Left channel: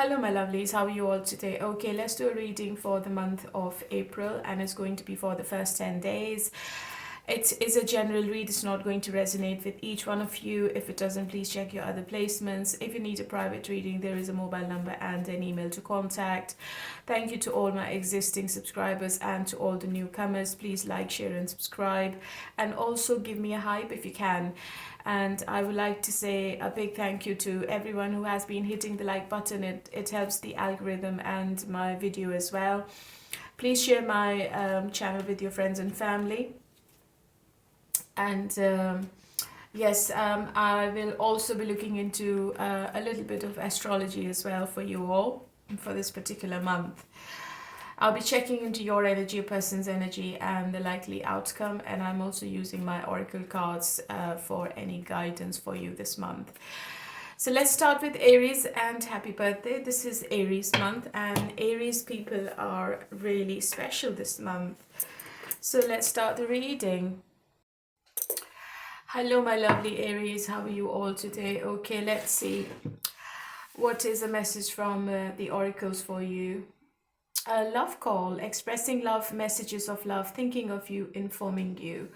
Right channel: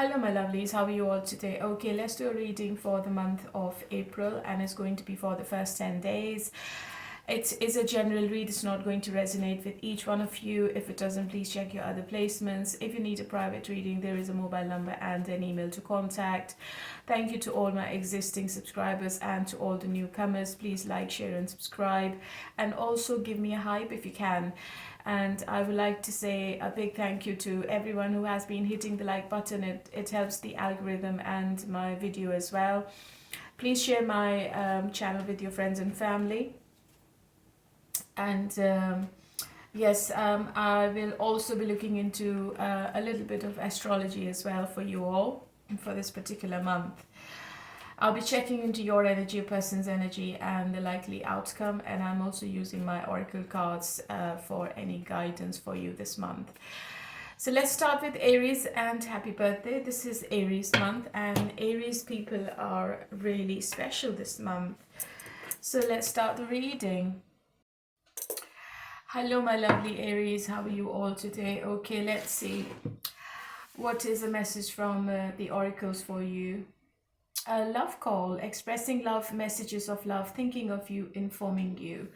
Hello, my lovelies. How are you all today? Okay, let's do a reading for the month of April, and it's going to be for the first 10 days. It is a general read. It's not going to resonate with each one of you. If it doesn't, please check your other placements. If you need a private reading, there is a mobile number and an email to contact. Thank you to all my existing subscribers and to all the newcomers. Please like, share, and subscribe. And also give me a hype if you can. And I would like to say a big thank you to everyone who has been hitting the like button. It helps the algorithm and my video as well. Please share my channel with your friends and family. And yes, I will also be looking into a little bit of astrology as well for you all for this particular month. I'll be checking into your energy, your person's energy, and the likely outcome. And I'm also using my oracle cards for any guidance for you this month. So let's start with Aries, and happy birthday. This is Aries month, and Aries people are really special this month. So let's start the reading. Hello, my lovely Aries. How are you all today? Okay, let's see. What is a message from the oracles for you? A love call, expressing love, messages of love, thinking of you, informing you.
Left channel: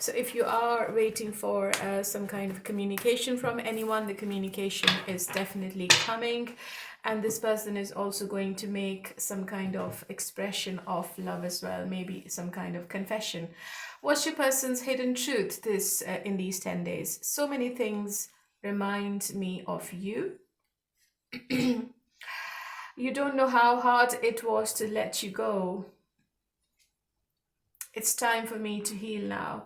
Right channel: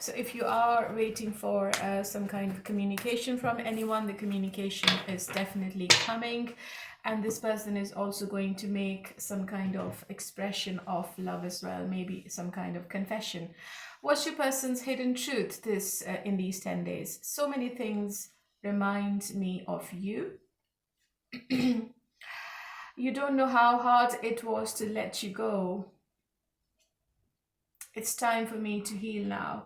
So if you are waiting for some kind of communication from anyone, the communication is definitely coming. And this person is also going to make some kind of expression of love as well, maybe some kind of confession. What's your person's hidden truth in these 10 days? So many things remind me of you. You don't know how hard it was to let you go. It's time for me to heal now.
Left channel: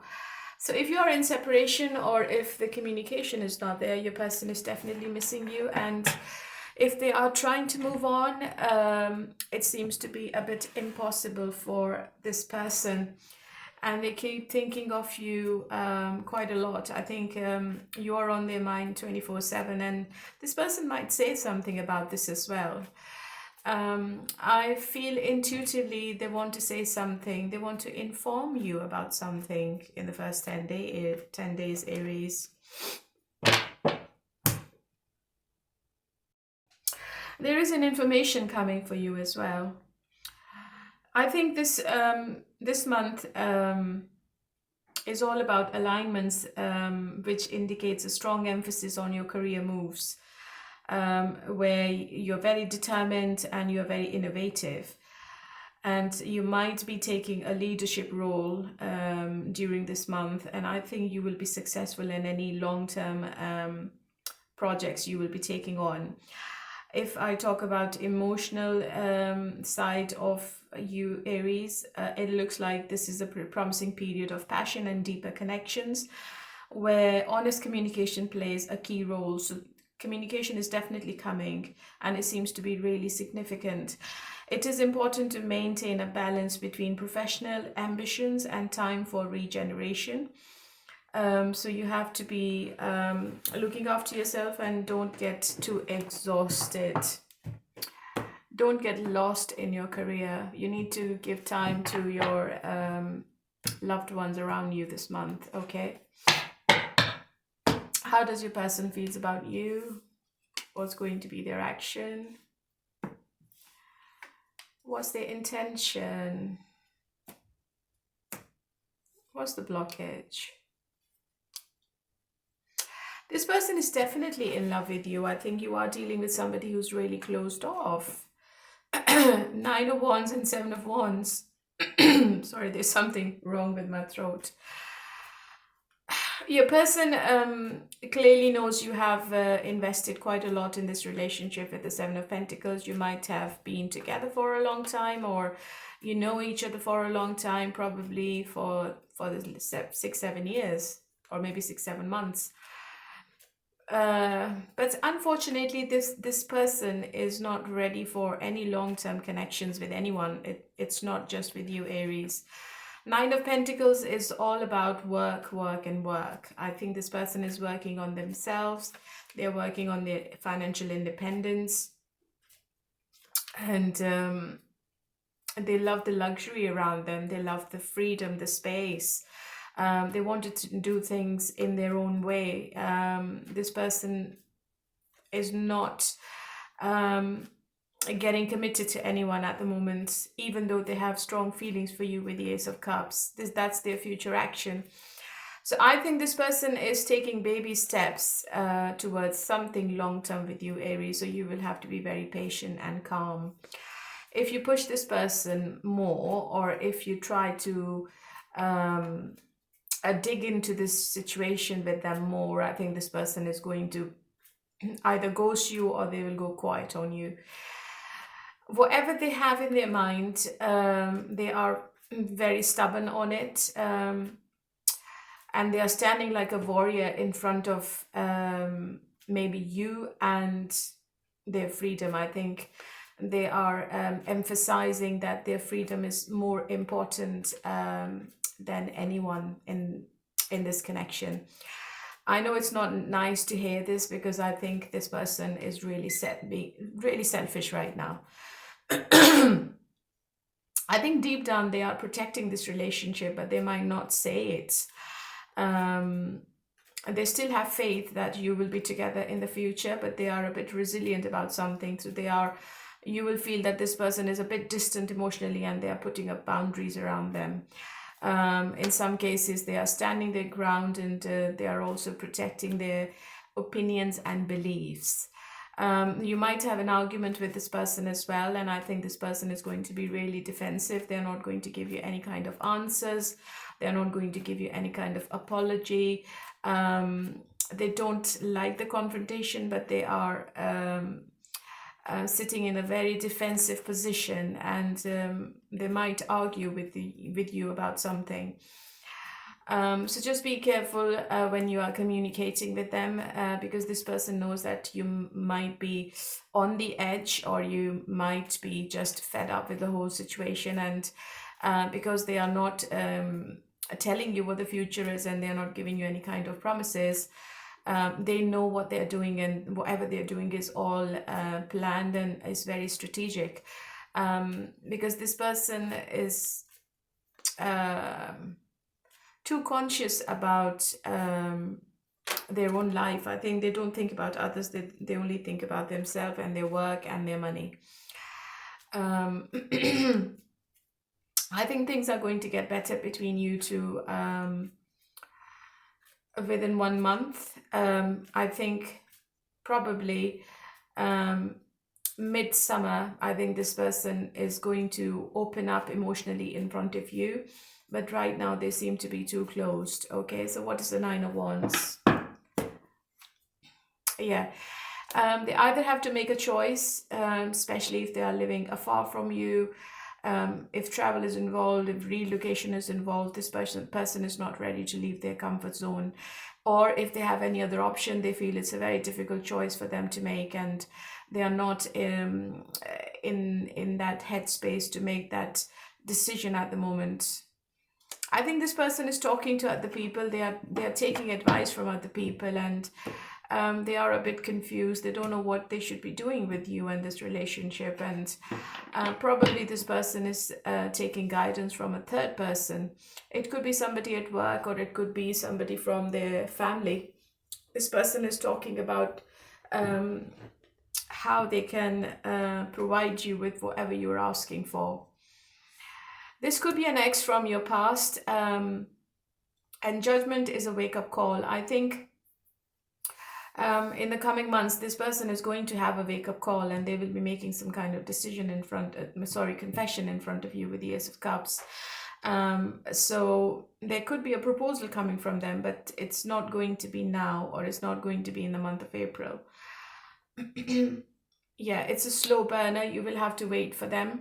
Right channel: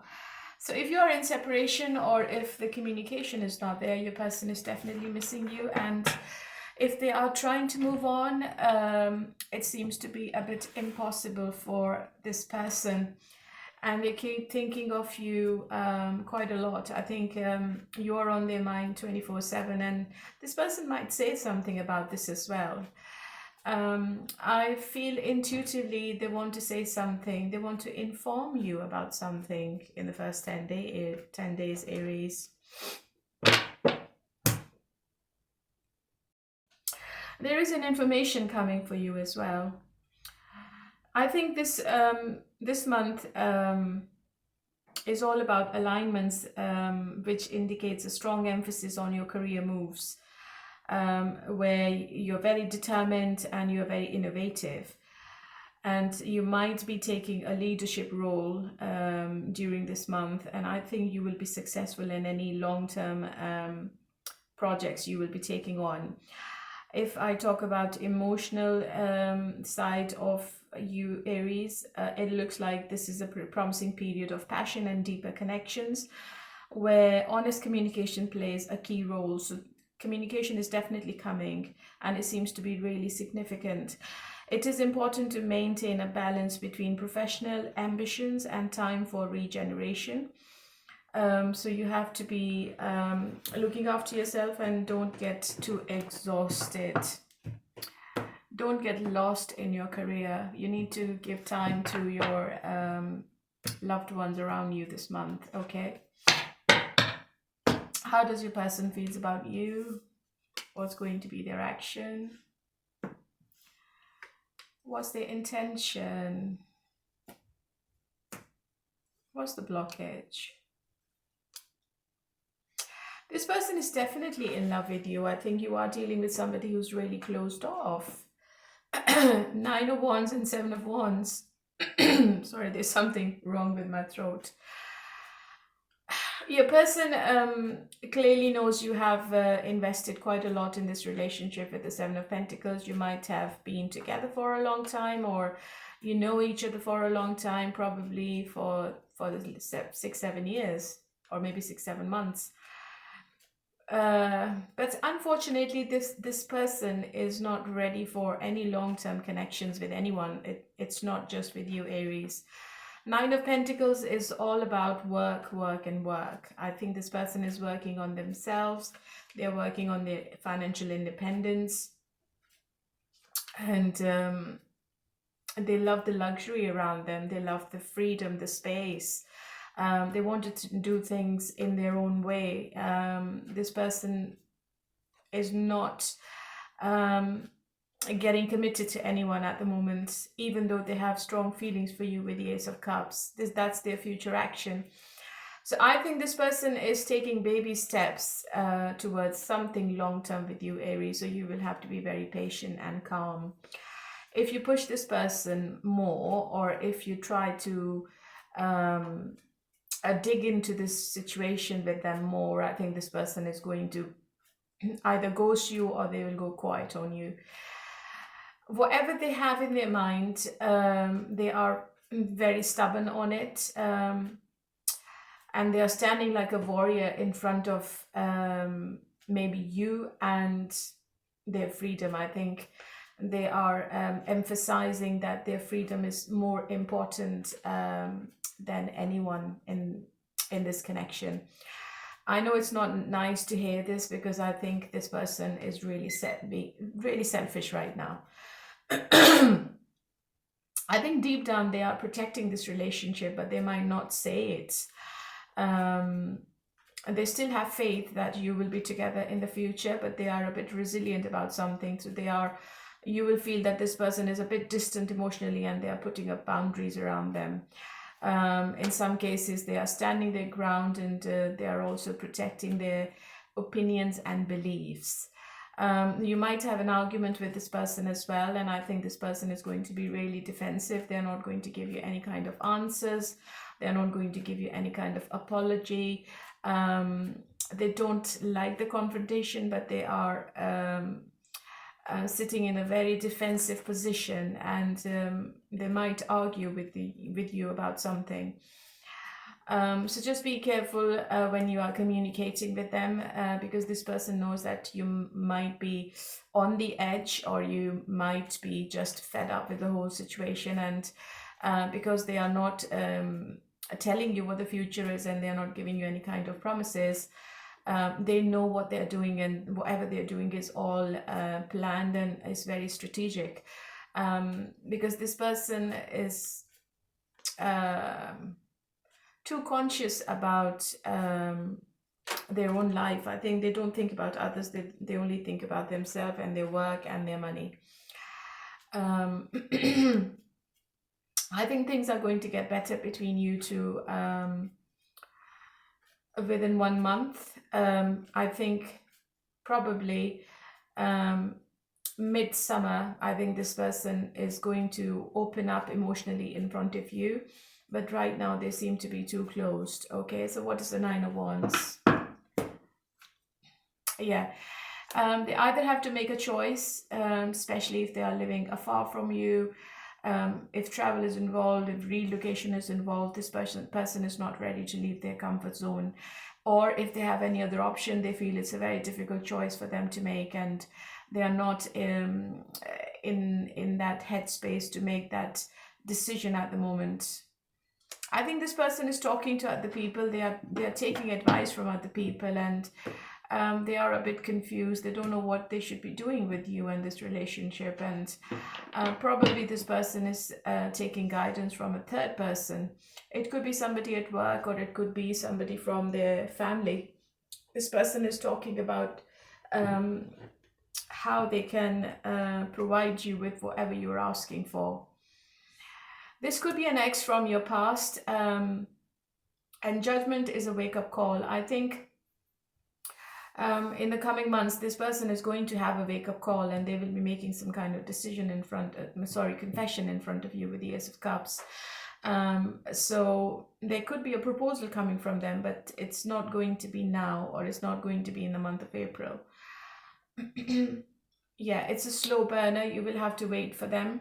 So if you are in separation, or if the communication is not there, your person is definitely missing you. And if they are trying to move on, it seems to be a bit impossible for this person. And they keep thinking of you quite a lot. I think you are on their mind 24/7, and this person might say something about this as well. I feel intuitively they want to say something. They want to inform you about something in the first 10 days, Aries. There is an information coming for you as well. I think this month is all about alignments, which indicates a strong emphasis on your career moves, where you're very determined and you're very innovative. And you might be taking a leadership role during this month. And I think you will be successful in any long-term projects you will be taking on. If I talk about emotional side of you, Aries, it looks like this is a promising period of passion and deeper connections, where honest communication plays a key role. So communication is definitely coming, and it seems to be really significant. It is important to maintain a balance between professional ambitions and time for regeneration. So you have to be looking after yourself, and don't get too exhausted. Don't get lost in your career. You need to give time to your loved ones around you this month, okay? How does your person feels about you? What's going to be their action? What's their intention? What's the blockage? This person is definitely in love with you. I think you are dealing with somebody who's really closed off. 9 of Wands and 7 of Wands. Sorry, there's something wrong with my throat. Your person clearly knows you have invested quite a lot in this relationship with the 7 of Pentacles. You might have been together for a long time, or you know each other for a long time, probably for the 6-7 years, or maybe 6-7 months. But unfortunately, this person is not ready for any long-term connections with anyone. It's not just with you, Aries. 9 of Pentacles is all about work, work, and work. I think this person is working on themselves. They're working on their financial independence. And they love the luxury around them. They love the freedom, the space. They wanted to do things in their own way. This person is not getting committed to anyone at the moment, even though they have strong feelings for you with the Ace of Cups. That's their future action. So I think this person is taking baby steps towards something long-term with you, Aries. So you will have to be very patient and calm. If you push this person more, or if you try to dig into this situation with them more, I think this person is going to either ghost you or they will go quiet on you. Whatever they have in their mind, they are very stubborn on it, and they are standing like a warrior in front of maybe you and their freedom. I think they are emphasizing that their freedom is more important than anyone in this connection. I know it's not nice to hear this, because I think this person is really really selfish right now. I think deep down they are protecting this relationship, but they might not say it. They still have faith that you will be together in the future, but they are a bit resilient about something. So you will feel that this person is a bit distant emotionally, and they are putting up boundaries around them. In some cases, they are standing their ground, and they are also protecting their opinions and beliefs. You might have an argument with this person as well, and I think this person is going to be really defensive. They're not going to give you any kind of answers. They're not going to give you any kind of apology. They don't like the confrontation, but they are sitting in a very defensive position, and they might argue with you about something. So just be careful when you are communicating with them, because this person knows that you might be on the edge, or you might be just fed up with the whole situation, and because they are not telling you what the future is, and they are not giving you any kind of promises, they know what they're doing, and whatever they're doing is all planned and is very strategic, because this person is too conscious about their own life. I think they don't think about others. They only think about themselves and their work and their money. I think things are going to get better between you two within 1 month. I think probably midsummer, I think this person is going to open up emotionally in front of you. But right now they seem to be too closed. Okay, so what is the Nine of Wands? Yeah, they either have to make a choice, especially if they are living afar from you. If travel is involved, if relocation is involved, this person is not ready to leave their comfort zone. Or if they have any other option, they feel it's a very difficult choice for them to make, and they are not in that headspace to make that decision at the moment. I think this person is talking to other people. They are taking advice from other people, and they are a bit confused. They don't know what they should be doing with you and this relationship, and probably this person is taking guidance from a third person. It could be somebody at work, or it could be somebody from their family. This person is talking about how they can provide you with whatever you're asking for. This could be an ex from your past, and judgment is a wake-up call. I think in the coming months, this person is going to have a wake-up call, and they will be making some kind of decision confession in front of you with the Ace of Cups. So there could be a proposal coming from them, but it's not going to be now, or it's not going to be in the month of April. Yeah, it's a slow burner. You will have to wait for them.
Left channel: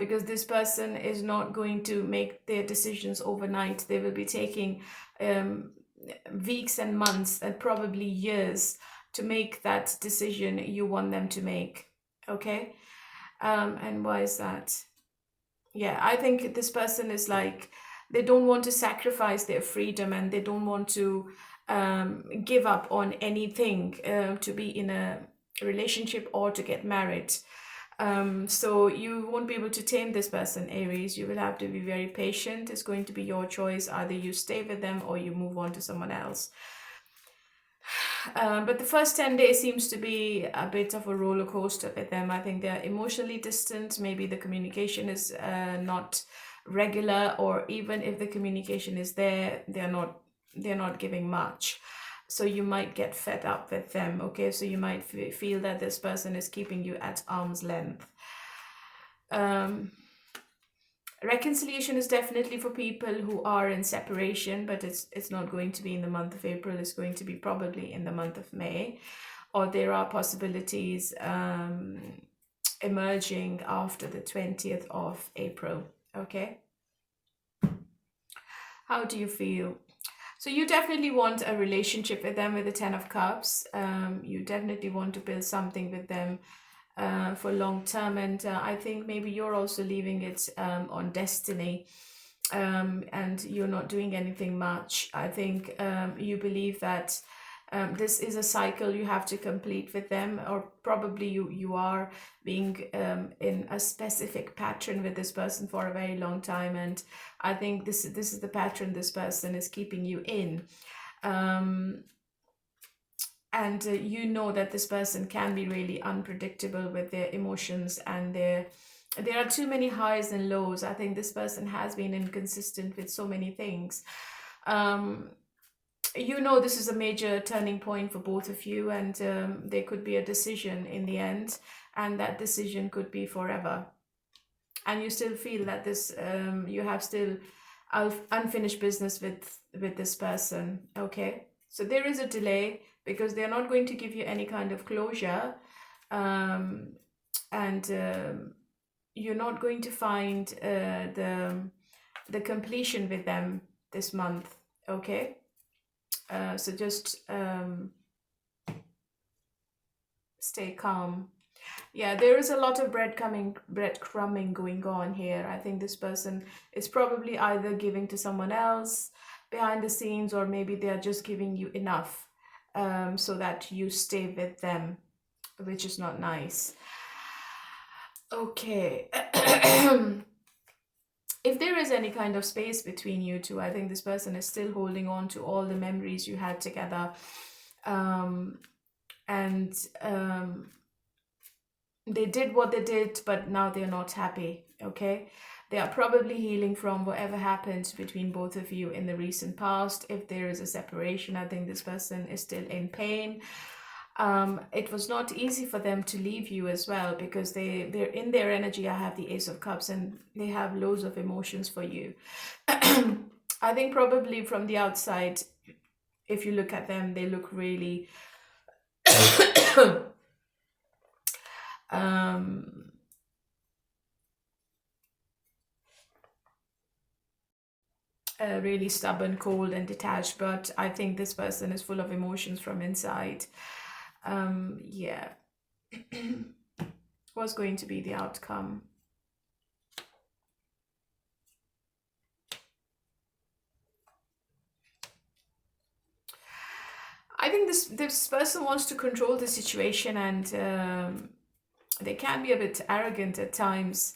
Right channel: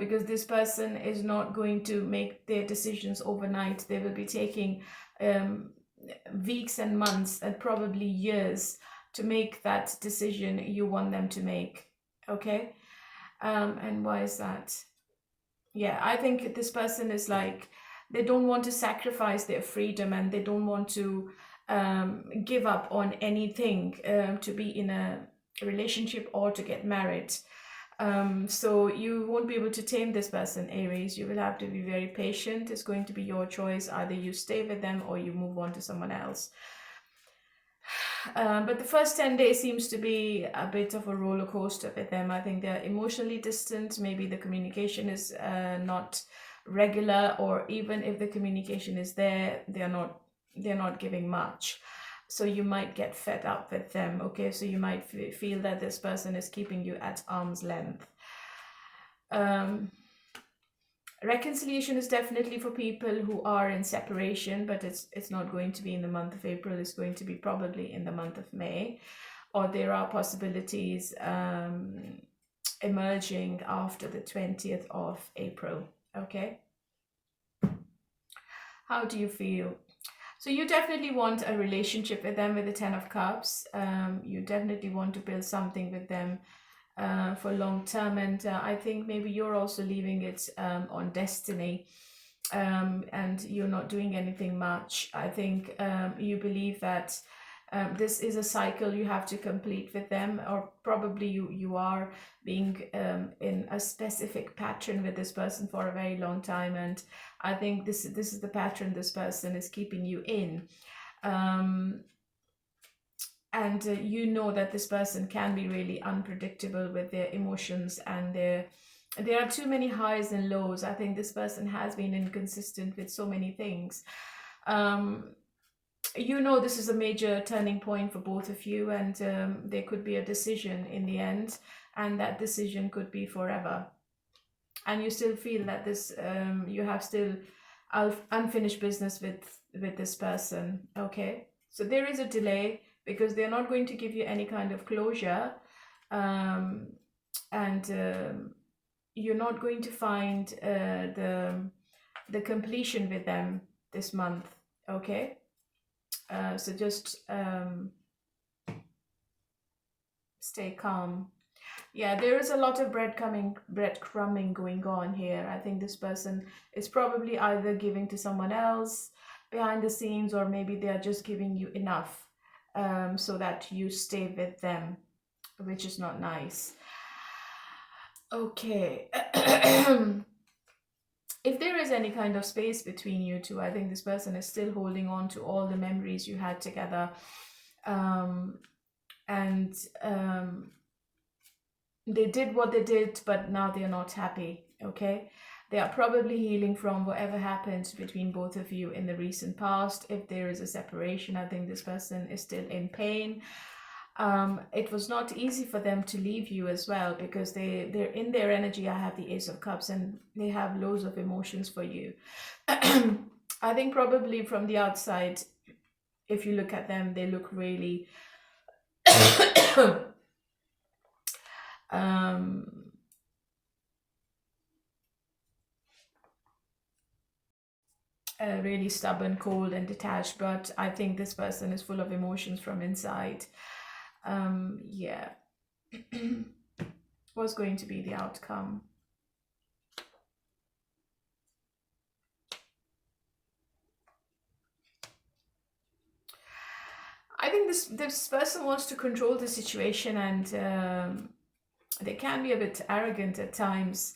Because this person is not going to make their decisions overnight. They will be taking weeks and months and probably years to make that decision you want them to make. Okay? And why is that? Yeah, I think this person is like, they don't want to sacrifice their freedom, and they don't want to give up on anything to be in a relationship or to get married. So you won't be able to tame this person, Aries. You will have to be very patient. It's going to be your choice. Either you stay with them or you move on to someone else. But the first 10 days seems to be a bit of a roller coaster with them. I think they're emotionally distant. Maybe the communication is not regular, or even if the communication is there, they're not giving much. So you might get fed up with them. Okay, so you might feel that this person is keeping you at arm's length. Reconciliation is definitely for people who are in separation, but it's not going to be in the month of April. It's going to be probably in the month of May, or there are possibilities emerging after the 20th of April. Okay, how do you feel? So you definitely want a relationship with them with the 10 of Cups. You definitely want to build something with them for long term, and I think maybe you're also leaving it on destiny, and you're not doing anything much. I think you believe that this is a cycle you have to complete with them, or probably you are being in a specific pattern with this person for a very long time, and I think this is the pattern this person is keeping you in. And you know that this person can be really unpredictable with their emotions, and there are too many highs and lows. I think this person has been inconsistent with so many things. You know, this is a major turning point for both of you, and there could be a decision in the end, and that decision could be forever. And you still feel that this you have still unfinished business with this person. Okay, so there is a delay because they're not going to give you any kind of closure, and you're not going to find the completion with them this month. Okay, so just stay calm. Yeah, there is a lot of breadcrumbing going on here. I think this person is probably either giving to someone else behind the scenes, or maybe they are just giving you enough so that you stay with them, which is not nice. Okay. If there is any kind of space between you two, I think this person is still holding on to all the memories you had together. And they did what they did, but now they're not happy. Okay, they are probably healing from whatever happened between both of you in the recent past. If there is a separation, I think this person is still in pain. It was not easy for them to leave you as well, because they're in their energy. I have the Ace of Cups, and they have loads of emotions for you. I think probably from the outside, if you look at them, they look really really stubborn, cold, and detached, but I think this person is full of emotions from inside. Yeah. What's going to be the outcome? I think this person wants to control the situation, and they can be a bit arrogant at times.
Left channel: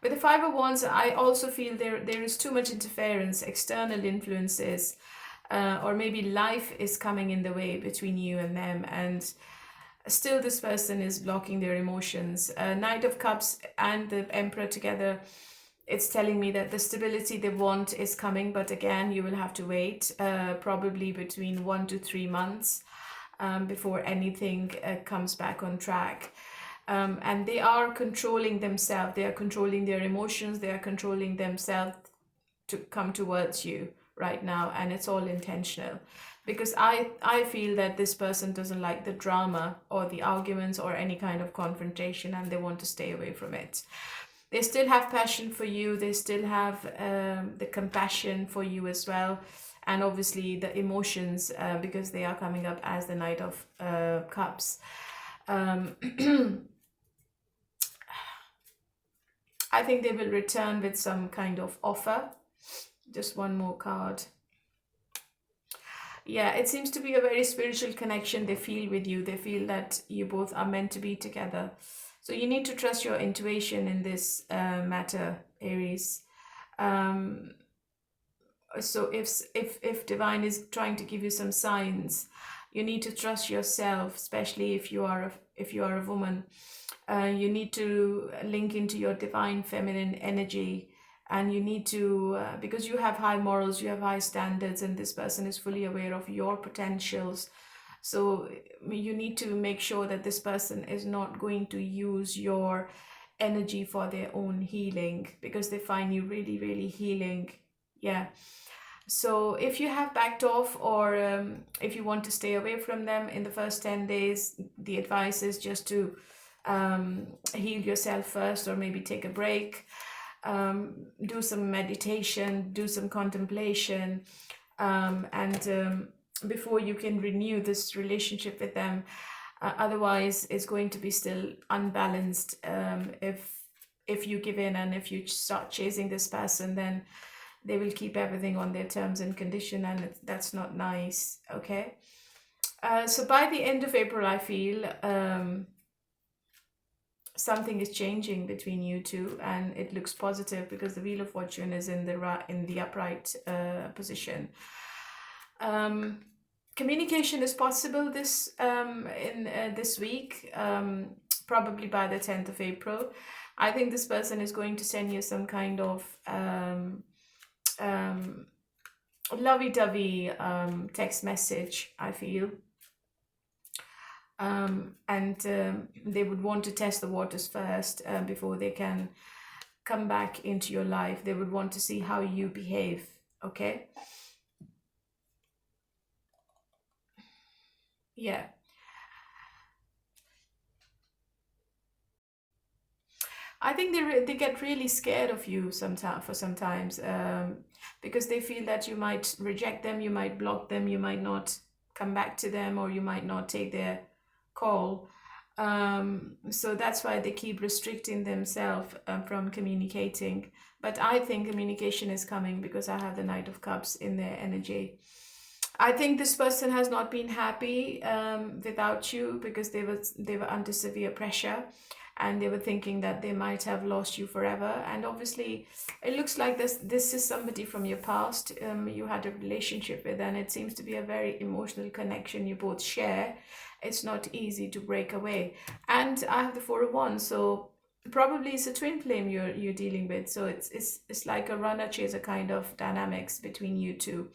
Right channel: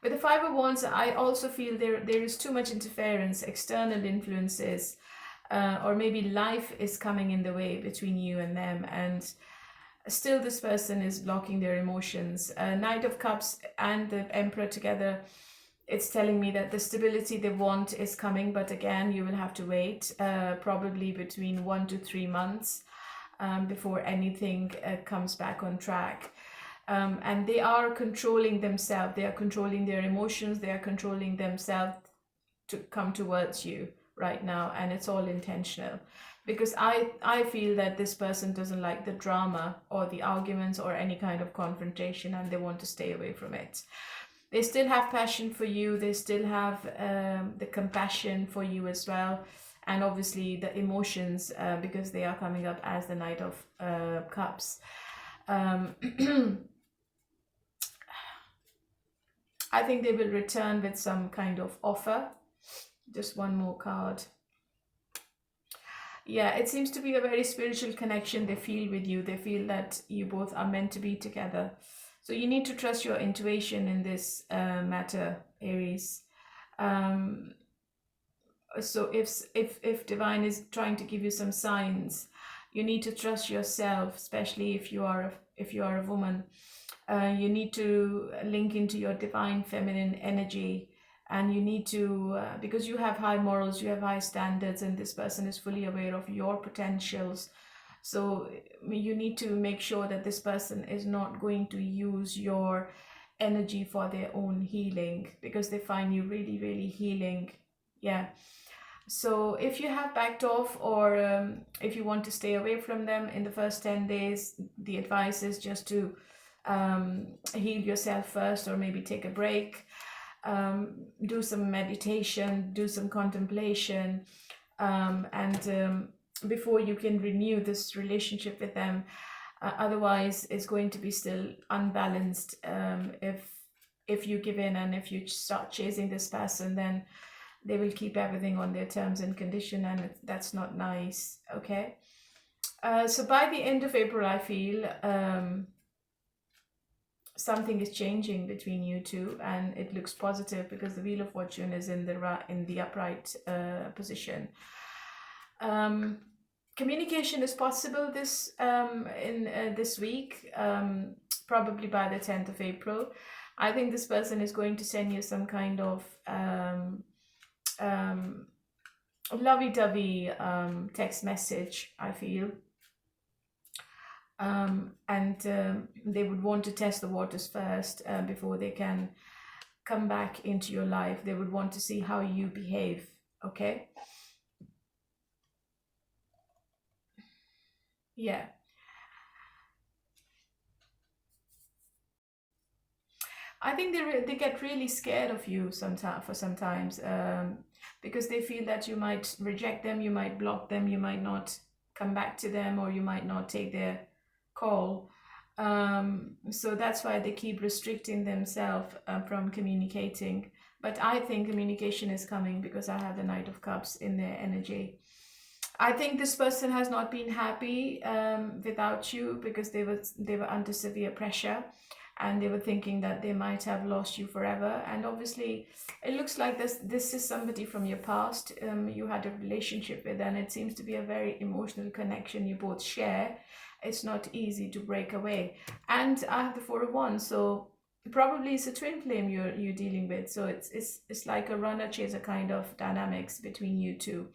With the Five of Wands, I also feel there is too much interference, external influences, or maybe life is coming in the way between you and them, and still this person is blocking their emotions. Knight of Cups and the Emperor together, it's telling me that the stability they want is coming, but again, you will have to wait probably between 1 to 3 months before anything comes back on track. And they are controlling themselves, they are controlling their emotions, they are controlling themselves to come towards you right now, and it's all intentional. Because I feel that this person doesn't like the drama or the arguments or any kind of confrontation, and they want to stay away from it. They still have passion for you, they still have the compassion for you as well, and obviously the emotions, because they are coming up as the Knight of Cups. I think they will return with some kind of offer. Just one more card. Yeah, it seems to be a very spiritual connection they feel with you. They feel that you both are meant to be together. So you need to trust your intuition in this matter, Aries. So if divine is trying to give you some signs, You need to trust yourself, especially if you are a woman. You need to link into your divine feminine energy, and you need to because you have high morals, you have high standards, and this person is fully aware of your potentials. So you need to make sure that this person is not going to use your energy for their own healing, because they find you really, really healing. Yeah. So if you have backed off, or if you want to stay away from them in the first 10 days, the advice is just to heal yourself first, or maybe take a break, do some meditation, do some contemplation, and before you can renew this relationship with them. Otherwise, it's going to be still unbalanced. If you give in and if you start chasing this person, then they will keep everything on their terms and condition, and that's not nice. Okay. So by the end of April, I feel something is changing between you two, and it looks positive because the Wheel of Fortune is in the upright position. Communication is possible this this week, probably by the 10th of April. I think this person is going to send you some kind of lovey-dovey text message, I feel. And they would want to test the waters first before they can come back into your life. They would want to see how you behave. Okay. Yeah. I think they get really scared of you sometimes, because they feel that you might reject them, you might block them, you might not come back to them, or you might not take their call. So that's why they keep restricting themselves from communicating. But I think communication is coming, because I have the Knight of Cups in their energy. I think this person has not been happy without you, because they were under severe pressure, and they were thinking that they might have lost you forever. And obviously, it looks like this is somebody from your past you had a relationship with, and it seems to be a very emotional connection you both share. It's not easy to break away. And I have the Four of Wands, so probably it's a twin flame you're dealing with. So it's like a runner chaser kind of dynamics between you two.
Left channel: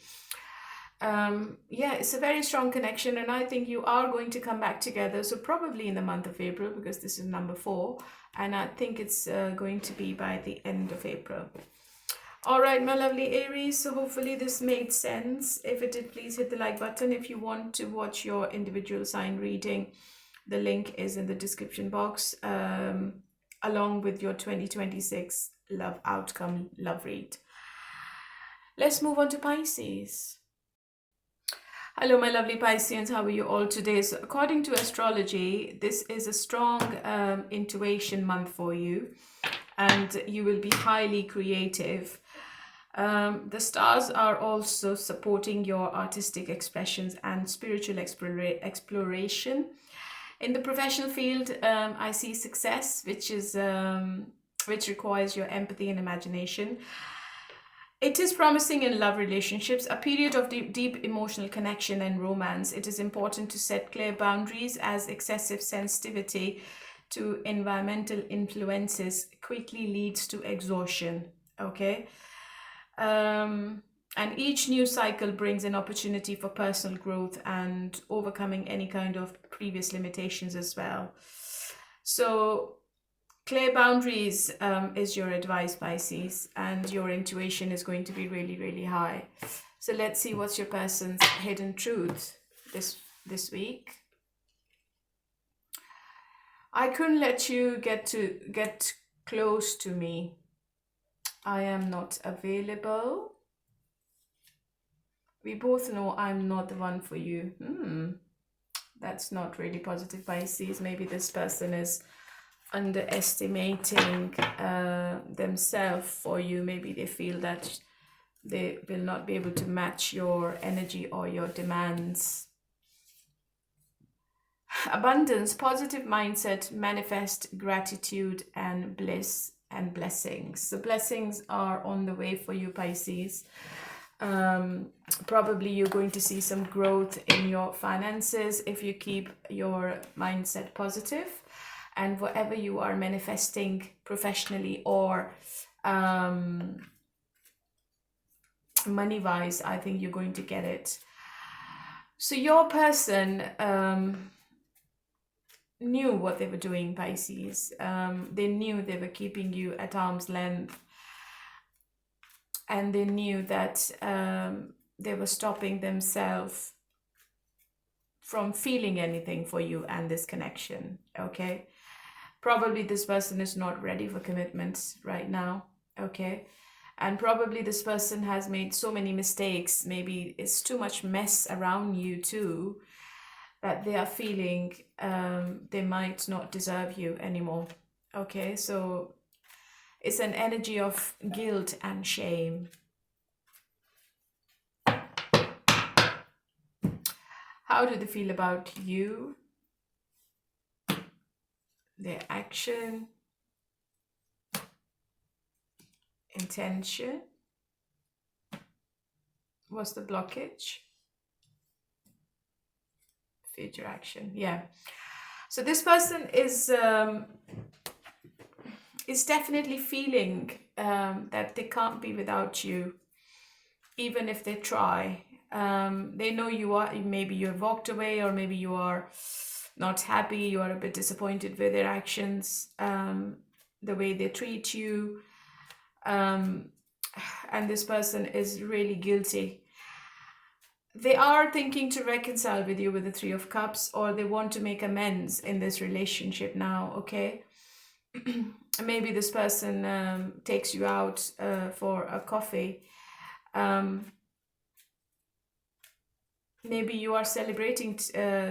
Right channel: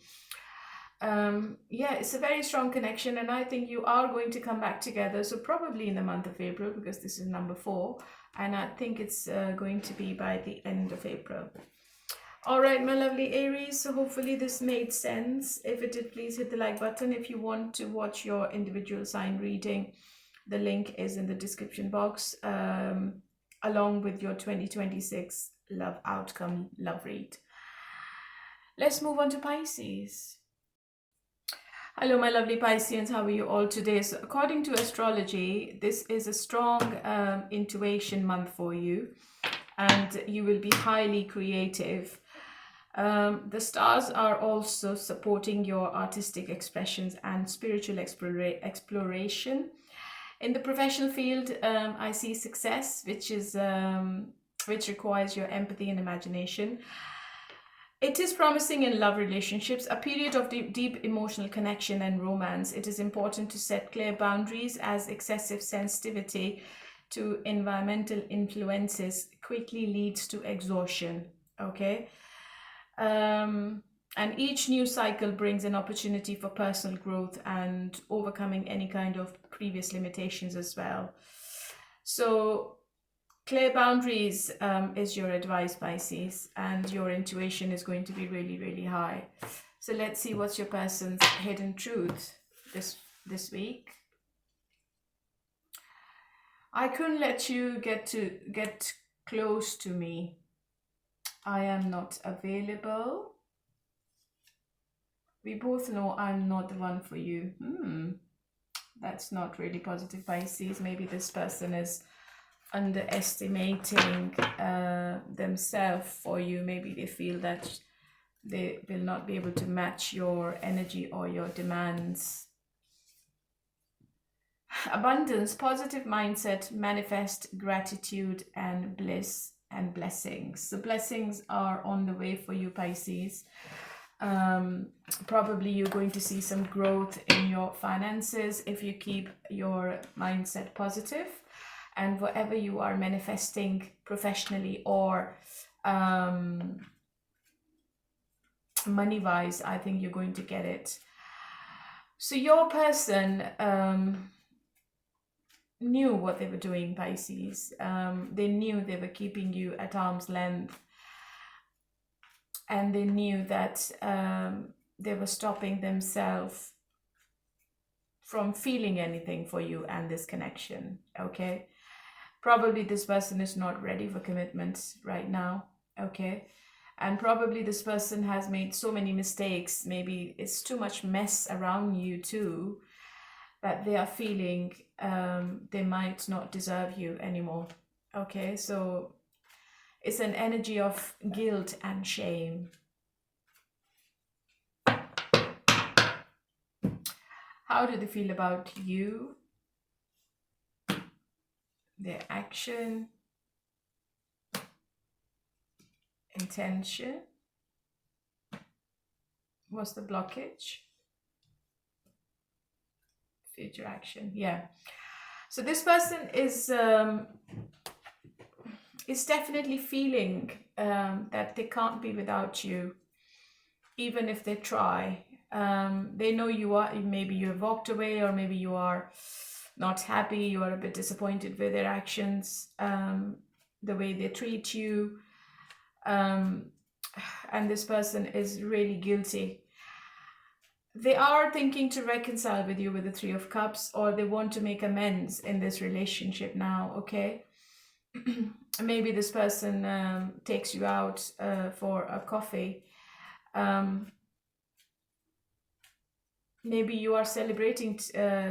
Yeah, it's a very strong connection, and I think you are going to come back together. So probably in the month of April, because this is number 4, and I think it's going to be by the end of April. All right, my lovely Aries, so hopefully this made sense. If it did, please hit the like button. If you want to watch your individual sign reading, the link is in the description box, along with your 2026 love outcome love read. Let's move on to Pisces. Hello, my lovely Pisceans. How are you all today? So according to astrology, this is a strong intuition month for you, and you will be highly creative. The stars are also supporting your artistic expressions and spiritual exploration. In the professional field, I see success, which requires your empathy and imagination. It is promising in love relationships, a period of deep emotional connection and romance. It is important to set clear boundaries, as excessive sensitivity to environmental influences quickly leads to exhaustion. Okay. And each new cycle brings an opportunity for personal growth and overcoming any kind of previous limitations as well. So clear boundaries is your advice, Pisces, and your intuition is going to be really, really high. So let's see what's your person's hidden truth this week. I couldn't let you get close to me. I am not available. We both know I'm not the one for you. That's not really positive, Pisces. Maybe this person is underestimating themselves for you. Maybe they feel that they will not be able to match your energy or your demands. Abundance, positive mindset, manifest gratitude and bliss and blessings. The blessings are on the way for you, Pisces. Probably you're going to see some growth in your finances if you keep your mindset positive, and whatever you are manifesting professionally or money wise, I think you're going to get it. So your person knew what they were doing, Pisces. They knew they were keeping you at arm's length, and they knew that they were stopping themselves from feeling anything for you and this connection. Okay, probably this person is not ready for commitment right now. Okay, and probably this person has made so many mistakes, maybe it's too much mess around you too, that they are feeling they might not deserve you anymore. Okay, so it's an energy of guilt and shame. How do they feel about you? Their action, intention. What's the blockage? Future action. Yeah. So this person is definitely feeling that they can't be without you, even if they try. They know you are, maybe you've walked away, or maybe you are not happy, you are a bit disappointed with their actions, the way they treat you, and this person is really guilty. They are thinking to reconcile with you with the Three of Cups, or they want to make amends in this relationship now. Okay. Maybe this person takes you out for a coffee. Maybe you are celebrating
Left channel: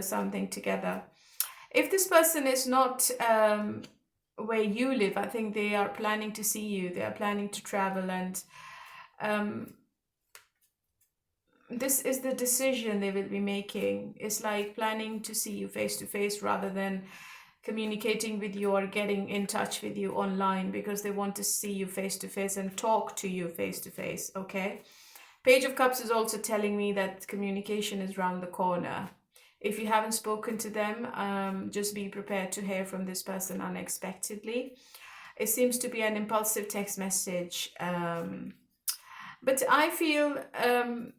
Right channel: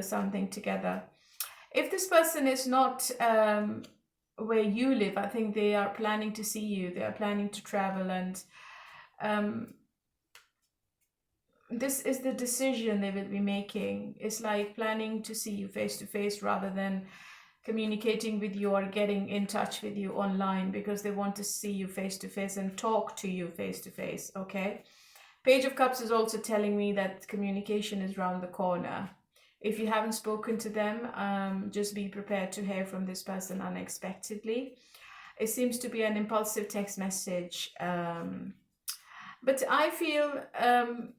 something together. If this person is not where you live, I think they are planning to see you. They are planning to travel, and this is the decision they will be making. It's like planning to see you face to face rather than communicating with you or getting in touch with you online, because they want to see you face to face and talk to you face to face. Okay. Page of Cups is also telling me that communication is around the corner. If you haven't spoken to them, just be prepared to hear from this person unexpectedly. It seems to be an impulsive text message. But I feel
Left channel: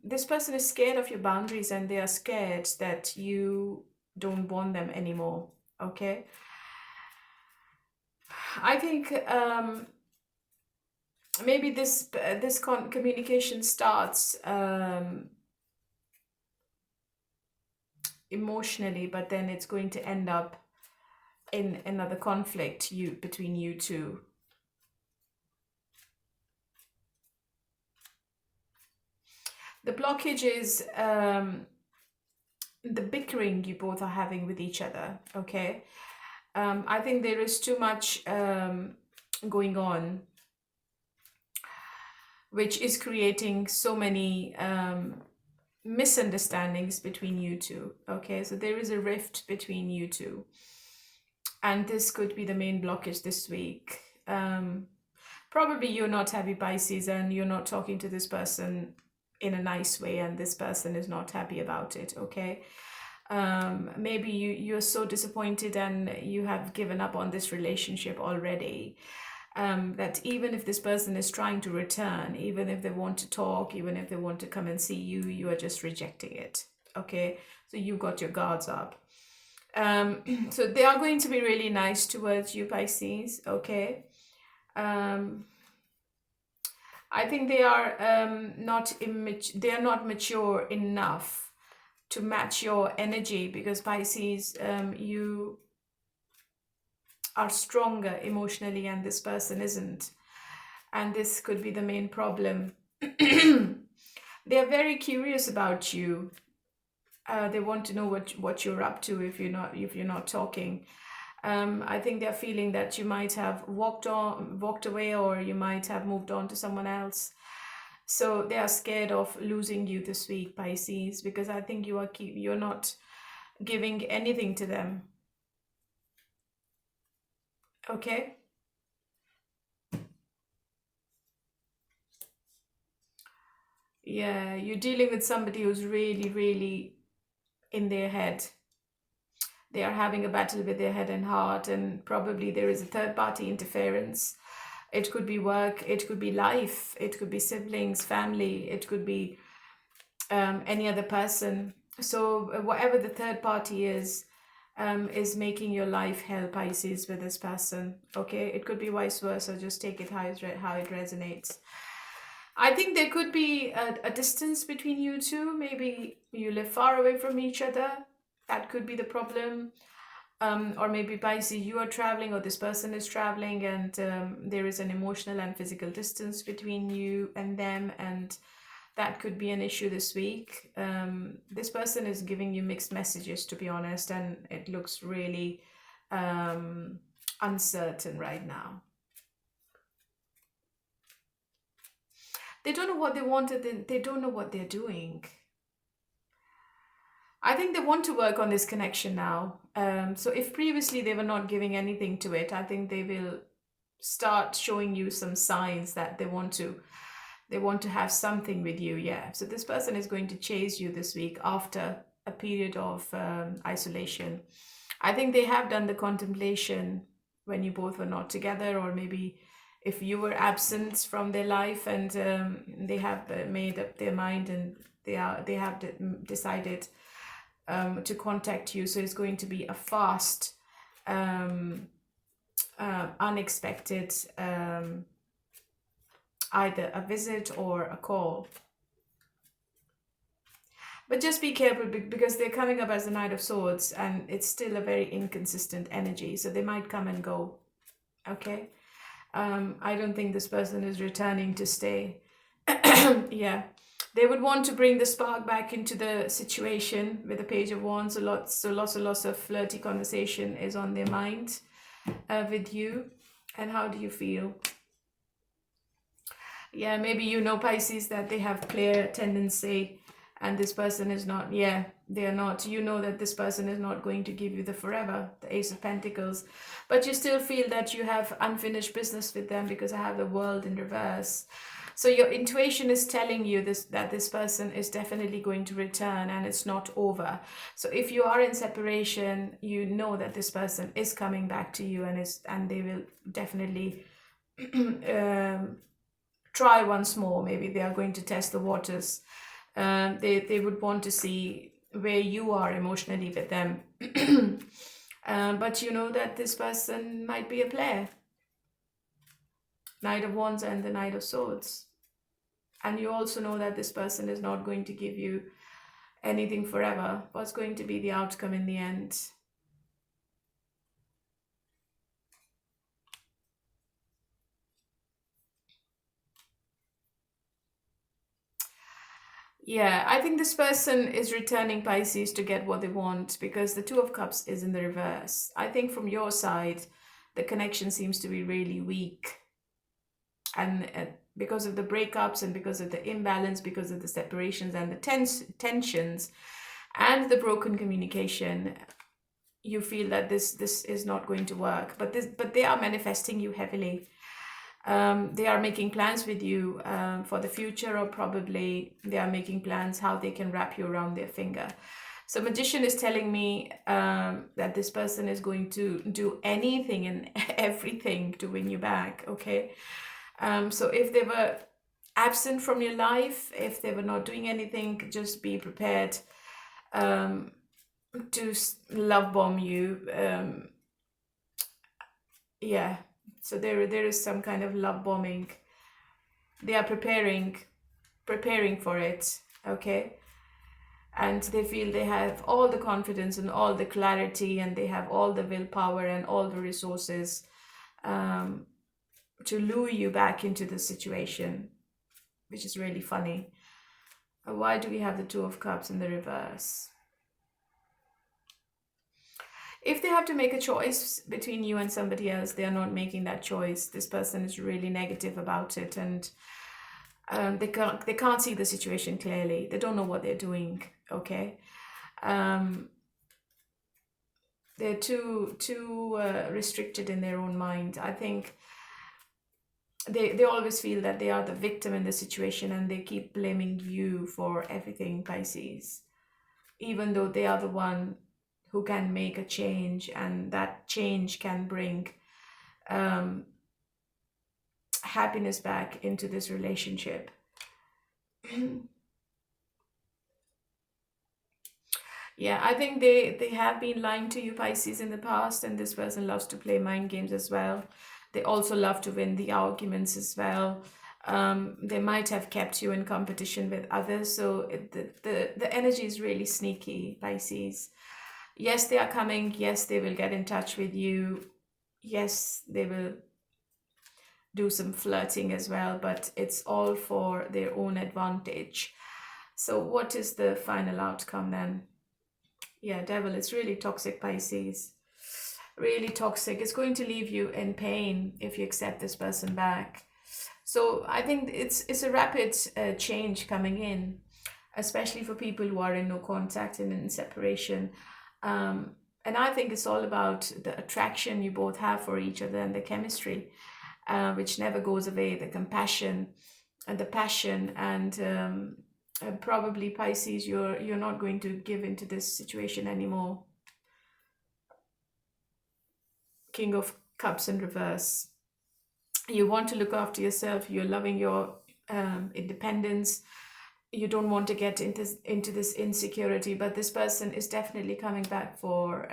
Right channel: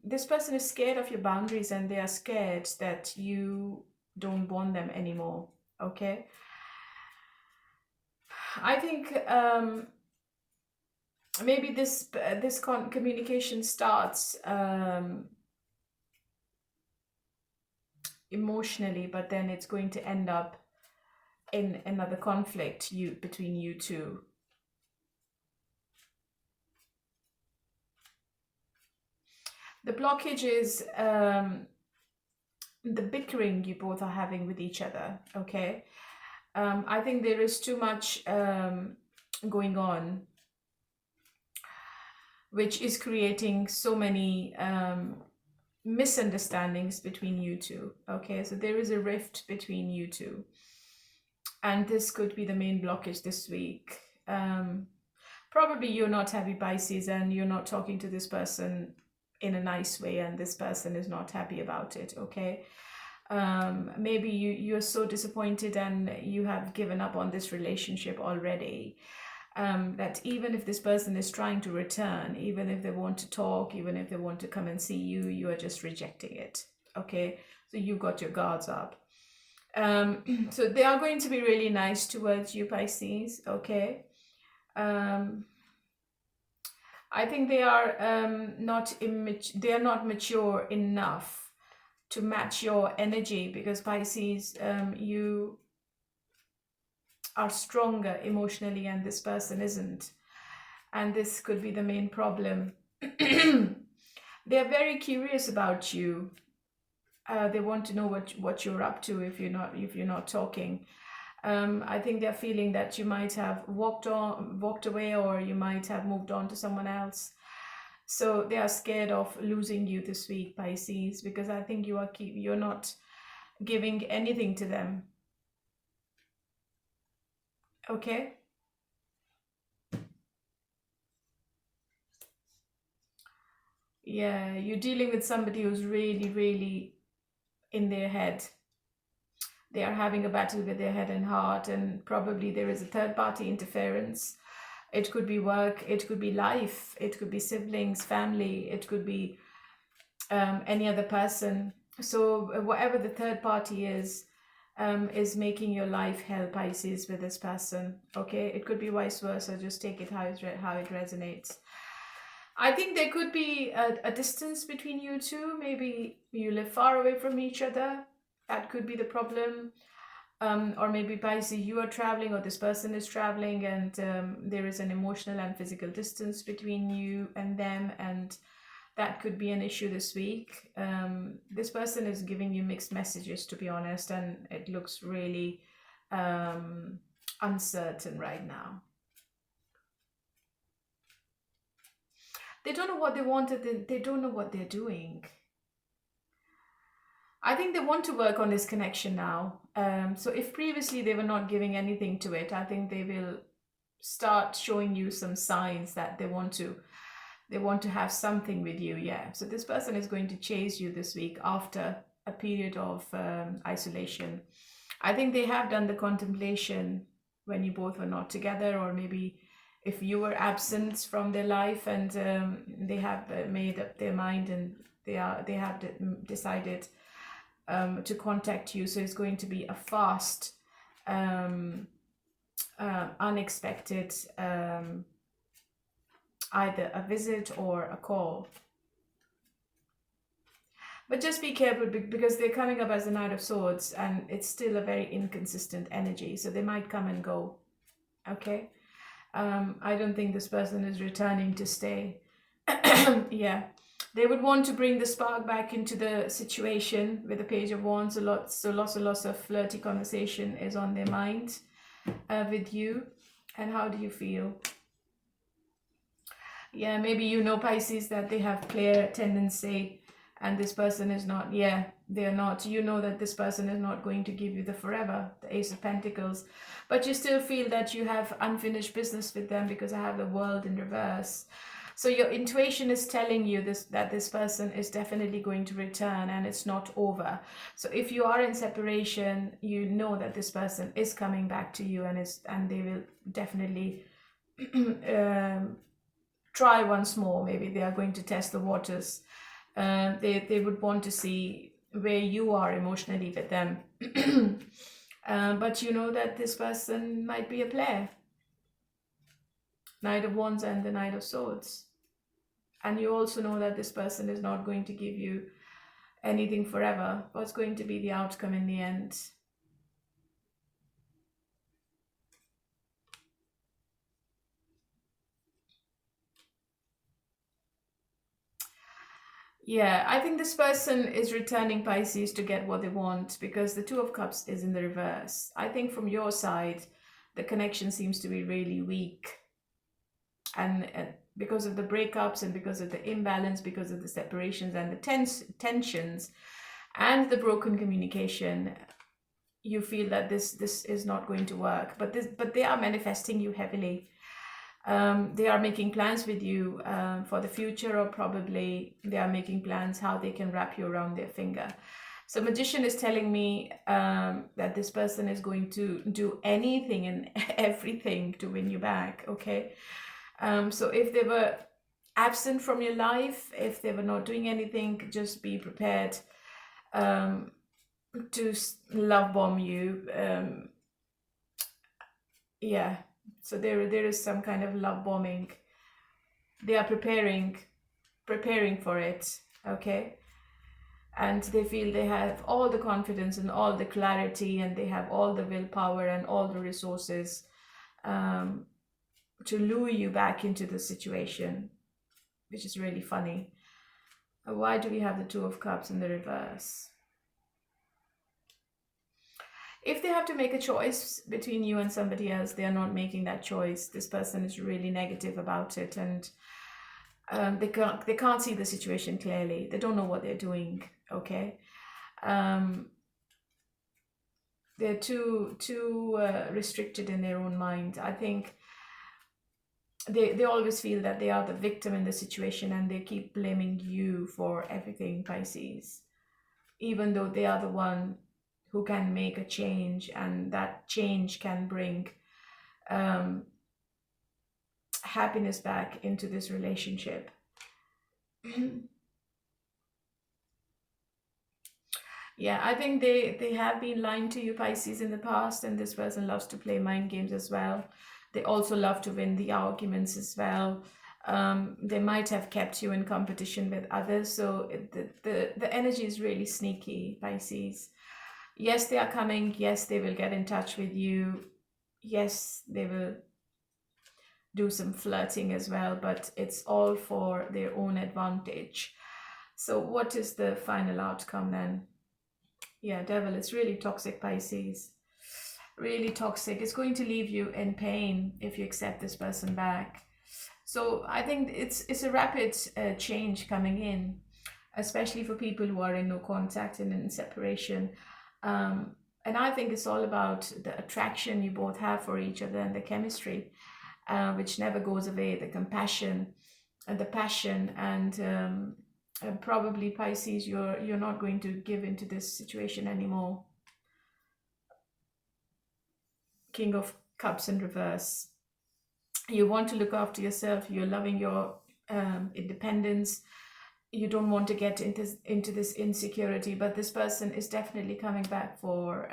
this person is scared of your boundaries, and they are scared that you don't want them anymore. Okay. I think maybe this communication starts emotionally, but then it's going to end up in another conflict between you two. The blockage is the bickering you both are having with each other. Okay. I think there is too much going on, which is creating so many misunderstandings between you two. Okay, so there is a rift between you two, and this could be the main blockage this week. Probably you're not happy, Pisces, and you're not talking to this person in a nice way, and this person is not happy about it. Okay. Maybe you're so disappointed and you have given up on this relationship already, that even if this person is trying to return, even if they want to talk, even if they want to come and see you, you are just rejecting it. Okay, so you got your guards up. So they are going to be really nice towards you, Pisces. Okay. I think they are they are not mature enough to match your energy, because Pisces, you are stronger emotionally and this person isn't, and this could be the main problem. They're very curious about you. They want to know what you're up to if you're not talking. I think they're feeling that you might have walked away, or you might have moved on to someone else. So they are scared of losing you this week, Pisces, because I think you're not giving anything to them. Okay. Yeah, you're dealing with somebody who's really, really in their head. They are having a battle with their head and heart, and probably there is a third party interference. It could be work, it could be life, it could be siblings, family, it could be any other person. So whatever the third party is making your life hell, Pisces, with this person. Okay, it could be vice versa. Just take it how it resonates. I think there could be a distance between you two. Maybe you live far away from each other. That could be the problem. Or maybe Pisces, you are traveling or this person is traveling, and there is an emotional and physical distance between you and them, and that could be an issue this week. This person is giving you mixed messages, to be honest, and it looks really uncertain right now. They don't know what they wanted. They don't know what they're doing. I think they want to work on this connection now. So if previously they were not giving anything to it, I think they will start showing you some signs that they want to have something with you. Yeah, so this person is going to chase you this week after a period of isolation. I think they have done the contemplation when you both were not together, or maybe if you were absent from their life, and they have made up their mind, and they have decided to contact you. So it's going to be a fast, unexpected, either a visit or a call. But just be careful, because they're coming up as the Knight of Swords, and it's still a very inconsistent energy. So they might come and go. Okay. I don't think this person is returning to stay. Yeah. They would want to bring the spark back into the situation with the Page of Wands. Lots of flirty conversation is on their mind with you. And how do you feel? Yeah, maybe you know, Pisces, that they have player tendency, and this person is not. Yeah, they are not. You know that this person is not going to give you the forever, the Ace of Pentacles, but you still feel that you have unfinished business with them, because I have the World in reverse. So your intuition is telling you that this person is definitely going to return, and it's not over. So if you are in separation, you know that this person is coming back to you, and they will definitely try once more. Maybe they are going to test the waters. They would want to see where you are emotionally with them. But you know that this person might be a player. Knight of Wands and the Knight of Swords. And you also know that this person is not going to give you anything forever. What's going to be the outcome in the end? Yeah, I think this person is returning, Pisces, to get what they want, because the Two of Cups is in the reverse. I think from your side, the connection seems to be really weak. And because of the breakups, and because of the imbalance, because of the separations and the tensions and the broken communication, you feel that this is not going to work. But they are manifesting you heavily. They are making plans with you for the future, or probably they are making plans how they can wrap you around their finger. So Magician is telling me that this person is going to do anything and everything to win you back. Okay. So if they were absent from your life, if they were not doing anything, just be prepared to love bomb you. Yeah. So there is some kind of love bombing. They are preparing for it. Okay. And they feel they have all the confidence and all the clarity, and they have all the willpower and all the resources to lure you back into the situation, which is really funny. Why do we have the Two of Cups in the reverse? If they have to make a choice between you and somebody else, they are not making that choice. This person is really negative about it, and they can't see the situation clearly. They don't know what they're doing. Okay. They're too restricted in their own mind. I think they always feel that they are the victim in the situation, and they keep blaming you for everything, Pisces, even though they are the one who can make a change, and that change can bring um, happiness back into this relationship. Yeah, I think they have been lying to you, Pisces, in the past, and this person loves to play mind games as well. They also love to win the arguments as well. They might have kept you in competition with others, so the energy is really sneaky, Pisces. Yes, they are coming. Yes, they will get in touch with you. Yes, they will do some flirting as well, but it's all for their own advantage. So what is the final outcome then? Yeah, devil, it's really toxic, Pisces. Really toxic. It's going to leave you in pain if you accept this person back. So I think it's a rapid change coming in, especially for people who are in no contact and in separation. And I think it's all about the attraction you both have for each other, and the chemistry, which never goes away, the compassion and the passion, and probably, Pisces, you're not going to give into this situation anymore. King of Cups in reverse. You want to look after yourself. You're loving your independence. You don't want to get into this insecurity, but this person is definitely coming back for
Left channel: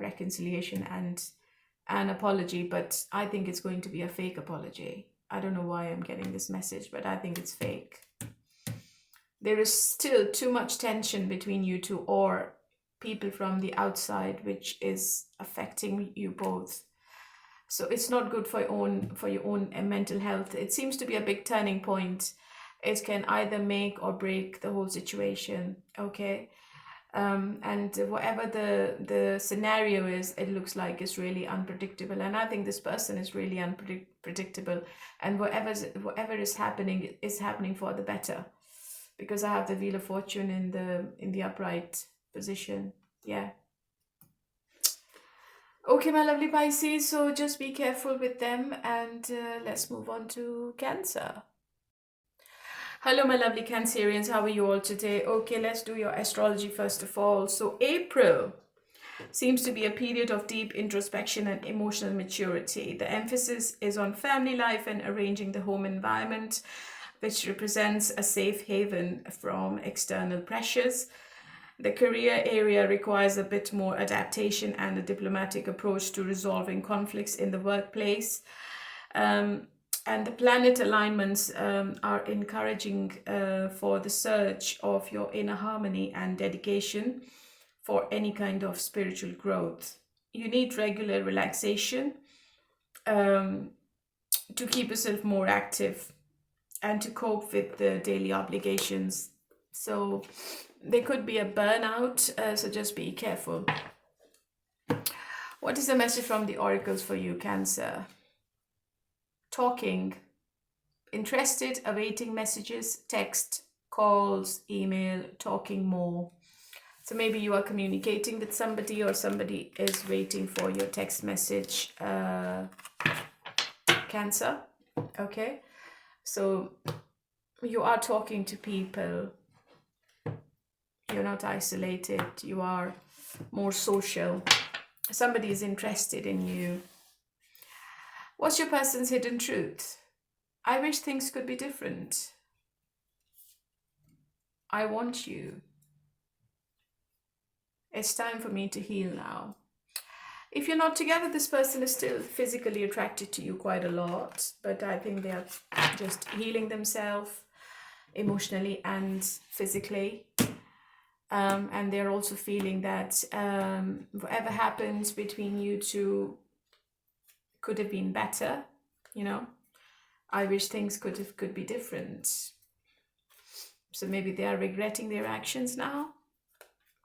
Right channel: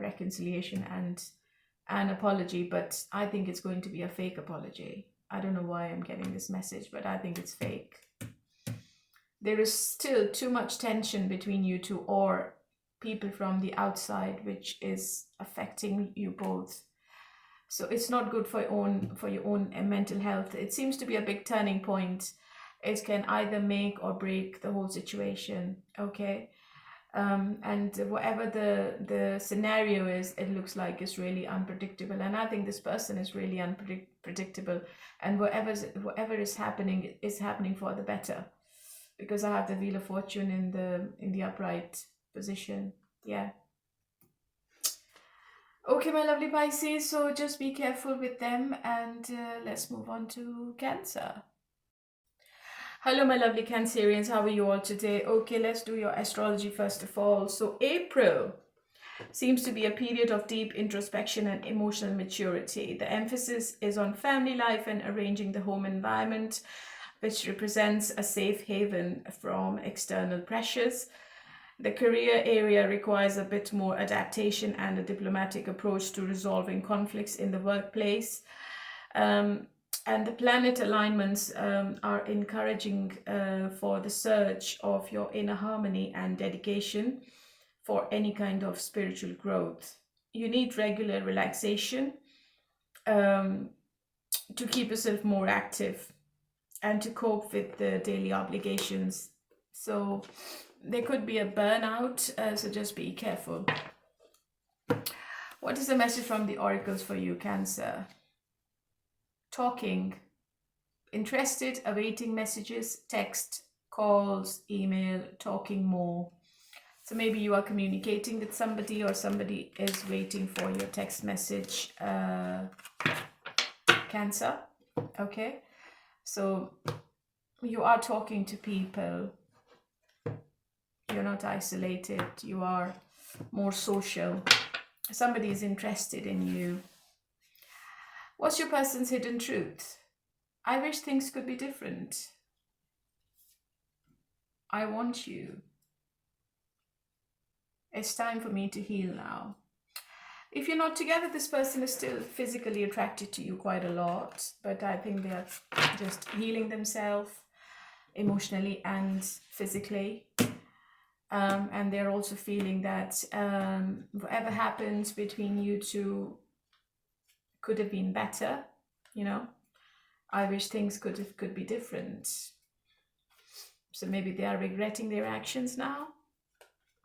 reconciliation and an apology, but I think it's going to be a fake apology. I don't know why I'm getting this message, but I think it's fake. There is still too much tension between you two, or people from the outside, which is affecting you both. So it's not good for your own mental health. It seems to be a big turning point. It can either make or break the whole situation. Okay. And whatever the scenario is, it looks like it's really unpredictable. And I think this person is really unpredictable. And whatever is happening for the better, because I have the Wheel of Fortune in the upright position. Yeah. Okay, my lovely Pisces, so just be careful with them, and let's move on to Cancer. Hello, my lovely Cancerians, how are you all today? Okay, let's do your astrology first of all. So April seems to be a period of deep introspection and emotional maturity. The emphasis is on family life and arranging the home environment, which represents a safe haven from external pressures. The career area requires a bit more adaptation and a diplomatic approach to resolving conflicts in the workplace. And the planet alignments are encouraging for the search of your inner harmony and dedication for any kind of spiritual growth. You need regular relaxation to keep yourself more active and to cope with the daily obligations. So there could be a burnout, so just be careful. What is the message from the oracles for you, Cancer? Talking. Interested, awaiting messages, text, calls, email, talking more. So maybe you are communicating with somebody, or somebody is waiting for your text message, Cancer. Okay. So you are talking to people. You're not isolated. You are more social. Somebody is interested in you. What's your person's hidden truth? I wish things could be different. I want you. It's time for me to heal now. If you're not together, this person is still physically attracted to you quite a lot, but I think they are just healing themselves emotionally and physically. And they're also feeling that whatever happens between you two could have been better, you know. I wish things could be different. So maybe they are regretting their actions now.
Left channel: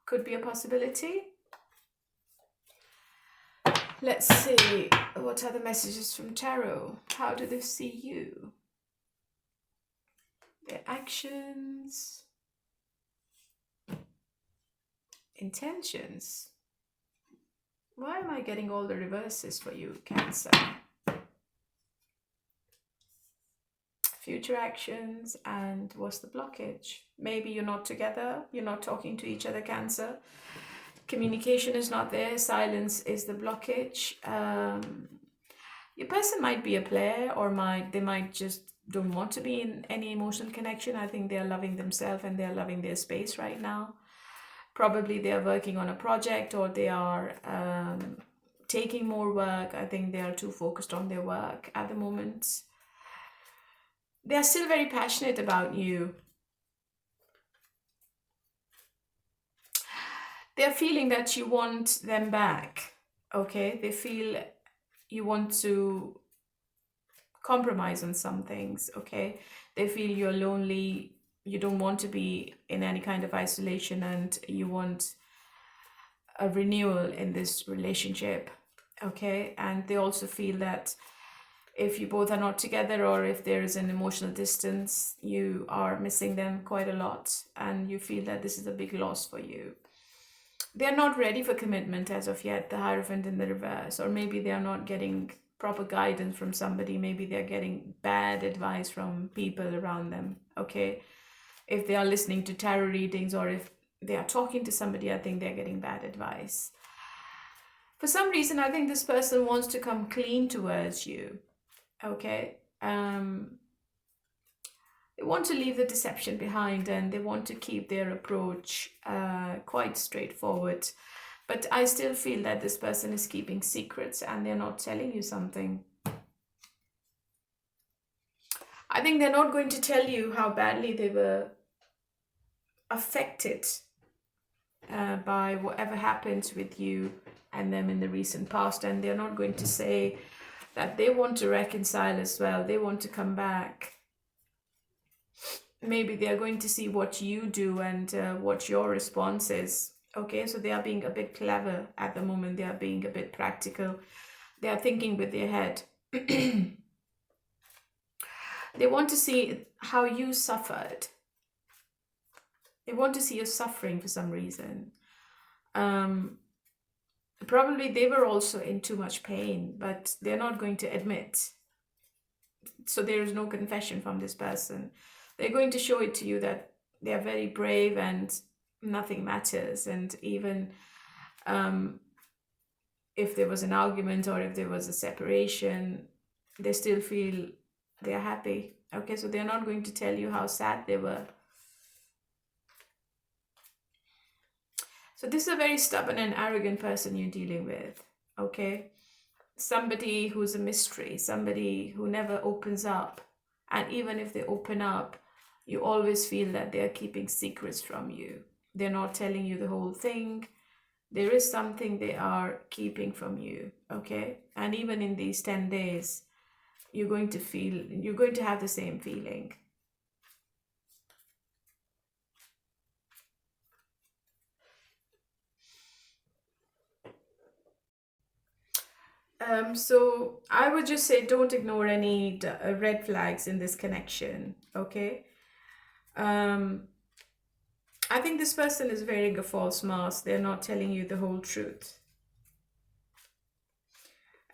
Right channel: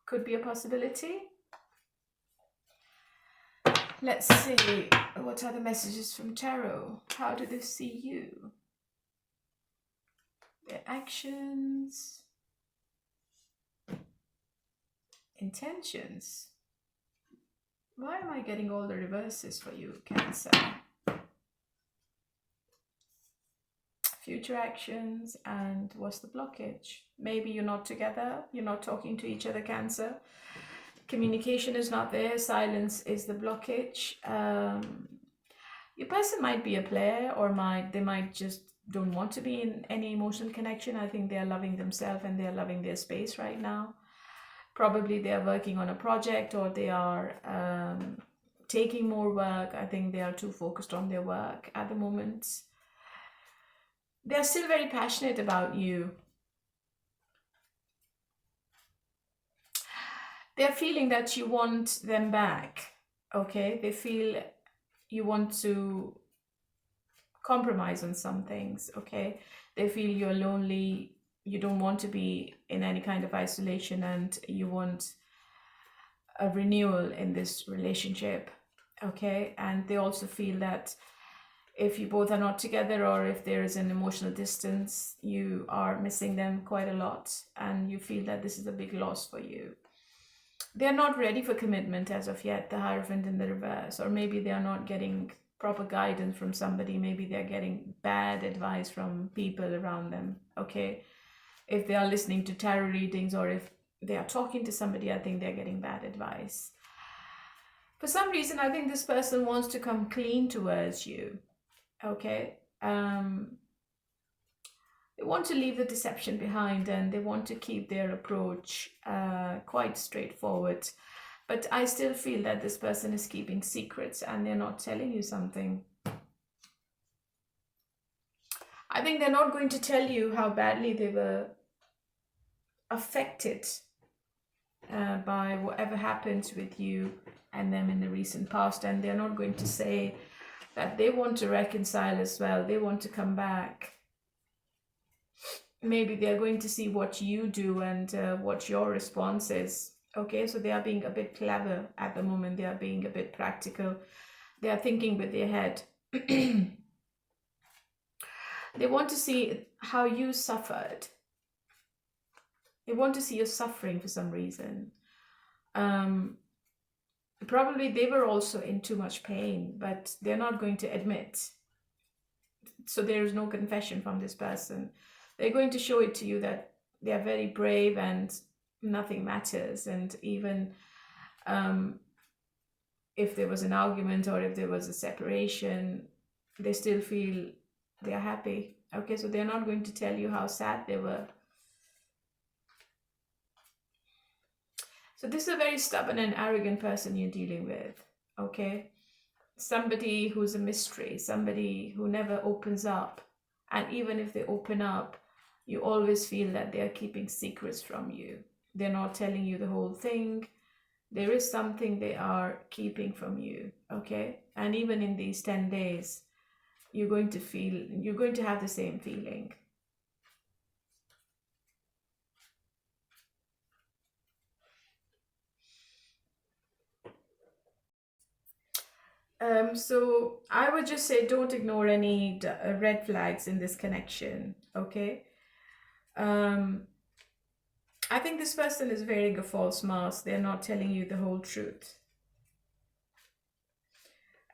Could be a possibility. Let's see, what are the messages from Tarot? How do they see you? Their actions, intentions. Why am I getting all the reverses for you, Cancer? future actions, and what's the blockage? Maybe you're not together, you're not talking to each other, Cancer. Communication is not there, silence is the blockage. Your person might be a player, or they might just don't want to be in any emotional connection. I think they are loving themselves and they are loving their space right now. Probably they are working on a project, or they are taking more work. I think they are too focused on their work at the moment. They are still very passionate about you. They are feeling that you want them back, okay? They feel you want to compromise on some things, okay? They feel you're lonely, you don't want to be in any kind of isolation, and you want a renewal in this relationship, okay? And they also feel that if you both are not together, or if there is an emotional distance, you are missing them quite a lot, and you feel that this is a big loss for you. They're not ready for commitment as of yet, the Hierophant in the reverse, or maybe they are not getting proper guidance from somebody. Maybe they're getting bad advice from people around them, okay? If they are listening to tarot readings, or if they are talking to somebody, I think they're getting bad advice. For some reason, I think this person wants to come clean towards you, okay? They want to leave the deception behind, and they want to keep their approach quite straightforward. But I still feel that this person is keeping secrets, and they're not telling you something. I think they're not going to tell you how badly they were affected by whatever happened with you and them in the recent past. And they're not going to say that they want to reconcile as well. They want to come back. Maybe they are going to see what you do and what your response is. Okay, so they are being a bit clever at the moment. They are being a bit practical. They are thinking with their head. They want to see how you suffered. They want to see you suffering for some reason. Probably they were also in too much pain, but they're not going to admit. So there is no confession from this person. They're going to show it to you that they are very brave and nothing matters. And even if there was an argument, or if there was a separation, they still feel they're happy. Okay, so they're not going to tell you how sad they were. So this is a very stubborn and arrogant person you're dealing with, okay? Somebody who's a mystery, somebody who never opens up. And even if they open up, you always feel that they're keeping secrets from you. They're not telling you the whole thing. There is something they are keeping from you, okay? And even in these 10 days, you're going to have the same feeling. So I would just say don't ignore any red flags in this connection, okay? I think this person is wearing a false mask. They're not telling you the whole truth.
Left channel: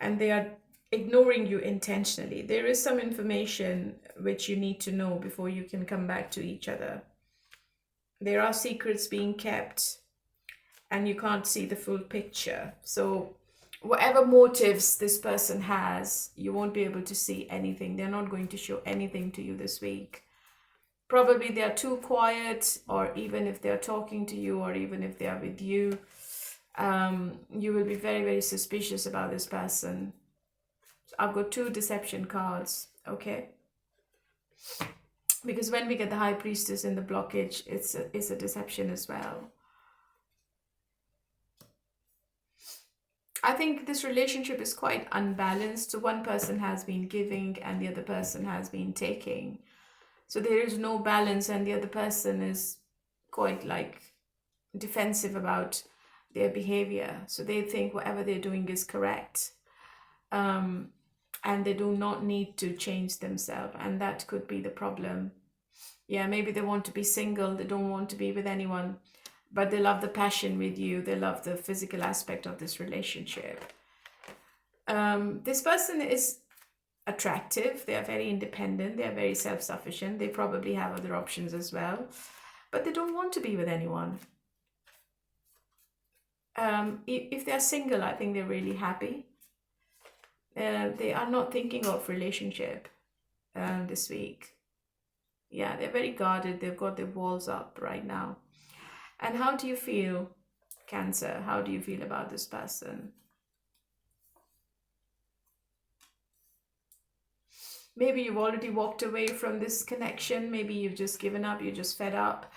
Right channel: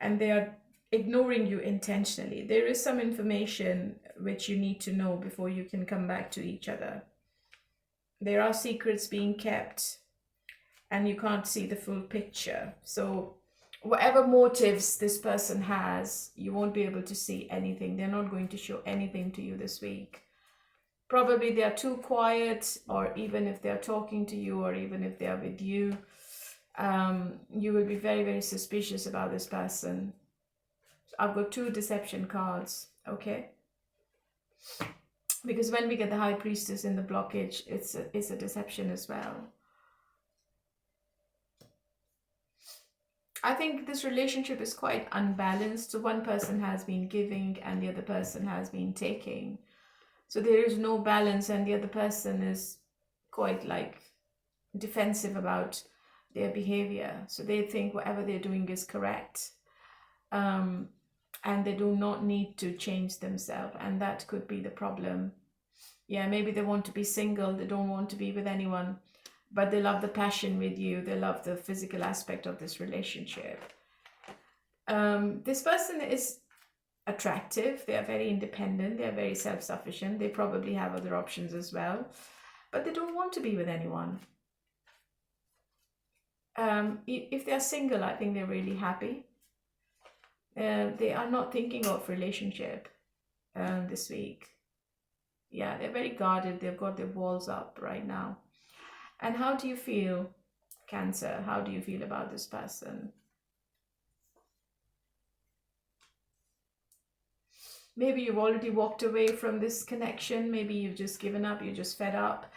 And they are ignoring you intentionally. There is some information which you need to know before you can come back to each other. There are secrets being kept, and you can't see the full picture. So whatever motives this person has, you won't be able to see anything. They're not going to show anything to you this week. Probably they are too quiet, or even if they're talking to you, or even if they are with you, you will be very, very suspicious about this person. So I've got 2 deception cards, okay? Because when we get the High Priestess in the blockage, it's a deception as well. I think this relationship is quite unbalanced. So one person has been giving and the other person has been taking. So there is no balance, and the other person is quite like defensive about their behavior. So they think whatever they're doing is correct. And they do not need to change themselves. And that could be the problem. Yeah, maybe they want to be single. They don't want to be with anyone. But they love the passion with you. They love the physical aspect of this relationship. This person is attractive. They are very independent. They are very self-sufficient. They probably have other options as well, but they don't want to be with anyone. If they're single, I think they're really happy. They are not thinking of relationship this week. Yeah, they're very guarded. They've got their walls up right now. And how do you feel, Cancer? How do you feel about this person? Maybe you've already walked away from this connection. Maybe you've just given up. You're just fed up.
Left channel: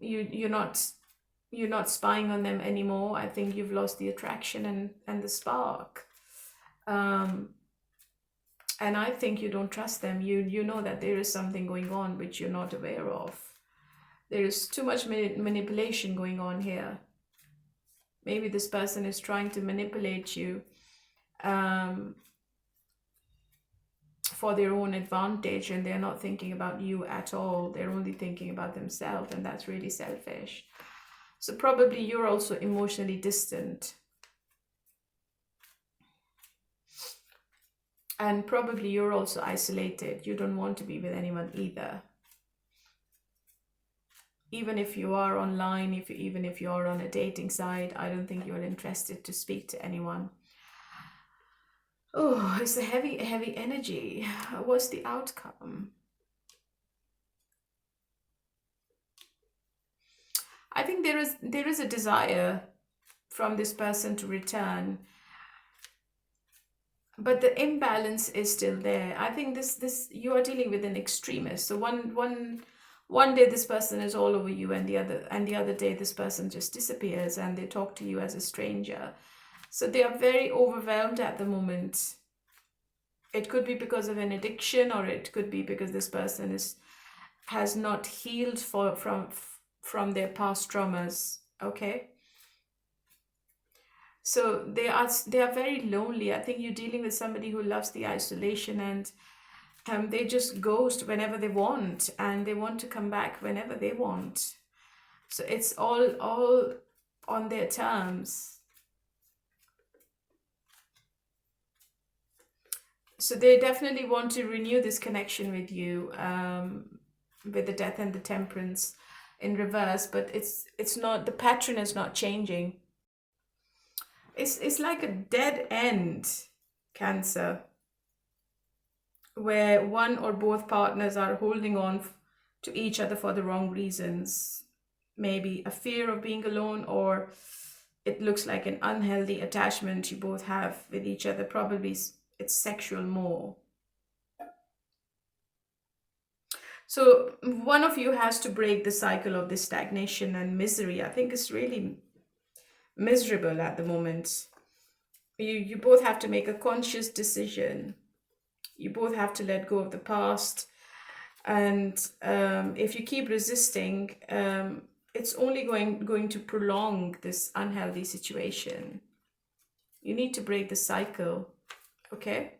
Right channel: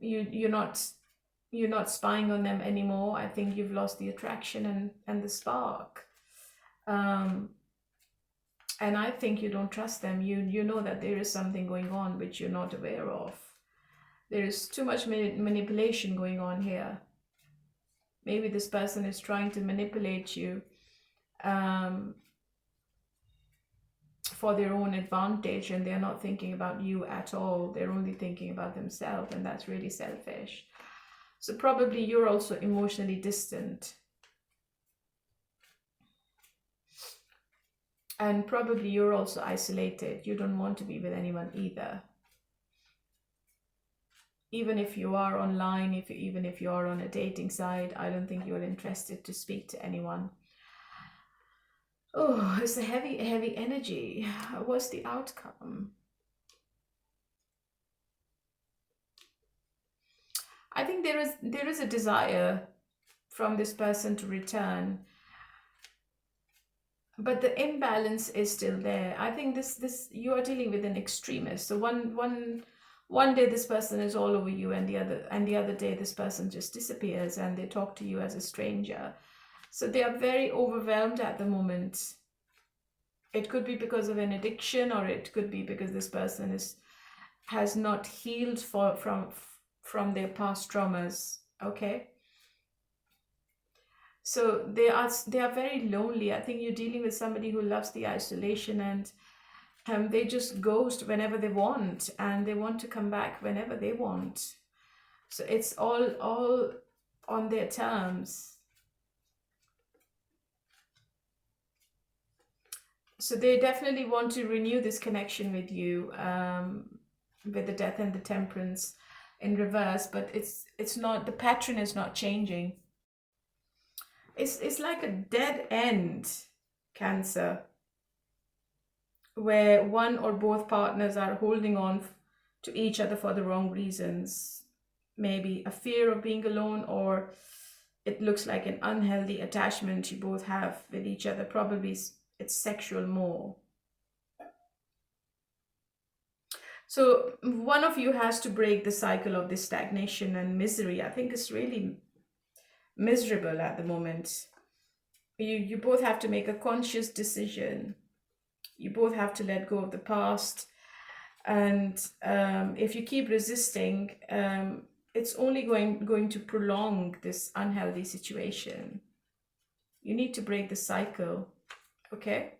You're not spying on them anymore. I think you've lost the attraction and the spark. And I think you don't trust them. You know that there is something going on which you're not aware of. There is too much manipulation going on here. Maybe this person is trying to manipulate you for their own advantage, and they're not thinking about you at all. They're only thinking about themselves, and that's really selfish. So probably you're also emotionally distant. And probably you're also isolated. You don't want to be with anyone either. Even if you are online, even if you are on a dating site, I don't think you're interested to speak to anyone. Oh, it's a heavy energy. What's the outcome? I think there is a desire from this person to return, but the imbalance is still there. I think this you are dealing with an extremist. So one day this person is all over you, and the other day this person just disappears and they talk to you as a stranger. So they are very overwhelmed at the moment. It could be because of an addiction, or it could be because this person has not healed from their past traumas. Okay. So they are very lonely. I think you're dealing with somebody who loves the isolation, and they just ghost whenever they want, and they want to come back whenever they want. So it's all on their terms. So they definitely want to renew this connection with you, with the Death and the Temperance in reverse, but it's not, the pattern is not changing. It's like a dead end, Cancer, where one or both partners are holding on to each other for the wrong reasons. Maybe a fear of being alone, or it looks like an unhealthy attachment you both have with each other. Probably it's sexual more. So one of you has to break the cycle of this stagnation and misery. I think it's really miserable at the moment. You both have to make a conscious decision. You both have to let go of the past. And if you keep resisting, it's only going to prolong this unhealthy situation. You need to break the cycle. Okay?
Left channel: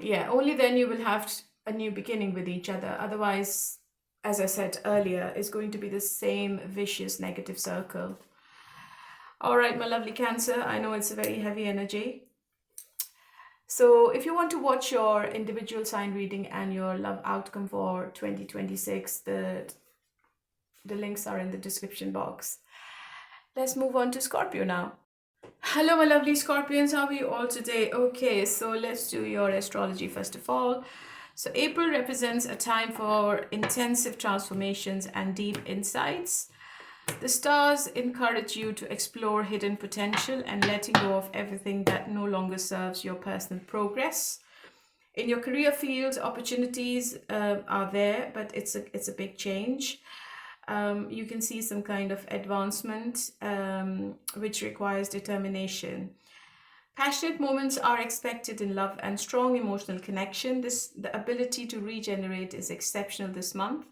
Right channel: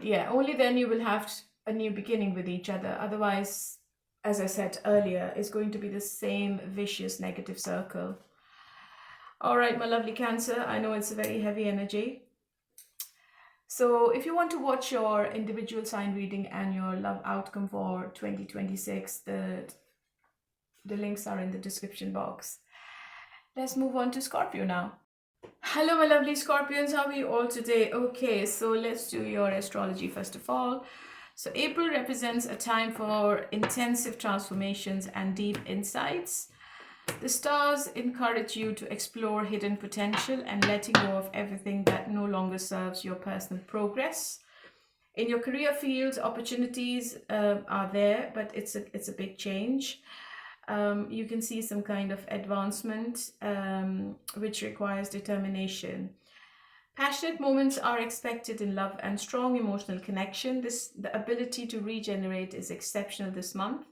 Yeah, only then you will have a new beginning with each other. Otherwise, as I said earlier, it's going to be the same vicious negative circle. All right, my lovely Cancer, I know it's a very heavy energy. So if you want to watch your individual sign reading and your love outcome for 2026, the links are in the description box. Let's move on to Scorpio now. Hello, my lovely Scorpions. How are you all today? Okay, so let's do your astrology first of all. So April represents a time for intensive transformations and deep insights. The stars encourage you to explore hidden potential and letting go of everything that no longer serves your personal progress. In your career field, opportunities are there, but it's a big change. You can see some kind of advancement, which requires determination. Passionate moments are expected in love and strong emotional connection. The ability to regenerate is exceptional this month,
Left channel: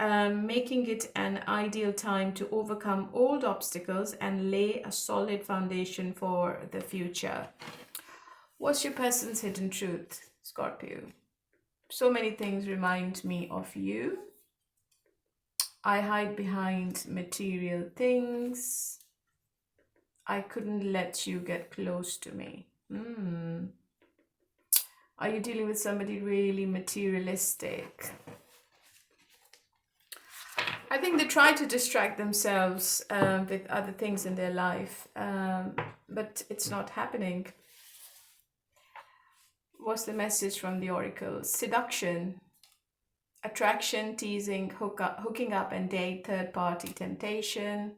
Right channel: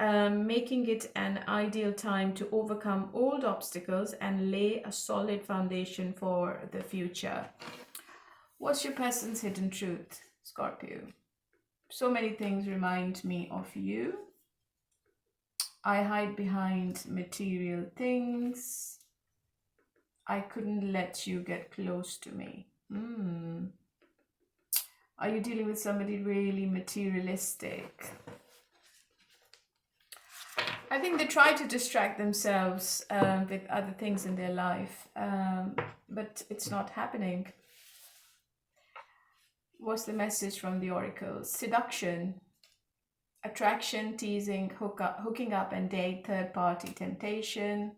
making it an ideal time to overcome old obstacles and lay a solid foundation for the future. What's your person's hidden truth, Scorpio? So many things remind me of you. I hide behind material things. I couldn't let you get close to me. Are you dealing with somebody really materialistic? I think they try to distract themselves with other things in their life, but it's not happening. What's the message from the oracle? Seduction, attraction, teasing, hooking up and date, third party temptation.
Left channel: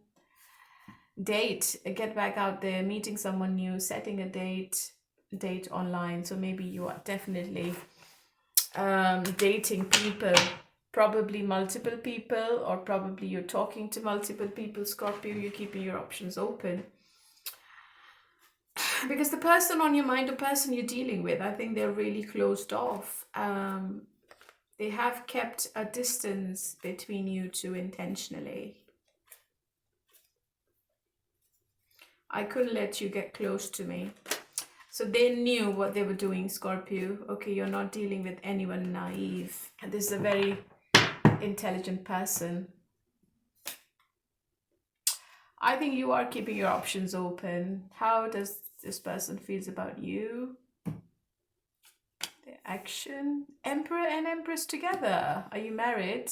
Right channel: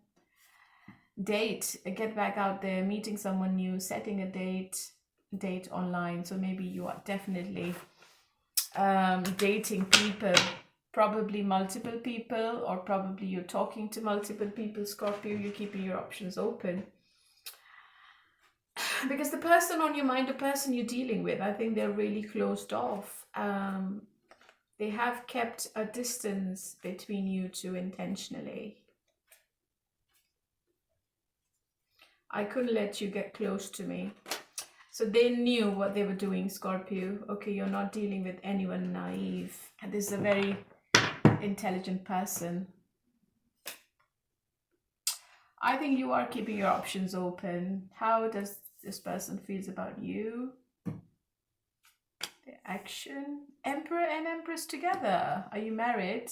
Date, get back out there, meeting someone new, setting a date online. So maybe you are definitely dating people, probably multiple people, or probably you're talking to multiple people. Scorpio, you're keeping your options open. Because the person on your mind, the person you're dealing with, I think they're really closed off. They have kept a distance between you two intentionally. I couldn't let you get close to me. So they knew what they were doing, Scorpio. Okay, you're not dealing with anyone naive. And this is a very intelligent person. I think you are keeping your options open. How does this person feels about you? The action. Emperor and Empress together. Are you married?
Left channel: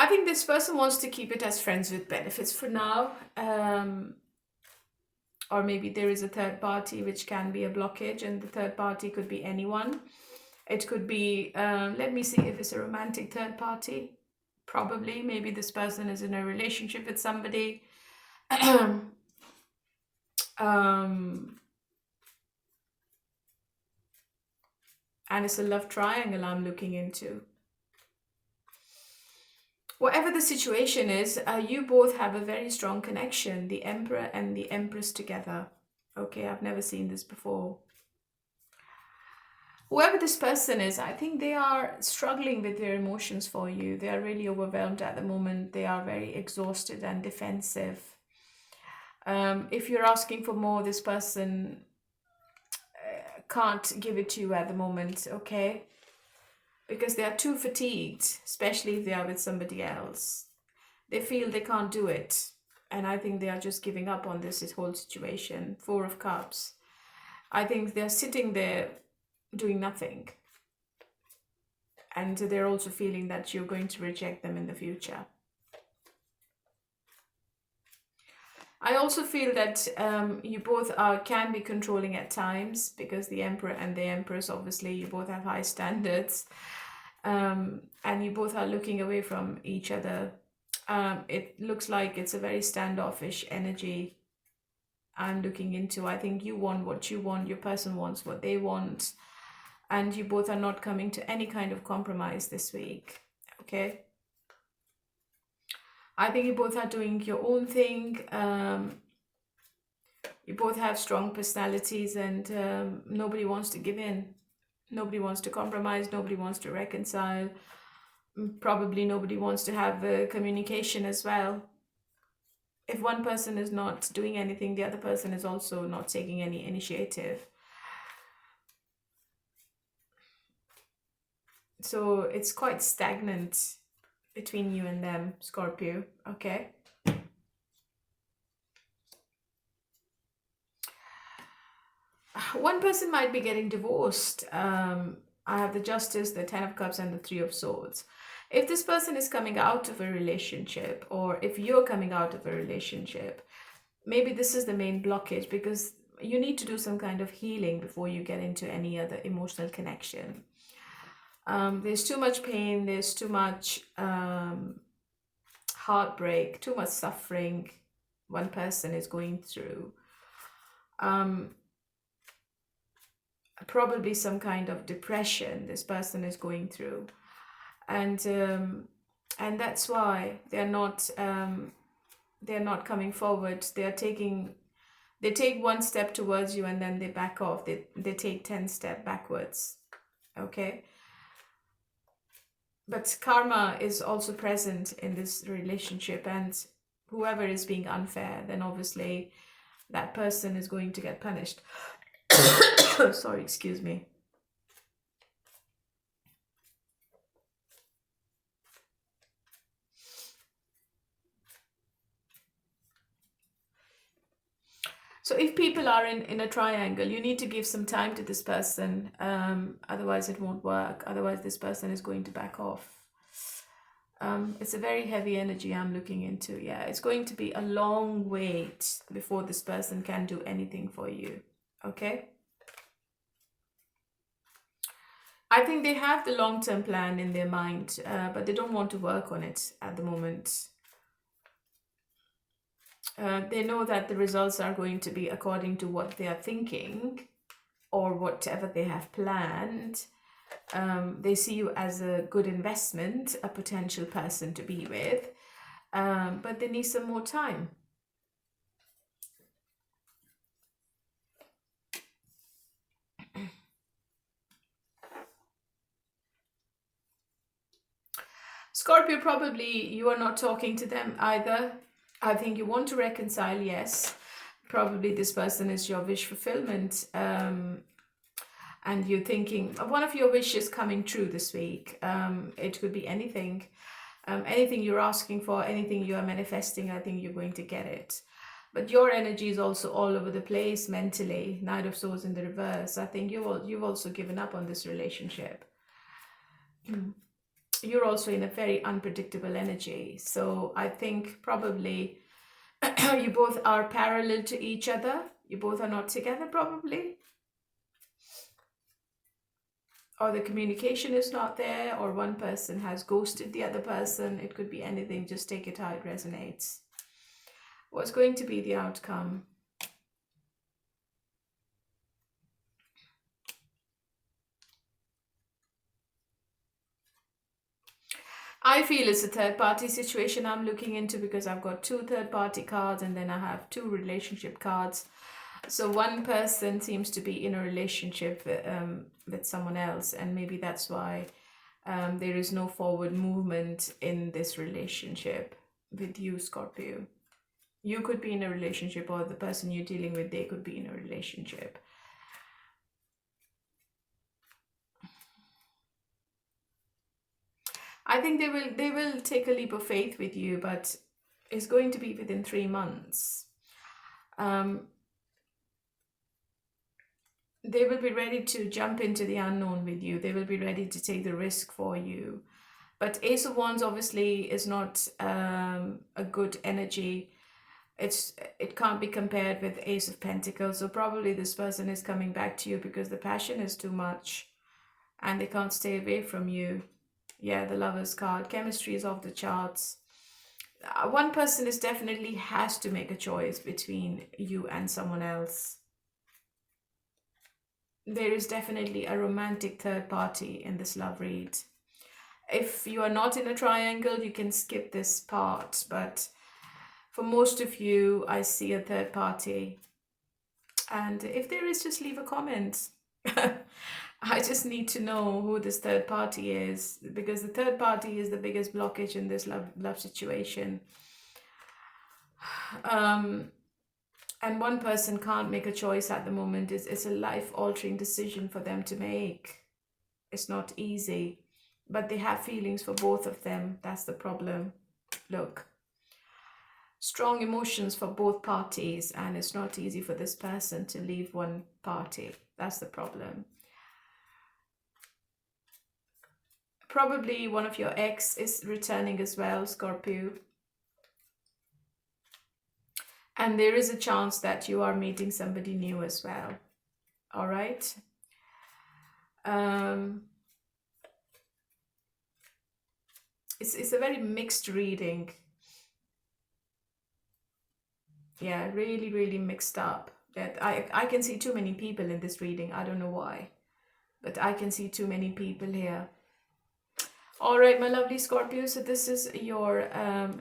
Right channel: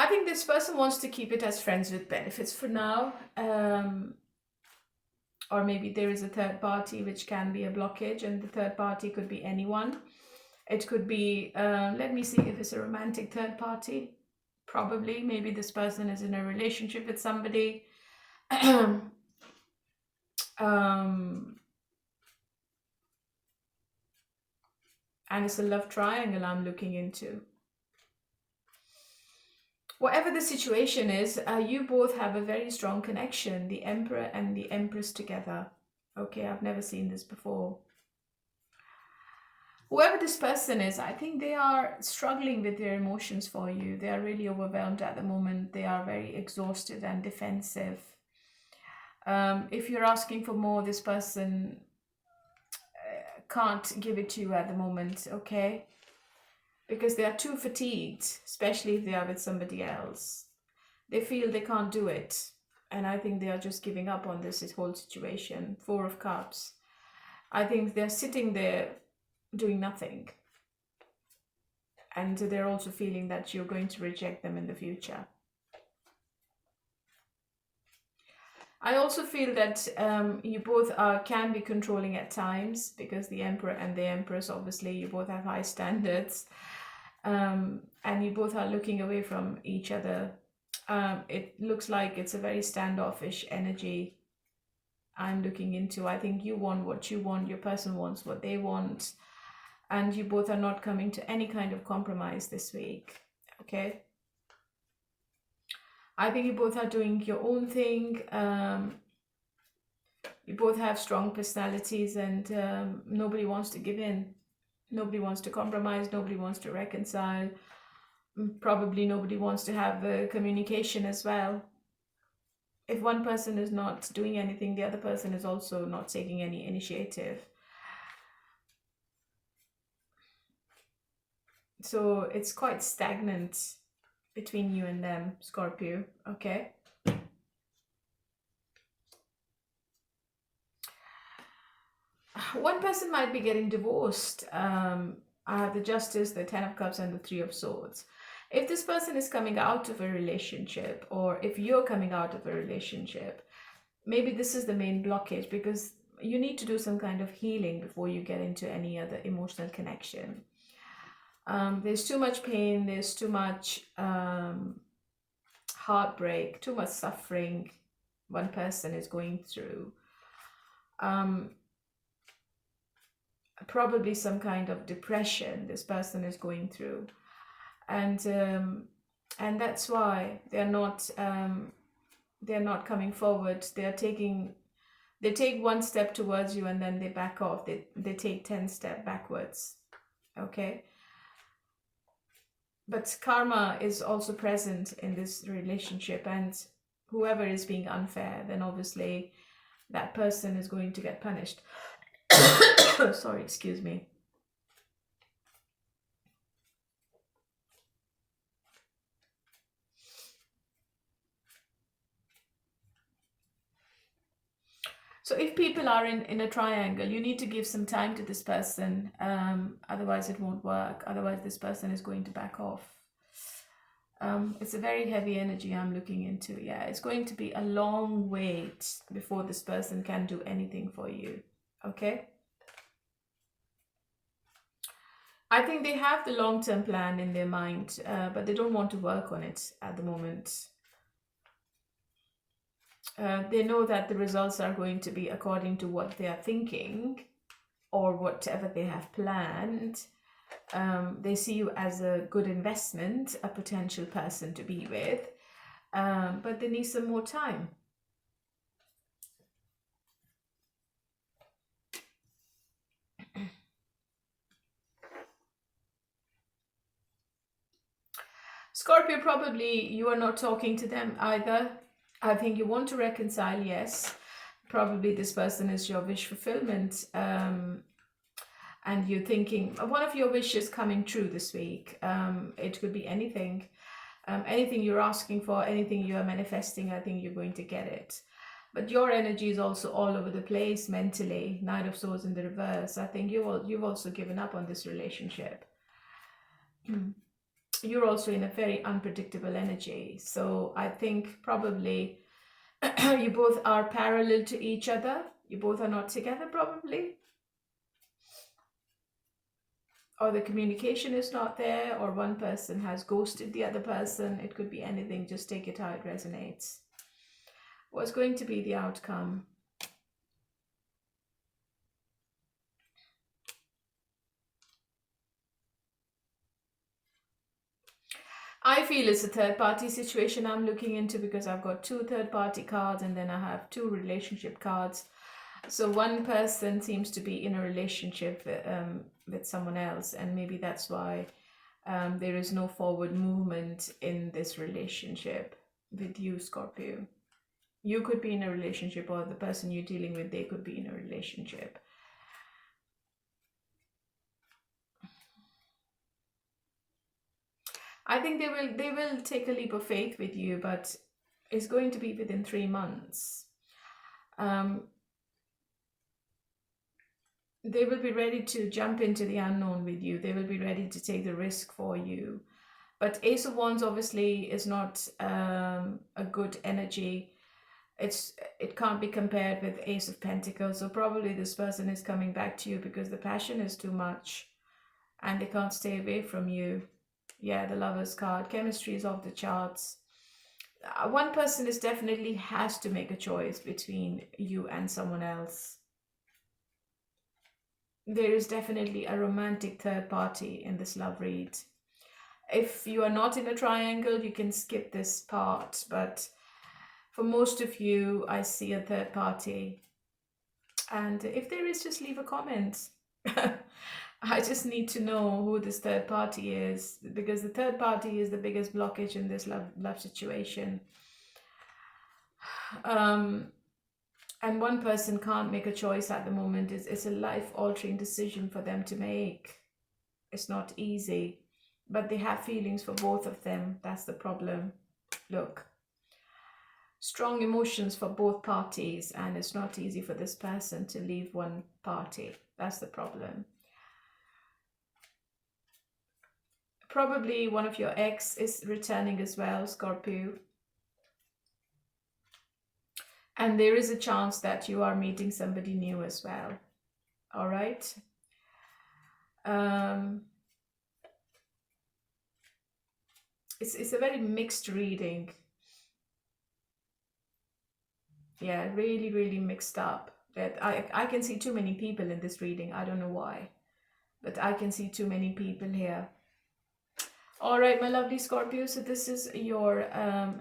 I think this person wants to keep it as friends with benefits for now. Or maybe there is a third party which can be a blockage, and the third party could be anyone. It could be, let me see if it's a romantic third party. Probably, maybe this person is in a relationship with somebody. And it's a love triangle I'm looking into. Whatever the situation is, you both have a very strong connection, the Emperor and the Empress together. Okay, I've never seen this before. Whoever this person is, I think they are struggling with their emotions for you. They are really overwhelmed at the moment. They are very exhausted and defensive. If you're asking for more, this person can't give it to you at the moment, okay? Because they are too fatigued, especially if they are with somebody else. They feel they can't do it. And I think they are just giving up on this whole situation. 4 of Cups. I think they're sitting there doing nothing. And they're also feeling that you're going to reject them in the future. I also feel that you both can be controlling at times, because the Emperor and the Empress, obviously, you both have high standards. And you both are looking away from each other. It looks like it's a very standoffish energy I'm looking into. I think you want what you want, your person wants what they want, and you both are not coming to any kind of compromise this week, okay? I think you both are doing your own thing. You both have strong personalities, and nobody wants to give in. Nobody wants to compromise. Nobody wants to reconcile. Probably nobody wants to have communication as well. If one person is not doing anything, the other person is also not taking any initiative. So it's quite stagnant between you and them, Scorpio, okay? One person might be getting divorced. I have the Justice, the 10 of Cups, and the 3 of Swords. If this person is coming out of a relationship, or if you're coming out of a relationship, maybe this is the main blockage, because you need to do some kind of healing before you get into any other emotional connection. There's too much pain, there's too much heartbreak, too much suffering one person is going through. Probably some kind of depression this person is going through, and that's why they're not coming forward. They take one step towards you, and then they back off. They take 10 steps backwards, okay? But karma is also present in this relationship, and whoever is being unfair, then obviously that person is going to get punished. Sorry, excuse me. So if people are in a triangle, you need to give some time to this person. Otherwise it won't work. Otherwise this person is going to back off. It's a very heavy energy I'm looking into. Yeah, it's going to be a long wait before this person can do anything for you. Okay? I think they have the long-term plan in their mind, but they don't want to work on it at the moment. They know that the results are going to be according to what they are thinking or whatever they have planned. They see you as a good investment, a potential person to be with, but they need some more time. Scorpio, probably you are not talking to them either. I think you want to reconcile, yes. Probably this person is your wish fulfillment. And you're thinking one of your wishes coming true this week. It could be anything. Anything you're asking for, anything you are manifesting, I think you're going to get it. But your energy is also all over the place mentally. Knight of Swords in the reverse. I think you've also given up on this relationship. You're also in a very unpredictable energy. So I think probably you both are parallel to each other. You both are not together probably. Or the communication is not there, or one person has ghosted the other person. It could be anything. Just take it how it resonates. What's going to be the outcome? I feel it's a third-party situation I'm looking into, because I've got 2 third-party cards and then I have 2 relationship cards. So one person seems to be in a relationship with someone else, and maybe that's why there is no forward movement in this relationship with you, Scorpio. You could be in a relationship, or the person you're dealing with, they could be in a relationship. I think they will take a leap of faith with you, but it's going to be within 3 months. They will be ready to jump into the unknown with you. They will be ready to take the risk for you. But Ace of Wands obviously is not a good energy. It can't be compared with Ace of Pentacles. So probably this person is coming back to you because the passion is too much and they can't stay away from you. Yeah, the Lovers card. Chemistry is off the charts. One person is definitely has to make a choice between you and someone else. There is definitely a romantic third party in this love read. If you are not in a triangle, you can skip this part, but for most of you, I see a third party. And if there is, just leave a comment. I just need to know who this third party is, because the third party is the biggest blockage in this love situation. And one person can't make a choice at the moment. It's a life-altering decision for them to make. It's not easy, but they have feelings for both of them. That's the problem. Look, strong emotions for both parties, and it's not easy for this person to leave one party. That's the problem. Probably one of your ex is returning as well, Scorpio. And there is a chance that you are meeting somebody new as well. All right. It's a very mixed reading. Yeah, really, really mixed up. I can see too many people in this reading. I don't know why, but I can see too many people here. All right, my lovely Scorpio. So this is your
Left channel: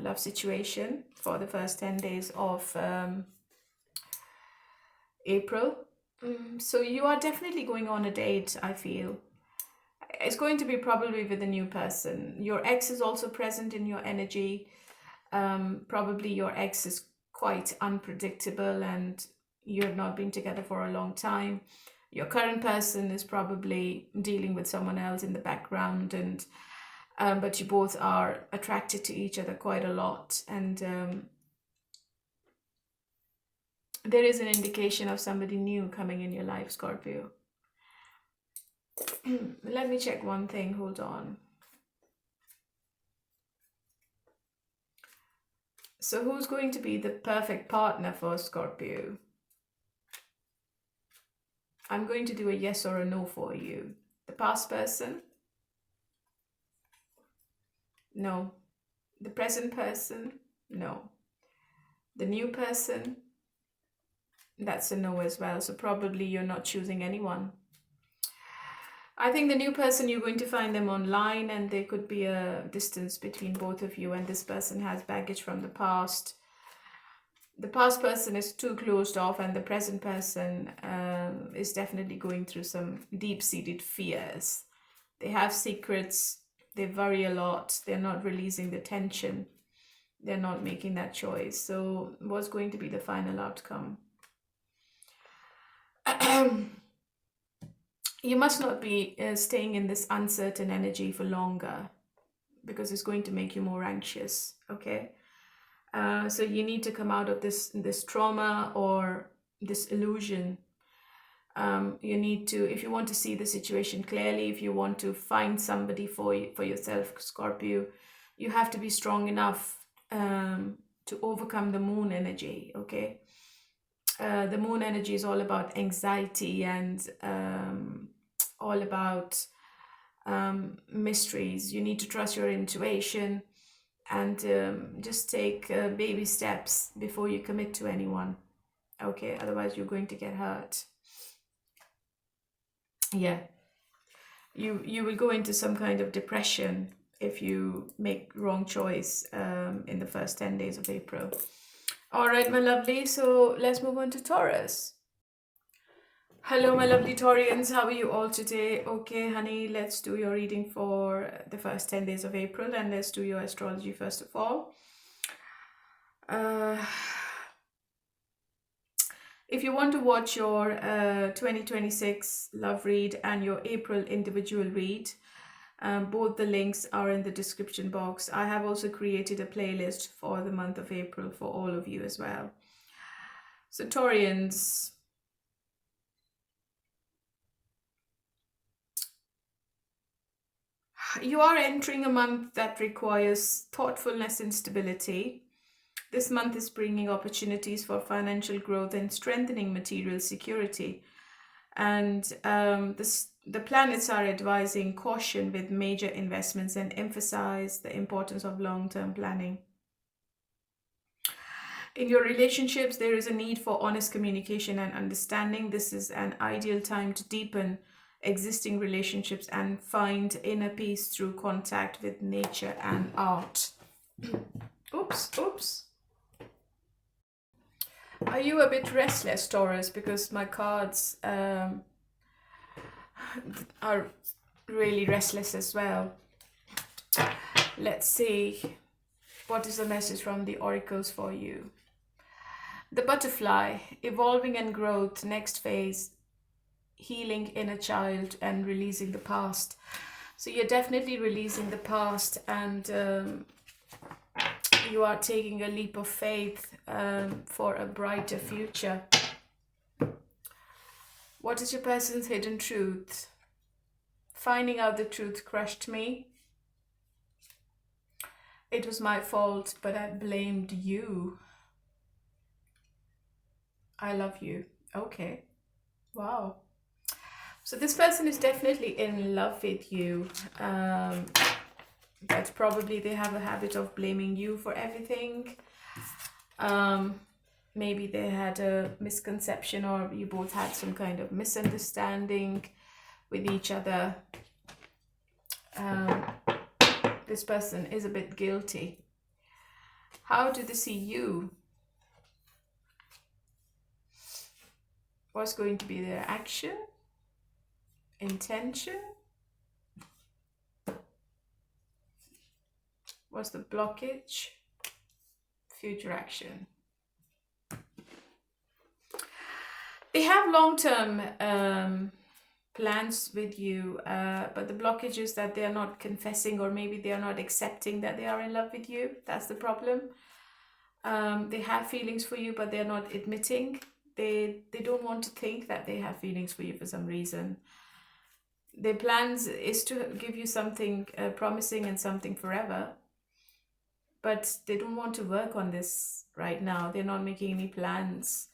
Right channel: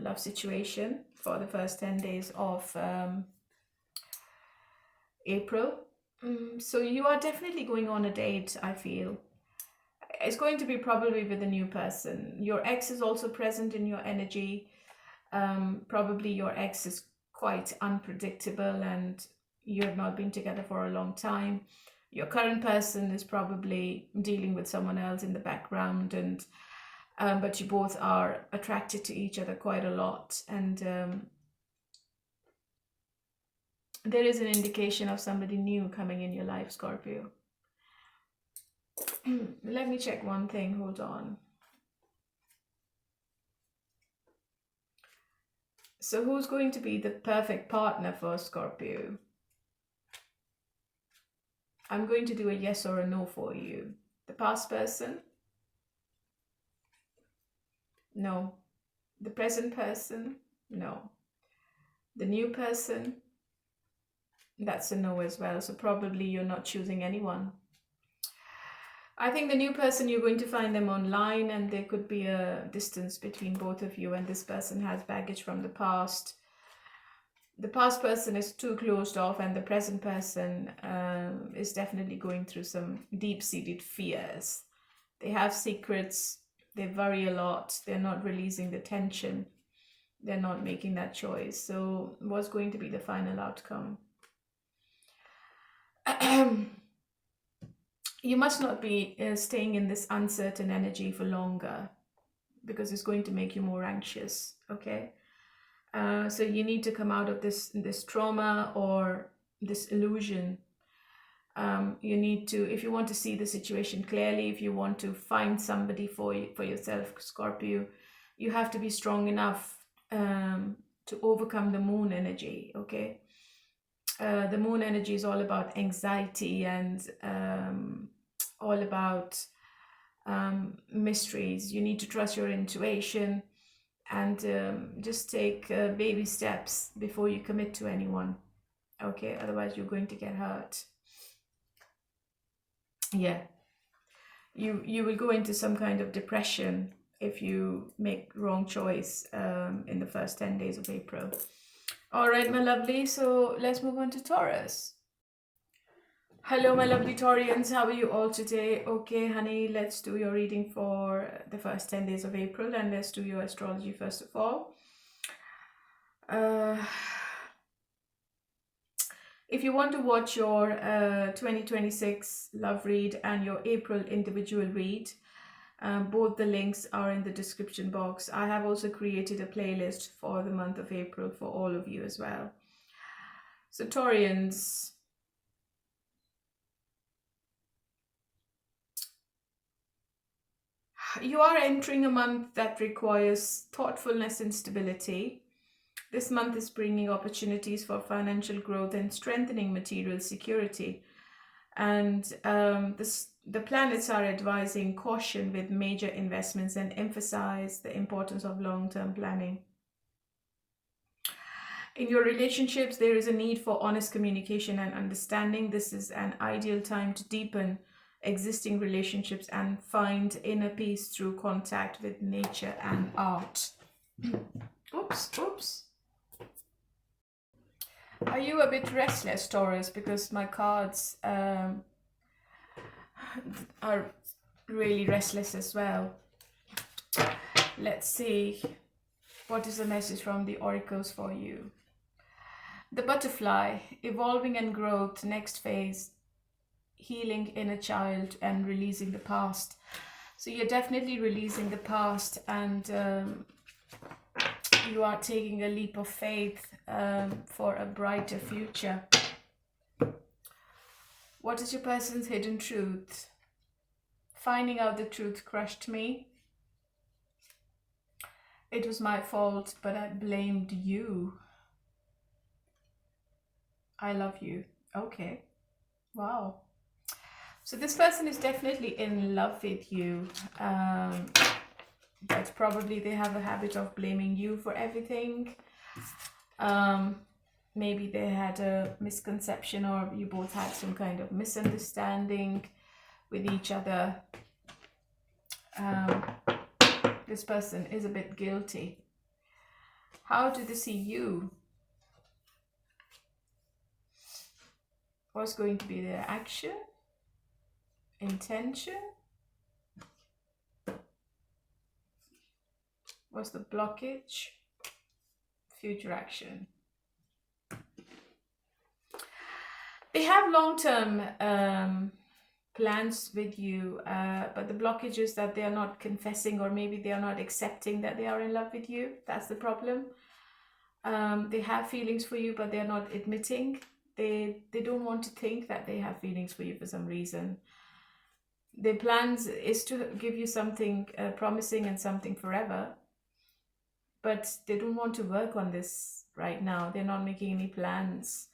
love situation for the first 10 days of April. So you are definitely going on a date, I feel. It's going to be probably with a new person. Your ex is also present in your energy. Probably your ex is quite unpredictable and you have not been together for a long time. Your current person is probably dealing with someone else in the background, and but you both are attracted to each other quite a lot, and There is an indication of somebody new coming in your life, Scorpio. Let me check one thing. Hold on. So who's going to be the perfect partner for Scorpio? I'm going to do a yes or a no for you. The past person? No. The present person? No. The new person? That's a no as well. So probably you're not choosing anyone. I think the new person, you're going to find them online, and there could be a distance between both of you, and this person has baggage from the past. The past person is too closed off, and the present person is definitely going through some deep-seated fears. They have secrets. They worry a lot. They're not releasing the tension. They're not making that choice. So what's going to be the final outcome? You must not be staying in this uncertain energy for longer, because it's going to make you more anxious, okay? So you need to come out of this trauma or this illusion. You need to, if you want to see the situation clearly, if you want to find somebody for yourself, Scorpio, you have to be strong enough to overcome the moon energy, okay? The moon energy is all about anxiety and all about mysteries. You need to trust your intuition and just take baby steps before you commit to anyone, okay? Otherwise you're going to get hurt. Yeah, you will go into some kind of depression if you make wrong choice in the first 10 days of April. All right, my lovely, so let's move on to Taurus. Hello, my lovely Taurians. How are you all today? Okay, honey, let's do your reading for the first 10 days of April, and let's do your astrology first of all. If you want to watch your 2026 love read and your April individual read, both the links are in the description box. I have also created a playlist for the month of April for all of you as well. So Taurians, you are entering a month that requires thoughtfulness and stability. This month is bringing opportunities for financial growth and strengthening material security. And the planets are advising caution with major investments and emphasize the importance of long-term planning. In your relationships, there is a need for honest communication and understanding. This is an ideal time to deepen existing relationships and find inner peace through contact with nature and art. Oops. Are you a bit restless, Taurus? Because my cards are really restless as well. Let's see. What is the message from the oracles for you? The butterfly, evolving and growth, next phase, healing inner child and releasing the past. So you're definitely releasing the past, and you are taking a leap of faith for a brighter future. What is your person's hidden truth? Finding out the truth crushed me. It was my fault, but I blamed you. I love you. Okay. Wow. So this person is definitely in love with you. But probably they have a habit of blaming you for everything. Maybe they had a misconception, or you both had some kind of misunderstanding with each other. This person is a bit guilty. How do they see you? What's going to be their action? Intention? What's the blockage? Future action. They have long-term plans with you, but the blockage is that they are not confessing, or maybe they are not accepting that they are in love with you. That's the problem. They have feelings for you, but they are not admitting They don't want to think that they have feelings for you for some reason. Their plans is to give you something promising and something forever, but they don't want to work on this right now. They're not making any plans.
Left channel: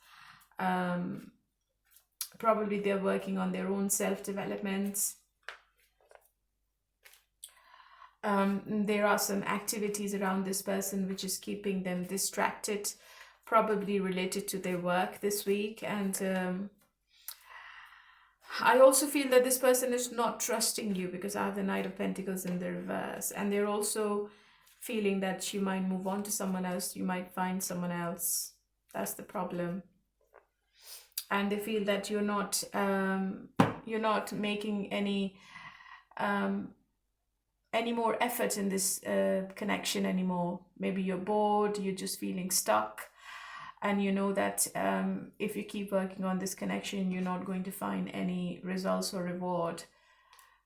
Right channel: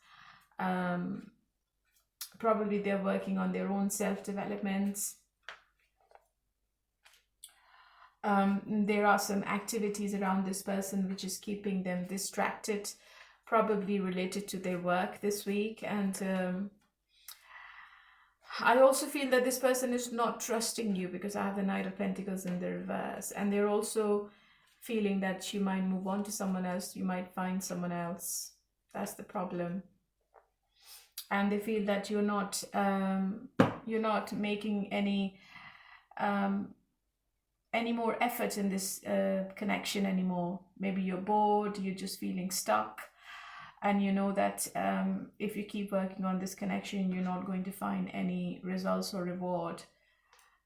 Probably they're working on their own self-development. There are some activities around this person which is keeping them distracted, probably related to their work this week. And I also feel that this person is not trusting you, because I have the Knight of Pentacles in the reverse, and they're also feeling that you might move on to someone else, you might find someone else. That's the problem. And they feel that you're not making any more effort in this connection anymore. Maybe you're bored, you're just feeling stuck, and you know that if you keep working on this connection, you're not going to find any results or reward.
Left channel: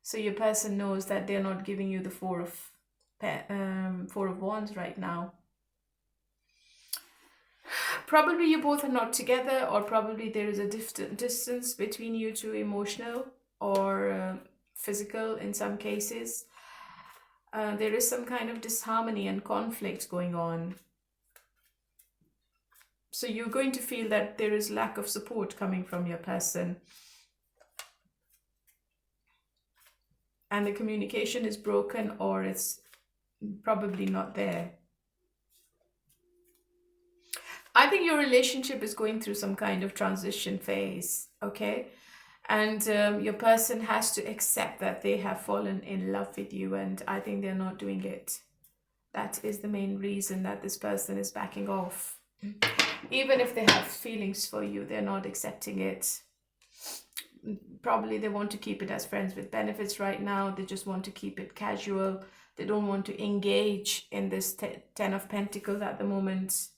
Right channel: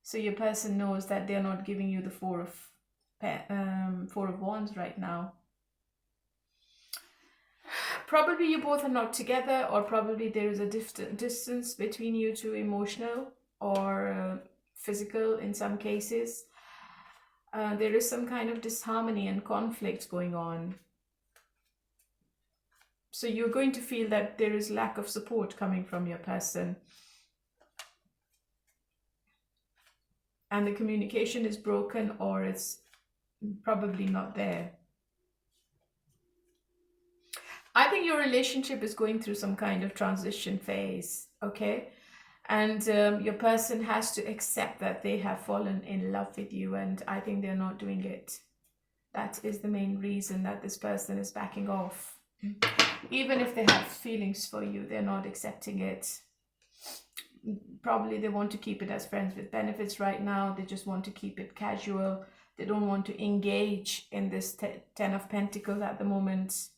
So your person knows that they're not giving you the Four of Wands right now. Probably you both are not together, or probably there is a distance between you two, emotional or physical in some cases. There is some kind of disharmony and conflict going on. So you're going to feel that there is lack of support coming from your person. And the communication is broken, or it's probably not there. I think your relationship is going through some kind of transition phase, okay? And your person has to accept that they have fallen in love with you, and I think they're not doing it. That is the main reason that this person is backing off. Even if they have feelings for you, they're not accepting it. Probably they want to keep it as friends with benefits right now. They just want to keep it casual. They don't want to engage in this Ten of Pentacles at the moment.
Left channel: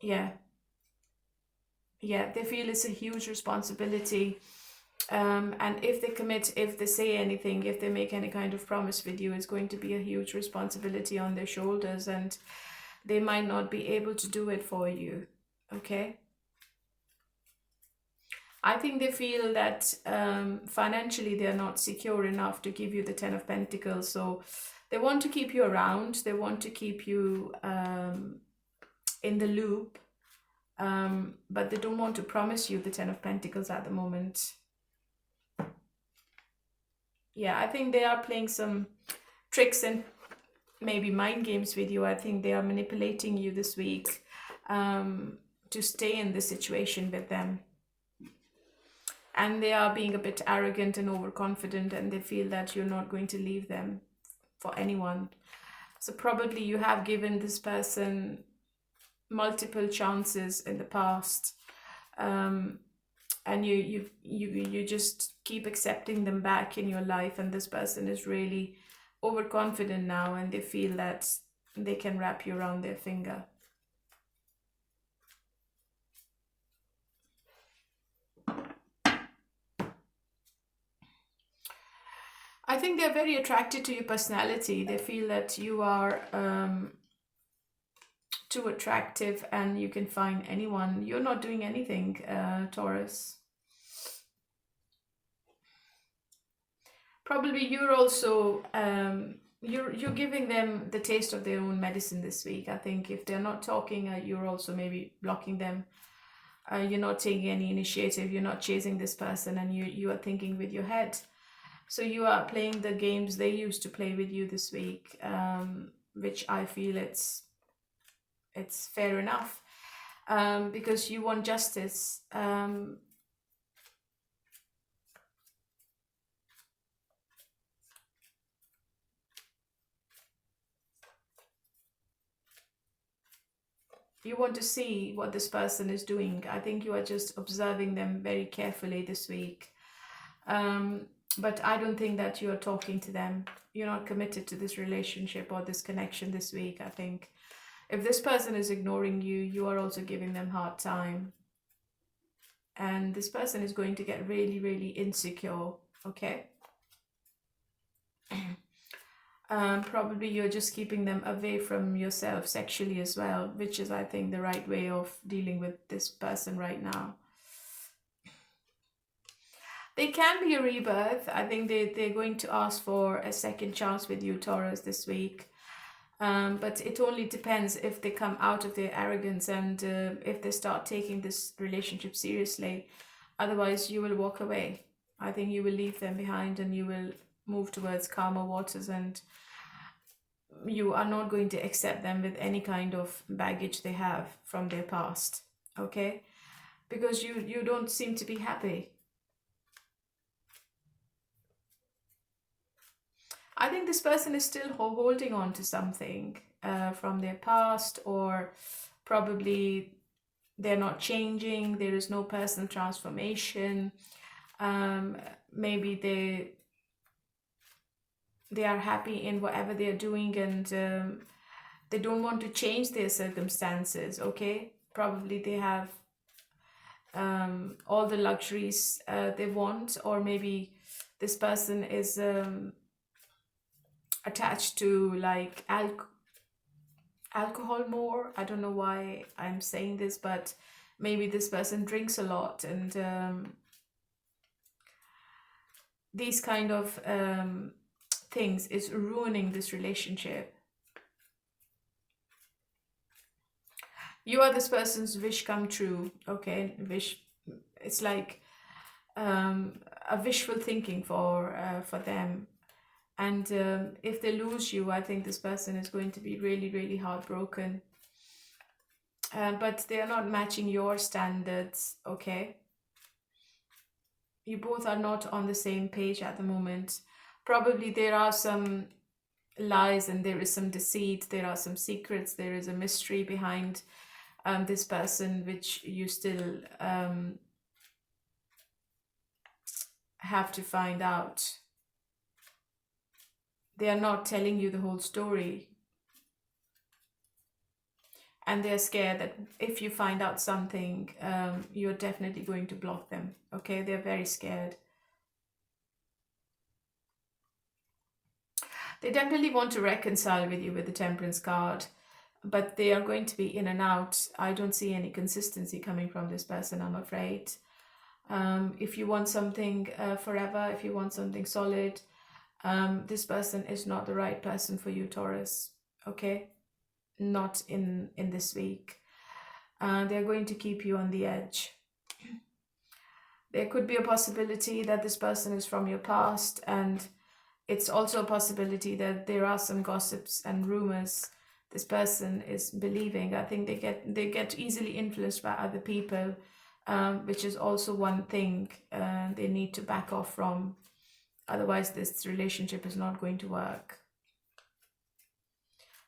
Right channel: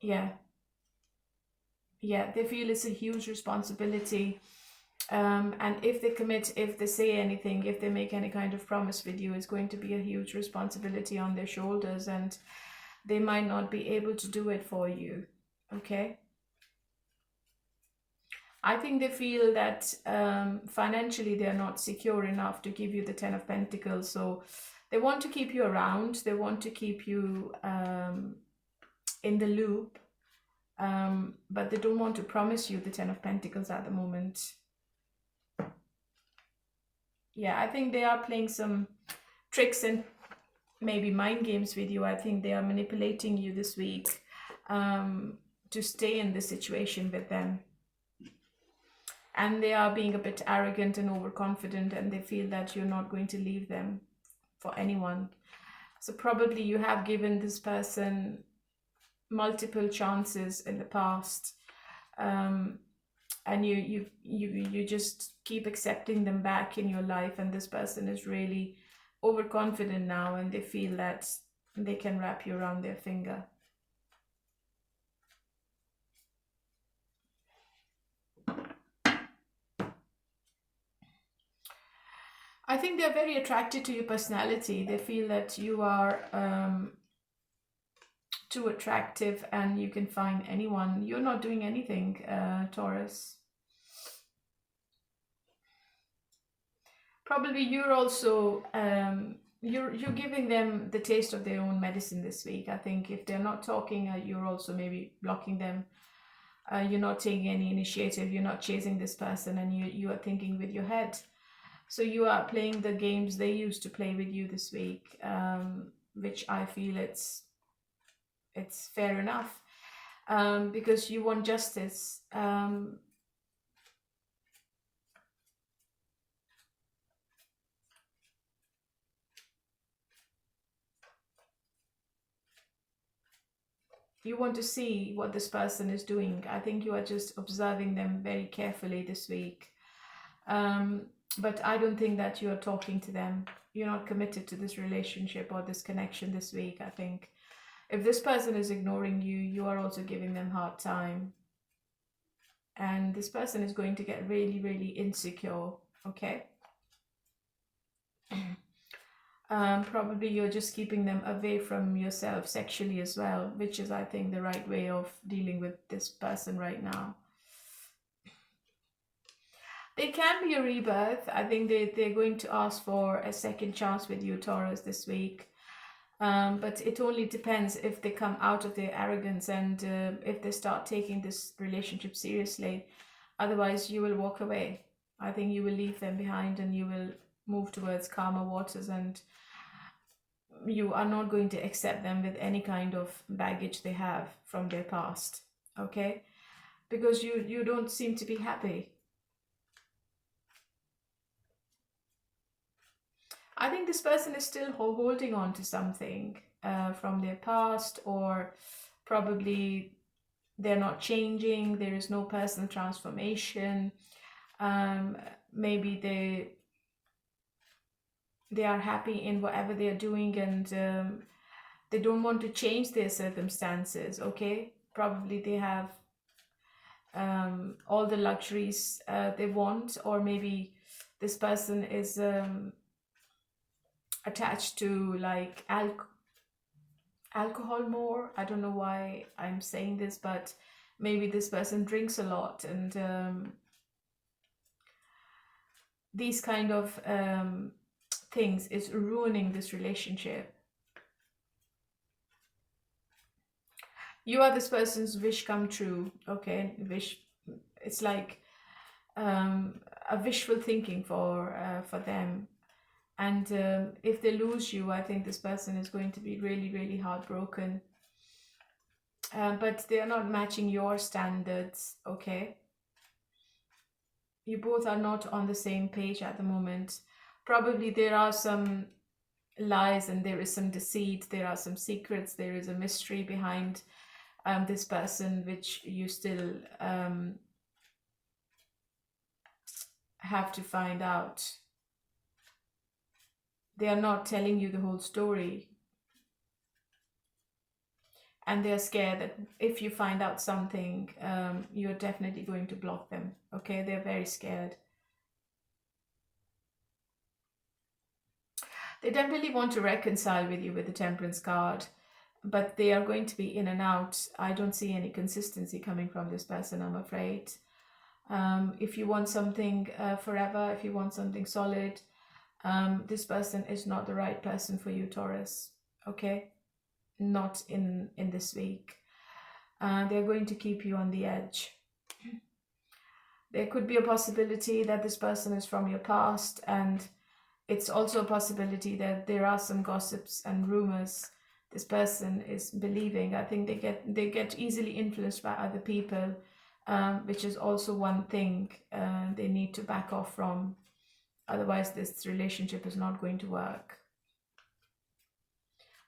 Yeah, they feel it's a huge responsibility. And if they commit, if they say anything, if they make any kind of promise with you, it's going to be a huge responsibility on their shoulders, and they might not be able to do it for you, okay? I think they feel that financially they're not secure enough to give you the Ten of Pentacles, so they want to keep you around, they want to keep you in the loop, but they don't want to promise you the Ten of Pentacles at the moment. Yeah, I think they are playing some tricks and maybe mind games with you. I think they are manipulating you this week to stay in this situation with them. And they are being a bit arrogant and overconfident, and they feel that you're not going to leave them for anyone. So probably you have given this person multiple chances in the past, and you just keep accepting them back in your life, and this person is really overconfident now, and they feel that they can wrap you around their finger. I think they're very attracted to your personality. They feel that you are too attractive and you can find anyone. You're not doing anything, Taurus. Probably you're also you're giving them the taste of their own medicine this week. I think if they're not talking, you're also maybe blocking them. You're not taking any initiative. You're not chasing this person, and you are thinking with your head. So you are playing the games they used to play with you this week, which I feel it's fair enough, because you want justice. You want to see what this person is doing. I think you are just observing them very carefully this week. But I don't think that you are talking to them. You're not committed to this relationship or this connection this week, I think. If this person is ignoring you, you are also giving them a hard time. And this person is going to get really, really insecure, okay? Probably you're just keeping them away from yourself sexually as well, which is, I think, the right way of dealing with this person right now. They can be a rebirth. I think they're going to ask for a second chance with you, Taurus, this week. But it only depends if they come out of their arrogance and if they start taking this relationship seriously. Otherwise, you will walk away. I think you will leave them behind and you will move towards calmer waters, and you are not going to accept them with any kind of baggage they have from their past, okay? Because you don't seem to be happy. I think this person is still holding on to something from their past, or probably they're not changing. There is no personal transformation. Maybe they are happy in whatever they are doing, and they don't want to change their circumstances, okay? Probably they have all the luxuries they want, or maybe this person is attached to like alcohol more. I don't know why I'm saying this, but maybe this person drinks a lot, and these kind of things is ruining this relationship. You are this person's wish come true, okay? Wish, it's like a wishful thinking for them. And if they lose you, I think this person is going to be really, really heartbroken. But they are not matching your standards, okay? You both are not on the same page at the moment. Probably there are some lies and there is some deceit, there are some secrets, there is a mystery behind this person, which you still have to find out. They are not telling you the whole story. And they're scared that if you find out something, you're definitely going to block them. Okay, they're very scared. They definitely want to reconcile with you with the Temperance card, but they are going to be in and out. I don't see any consistency coming from this person, I'm afraid. If you want something forever, if you want something solid, this person is not the right person for you, Taurus. Okay, not in this week. They're going to keep you on the edge. There could be a possibility that this person is from your past, and it's also a possibility that there are some gossips and rumors this person is believing. I think they get easily influenced by other people, which is also one thing they need to back off from. Otherwise, this relationship is not going to work.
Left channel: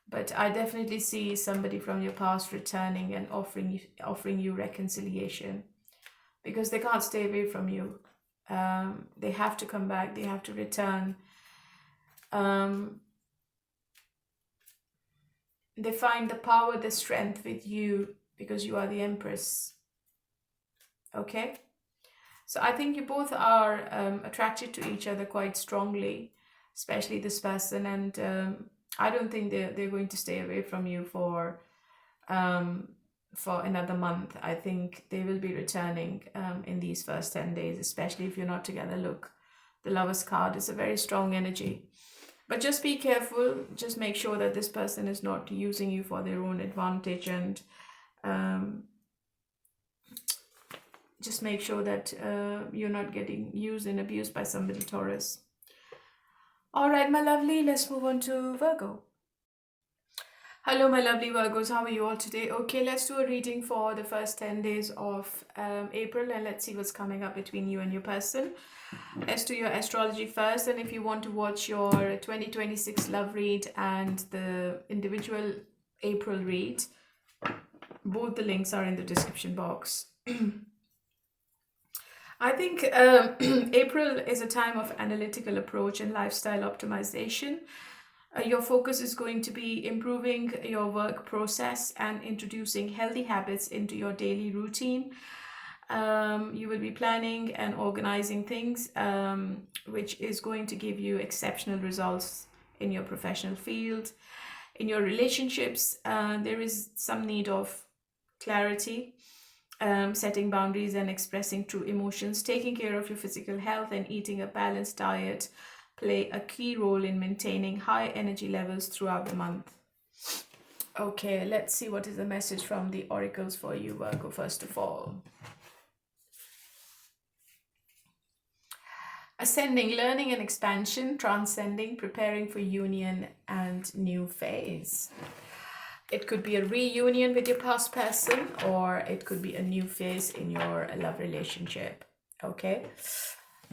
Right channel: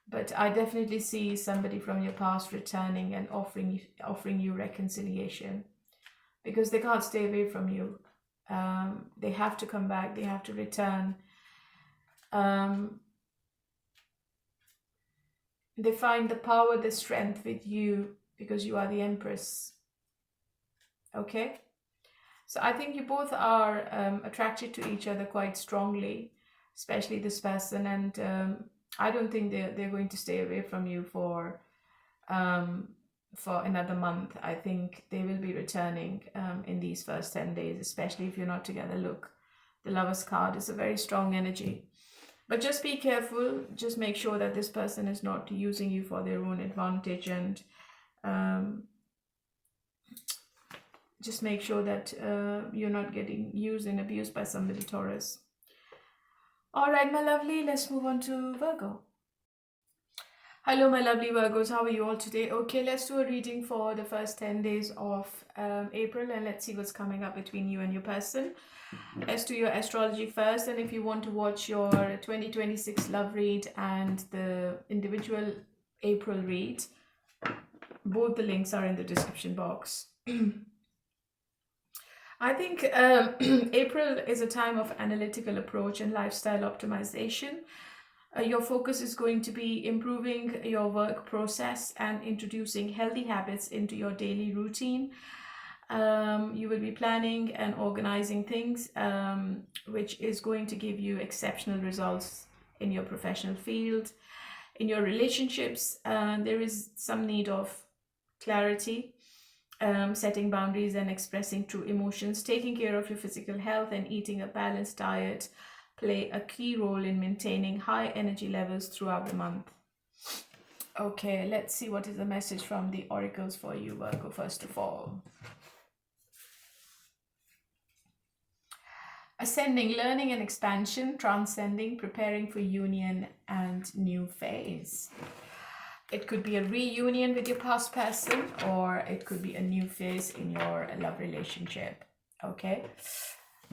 But I definitely see somebody from your past returning and offering you reconciliation, because they can't stay away from you. They have to come back. They have to return. They find the power, the strength with you, because you are the Empress. Okay? So I think you both are attracted to each other quite strongly, especially this person. And I don't think they're going to stay away from you for another month. I think they will be returning in these first 10 days, especially if you're not together. Look, the Lover's card is a very strong energy. But just be careful. Just make sure that this person is not using you for their own advantage, and just make sure that you're not getting used and abused by somebody, Taurus. All right, my lovely, let's move on to Virgo. Hello, my lovely Virgos. How are you all today? Okay, let's do a reading for the first 10 days of April, and let's see what's coming up between you and your person. Let's do your astrology first, and if you want to watch your 2026 love read and the individual April read, both the links are in the description box. I think April is a time of analytical approach and lifestyle optimization. Your focus is going to be improving your work process and introducing healthy habits into your daily routine. You will be planning and organizing things, which is going to give you exceptional results in your professional field. In your relationships, there is some need of clarity, setting boundaries and expressing true emotions. Taking care of your physical health and eating a balanced diet play a key role in maintaining high energy levels throughout the month. Okay, let's see what is the message from the oracles for you, Virgo, first of all. Ascending, learning and expansion, transcending, preparing for union and new phase. It could be a reunion with your past person, or it could be a new phase in your love relationship. Okay.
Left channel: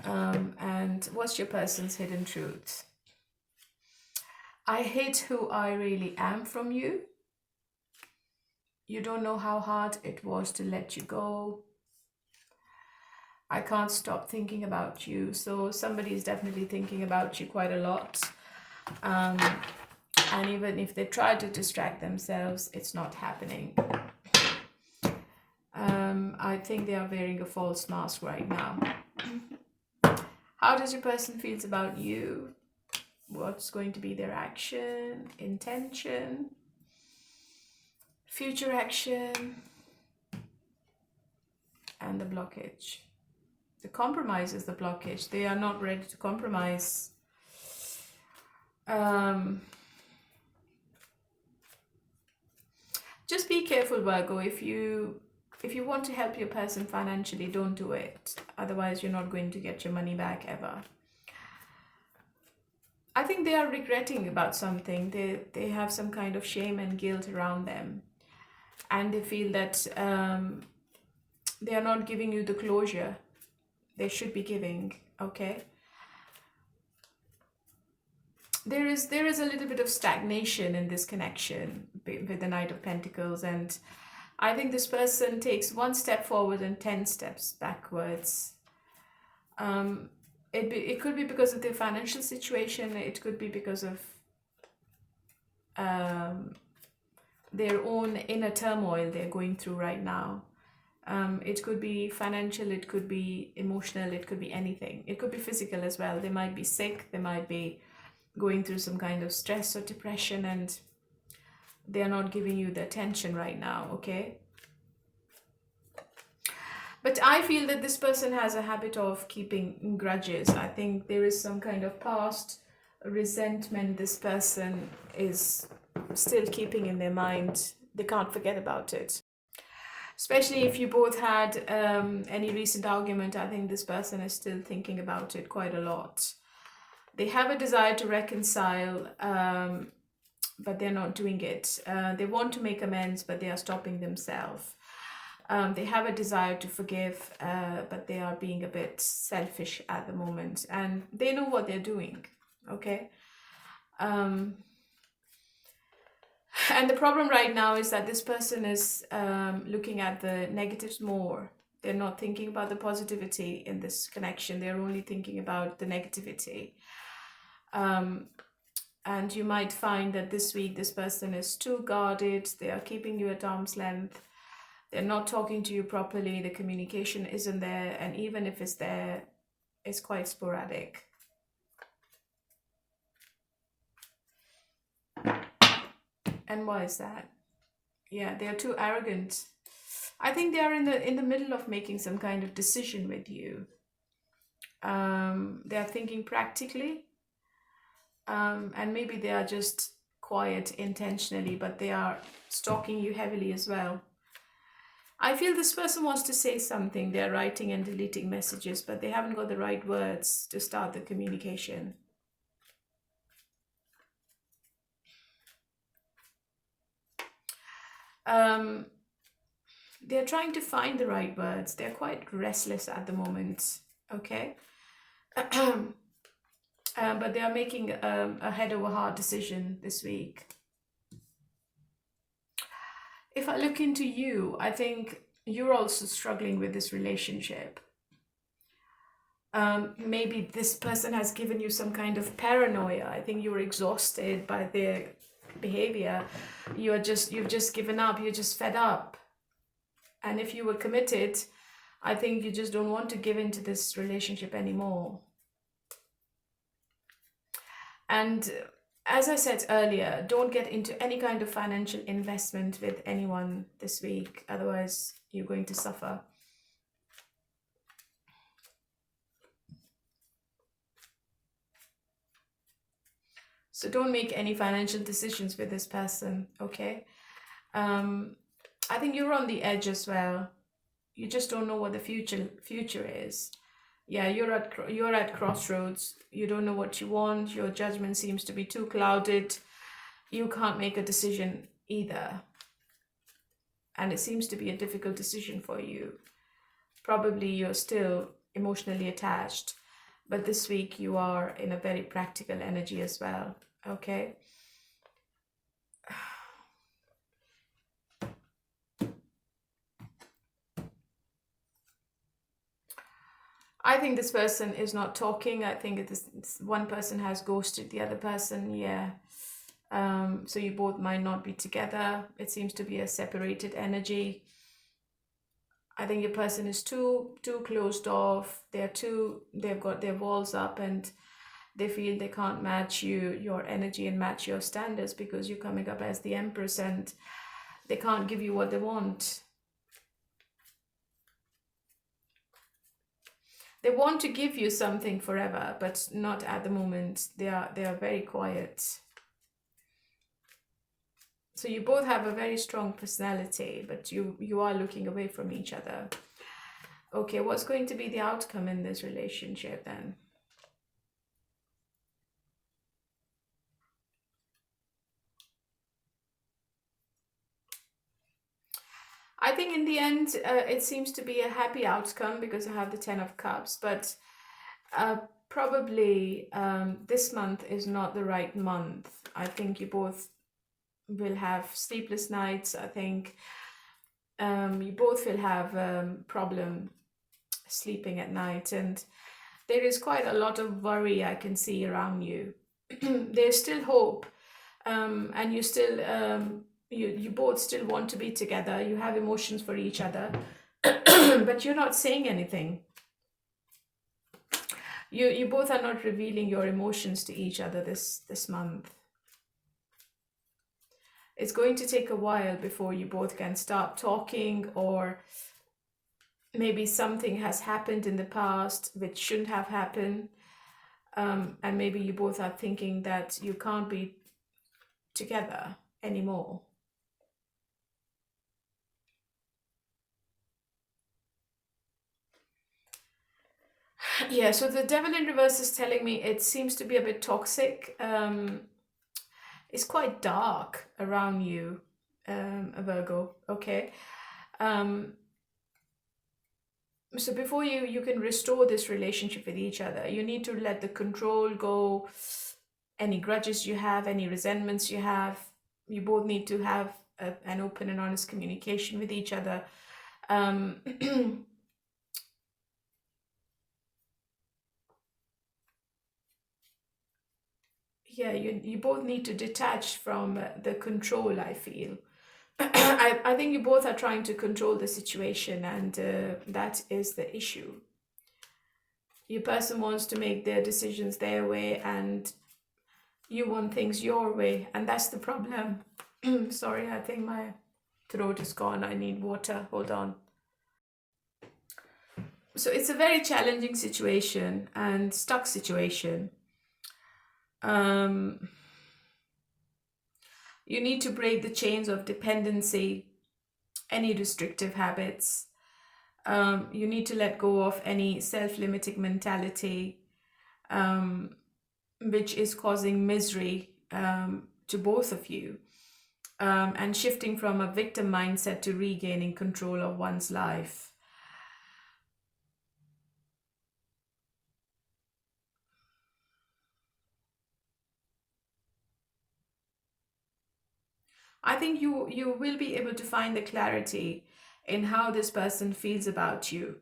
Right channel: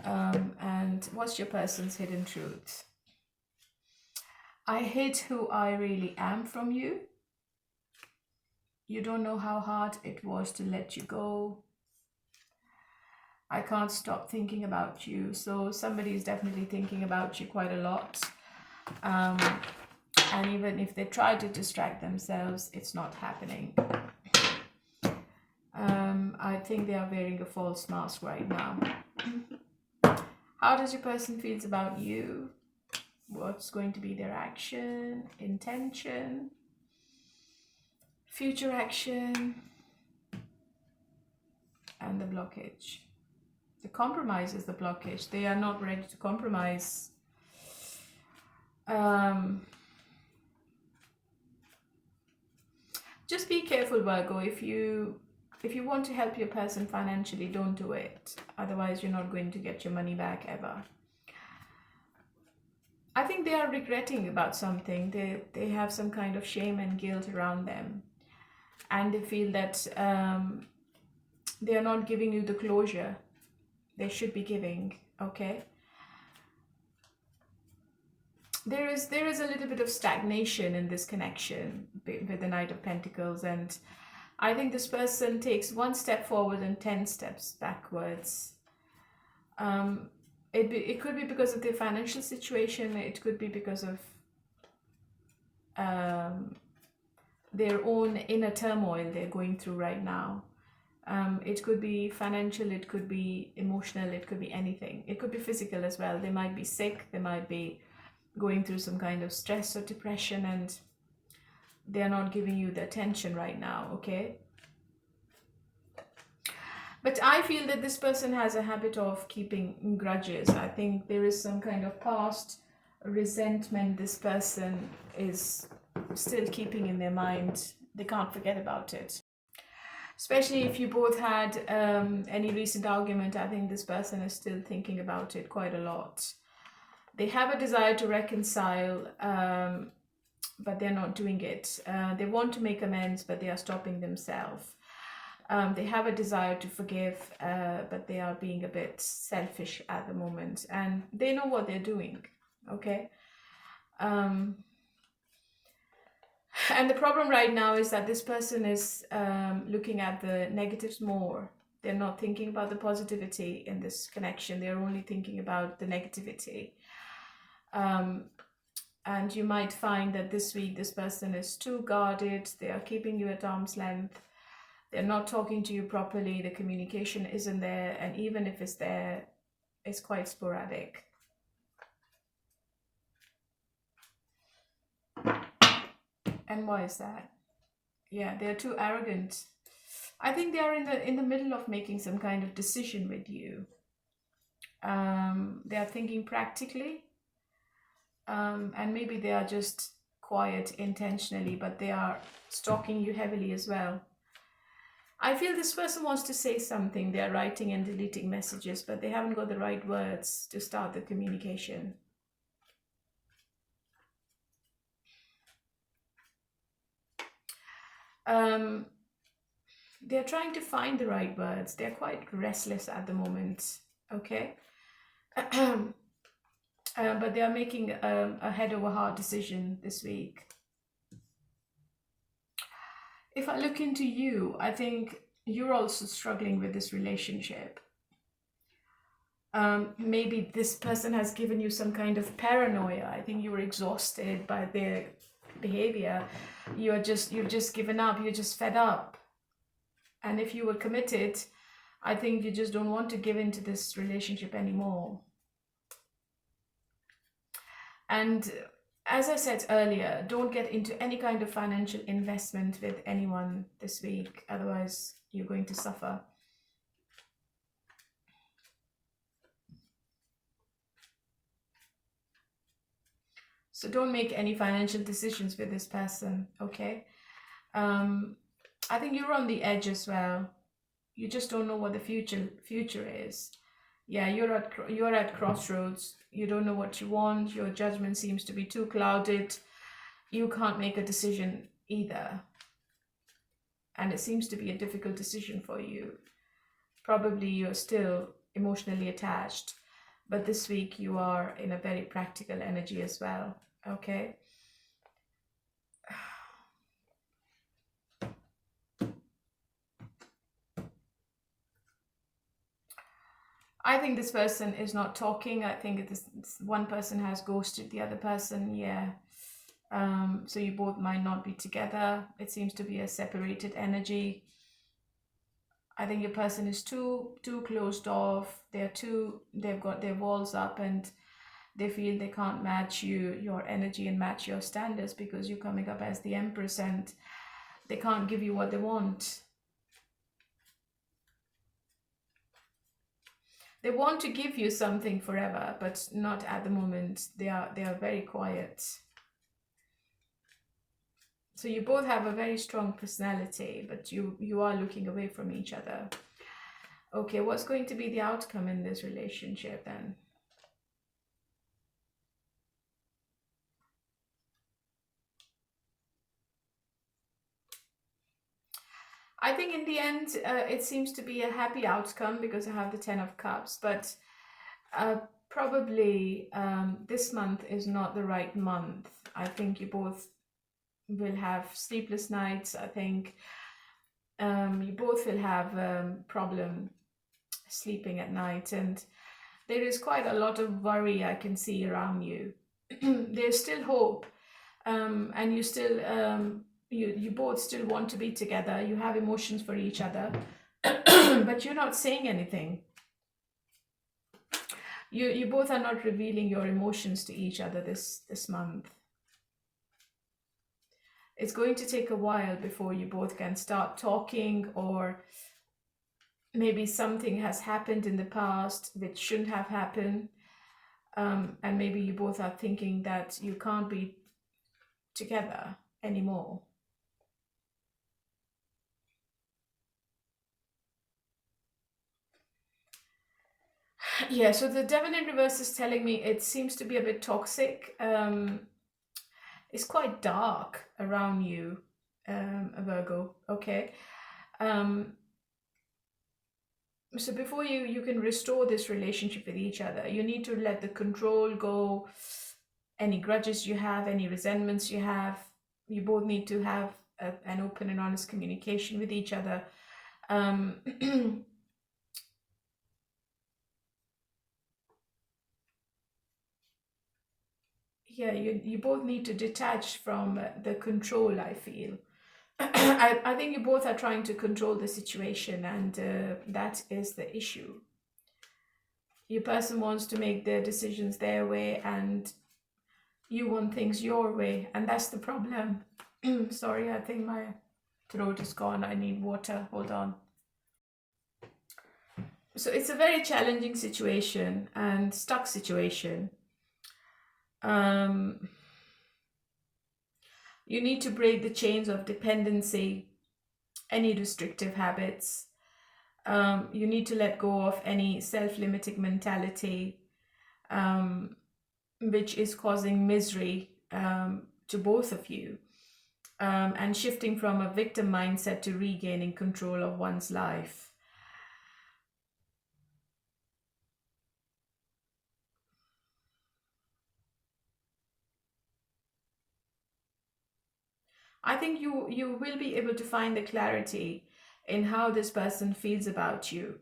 And what's your person's hidden truth? I hid who I really am from you. You don't know how hard it was to let you go. I can't stop thinking about you. So somebody is definitely thinking about you quite a lot. And even if they try to distract themselves, it's not happening. I think they are wearing a false mask right now. How does your person feel about you? What's going to be their action, intention, future action, and the blockage? The compromise is the blockage. They are not ready to compromise. Just be careful, Virgo. If you want to help your person financially, don't do it. Otherwise, you're not going to get your money back ever. I think they are regretting about something. They have some kind of shame and guilt around them. And they feel that they are not giving you the closure they should be giving, okay? There is a little bit of stagnation in this connection with the Knight of Pentacles, and I think this person takes one step forward and 10 steps backwards. It could be because of their financial situation. It could be because of their own inner turmoil they're going through right now. It could be financial, it could be emotional, it could be anything. It could be physical as well. They might be sick, they might be going through some kind of stress or depression, and they're not giving you the attention right now, okay? But I feel that this person has a habit of keeping grudges. I think there is some kind of past resentment this person is still keeping in their mind. They can't forget about it. Especially if you both had any recent argument, I think this person is still thinking about it quite a lot. They have a desire to reconcile, but they're not doing it. They want to make amends, but they are stopping themselves. They have a desire to forgive, but they are being a bit selfish at the moment. And they know what they're doing, okay? And the problem right now is that this person is looking at the negatives more. They're not thinking about the positivity in this connection. They're only thinking about the negativity. And you might find that this week this person is too guarded. They are keeping you at arm's length. They're not talking to you properly. The communication isn't there. And even if it's there, it's quite sporadic. And why is that? Yeah, they're too arrogant. I think they are in the middle of making some kind of decision with you. They are thinking practically. And maybe they are just quiet intentionally, but they are stalking you heavily as well. I feel this person wants to say something. They're writing and deleting messages, but they haven't got the right words to start the communication. They're trying to find the right words. They're quite restless at the moment, okay? But they are making a head over heart decision this week. If I look into you, I think you're also struggling with this relationship. Maybe this person has given you some kind of paranoia. I think you're exhausted by their behavior. You've just given up. You're just fed up. And if you were committed, I think you just don't want to give into this relationship anymore. And As I said earlier, don't get into any kind of financial investment with anyone this week. Otherwise, you're going to suffer. So don't make any financial decisions with this person, okay? I think you're on the edge as well. You just don't know what the future is. Yeah, you're at crossroads. You don't know what you want. Your judgment seems to be too clouded. You can't make a decision either. And it seems to be a difficult decision for you. Probably you're still emotionally attached, but this week you are in a very practical energy as well, okay? I think this person is not talking. I think this one person has ghosted the other person, yeah. So you both might not be together. It seems to be a separated energy. I think your person is too closed off. They've got their walls up, and they feel they can't match your energy and match your standards because you're coming up as the Empress, and they can't give you what they want. They want to give you something forever, but not at the moment. They are very quiet. So you both have a very strong personality, but you are looking away from each other. Okay, what's going to be the outcome in this relationship then? I think in the end, it seems to be a happy outcome because I have the 10 of Cups, but probably this month is not the right month. I think you both will have sleepless nights. I think you both will have problem sleeping at night, and there is quite a lot of worry I can see around you. There's still hope, and you still you both still want to be together. You have emotions for each other, but you're not saying anything. You both are not revealing your emotions to each other this month. It's going to take a while before you both can start talking, or maybe something has happened in the past which shouldn't have happened, and maybe you both are thinking that you can't be together anymore. Yeah, so the Devil in reverse is telling me it seems to be a bit toxic. It's quite dark around you, Virgo, okay? So before you can restore this relationship with each other, you need to let the control go. Any grudges you have, any resentments you have, you both need to have an open and honest communication with each other. Yeah, you both need to detach from the control, I feel. I think you both are trying to control the situation, and that is the issue. Your person wants to make their decisions their way, and you want things your way, and that's the problem. Sorry, I think my throat is gone. I need water. Hold on. So it's a very challenging situation and stuck situation. You need to break the chains of dependency, any restrictive habits. You need to let go of any self-limiting mentality, which is causing misery to both of you, and shifting from a victim mindset to regaining control of one's life. I think you will be able to find the clarity in how this person feels about you,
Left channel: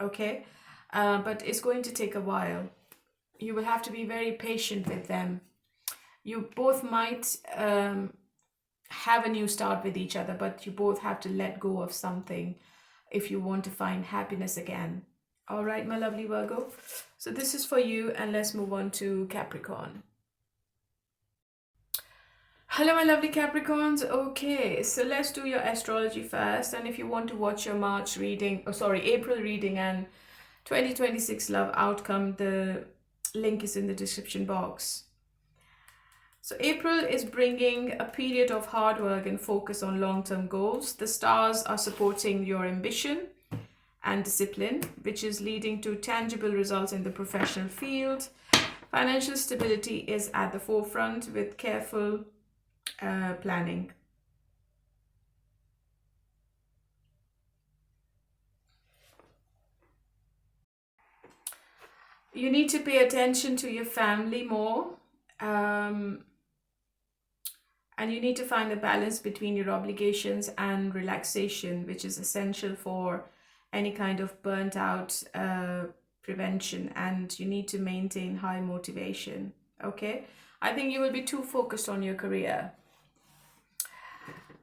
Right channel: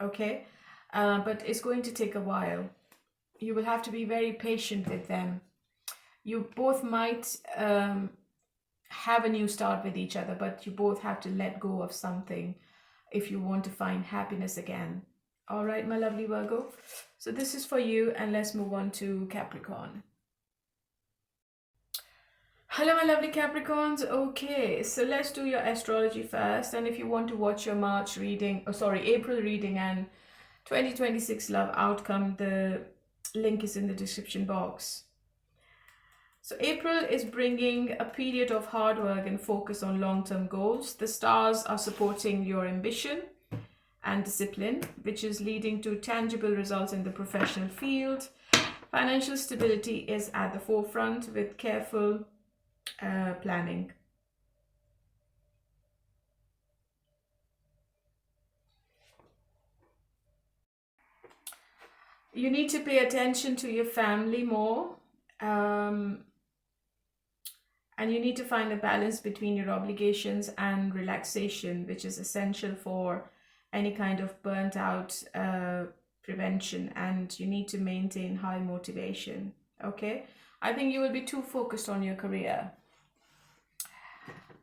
okay? But it's going to take a while. You will have to be very patient with them. You both might have a new start with each other, but you both have to let go of something if you want to find happiness again. All right, my lovely Virgo. So this is for you, and let's move on to Capricorn. Hello, my lovely Capricorns. Okay, so let's do your astrology first. And if you want to watch your March reading, April reading and 2026 love outcome, the link is in the description box. So April is bringing a period of hard work and focus on long-term goals. The stars are supporting your ambition and discipline, which is leading to tangible results in the professional field. Financial stability is at the forefront with careful planning. You need to pay attention to your family more, and you need to find a balance between your obligations and relaxation, which is essential for any kind of burnt out prevention. And you need to maintain high motivation. Okay, I think you will be too focused on your career.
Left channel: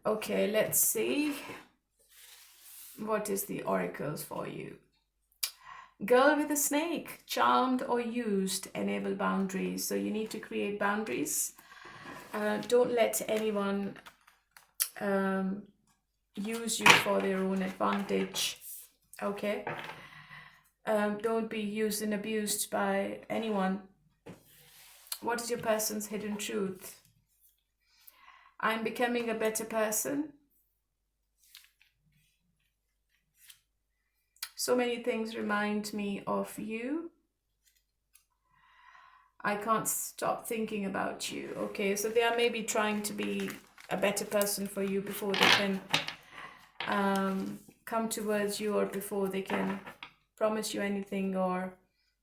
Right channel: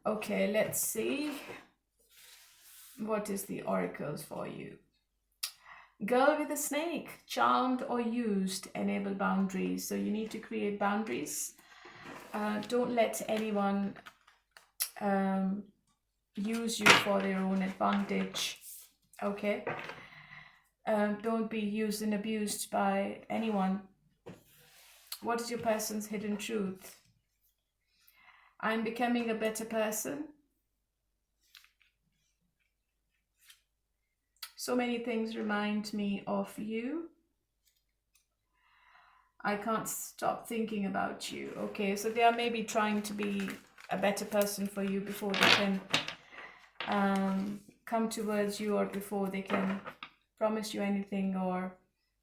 Okay, let's see what is the oracles for you. Girl with a snake, charmed or used, enable boundaries. So you need to create boundaries. Don't let anyone use you for their own advantage. Okay? Don't be used and abused by anyone. What is your person's hidden truth? I'm becoming a better person. So many things remind me of you. I can't stop thinking about you. Okay, so they are maybe trying to be a better person for you before they can come towards you, or before they can promise you anything, or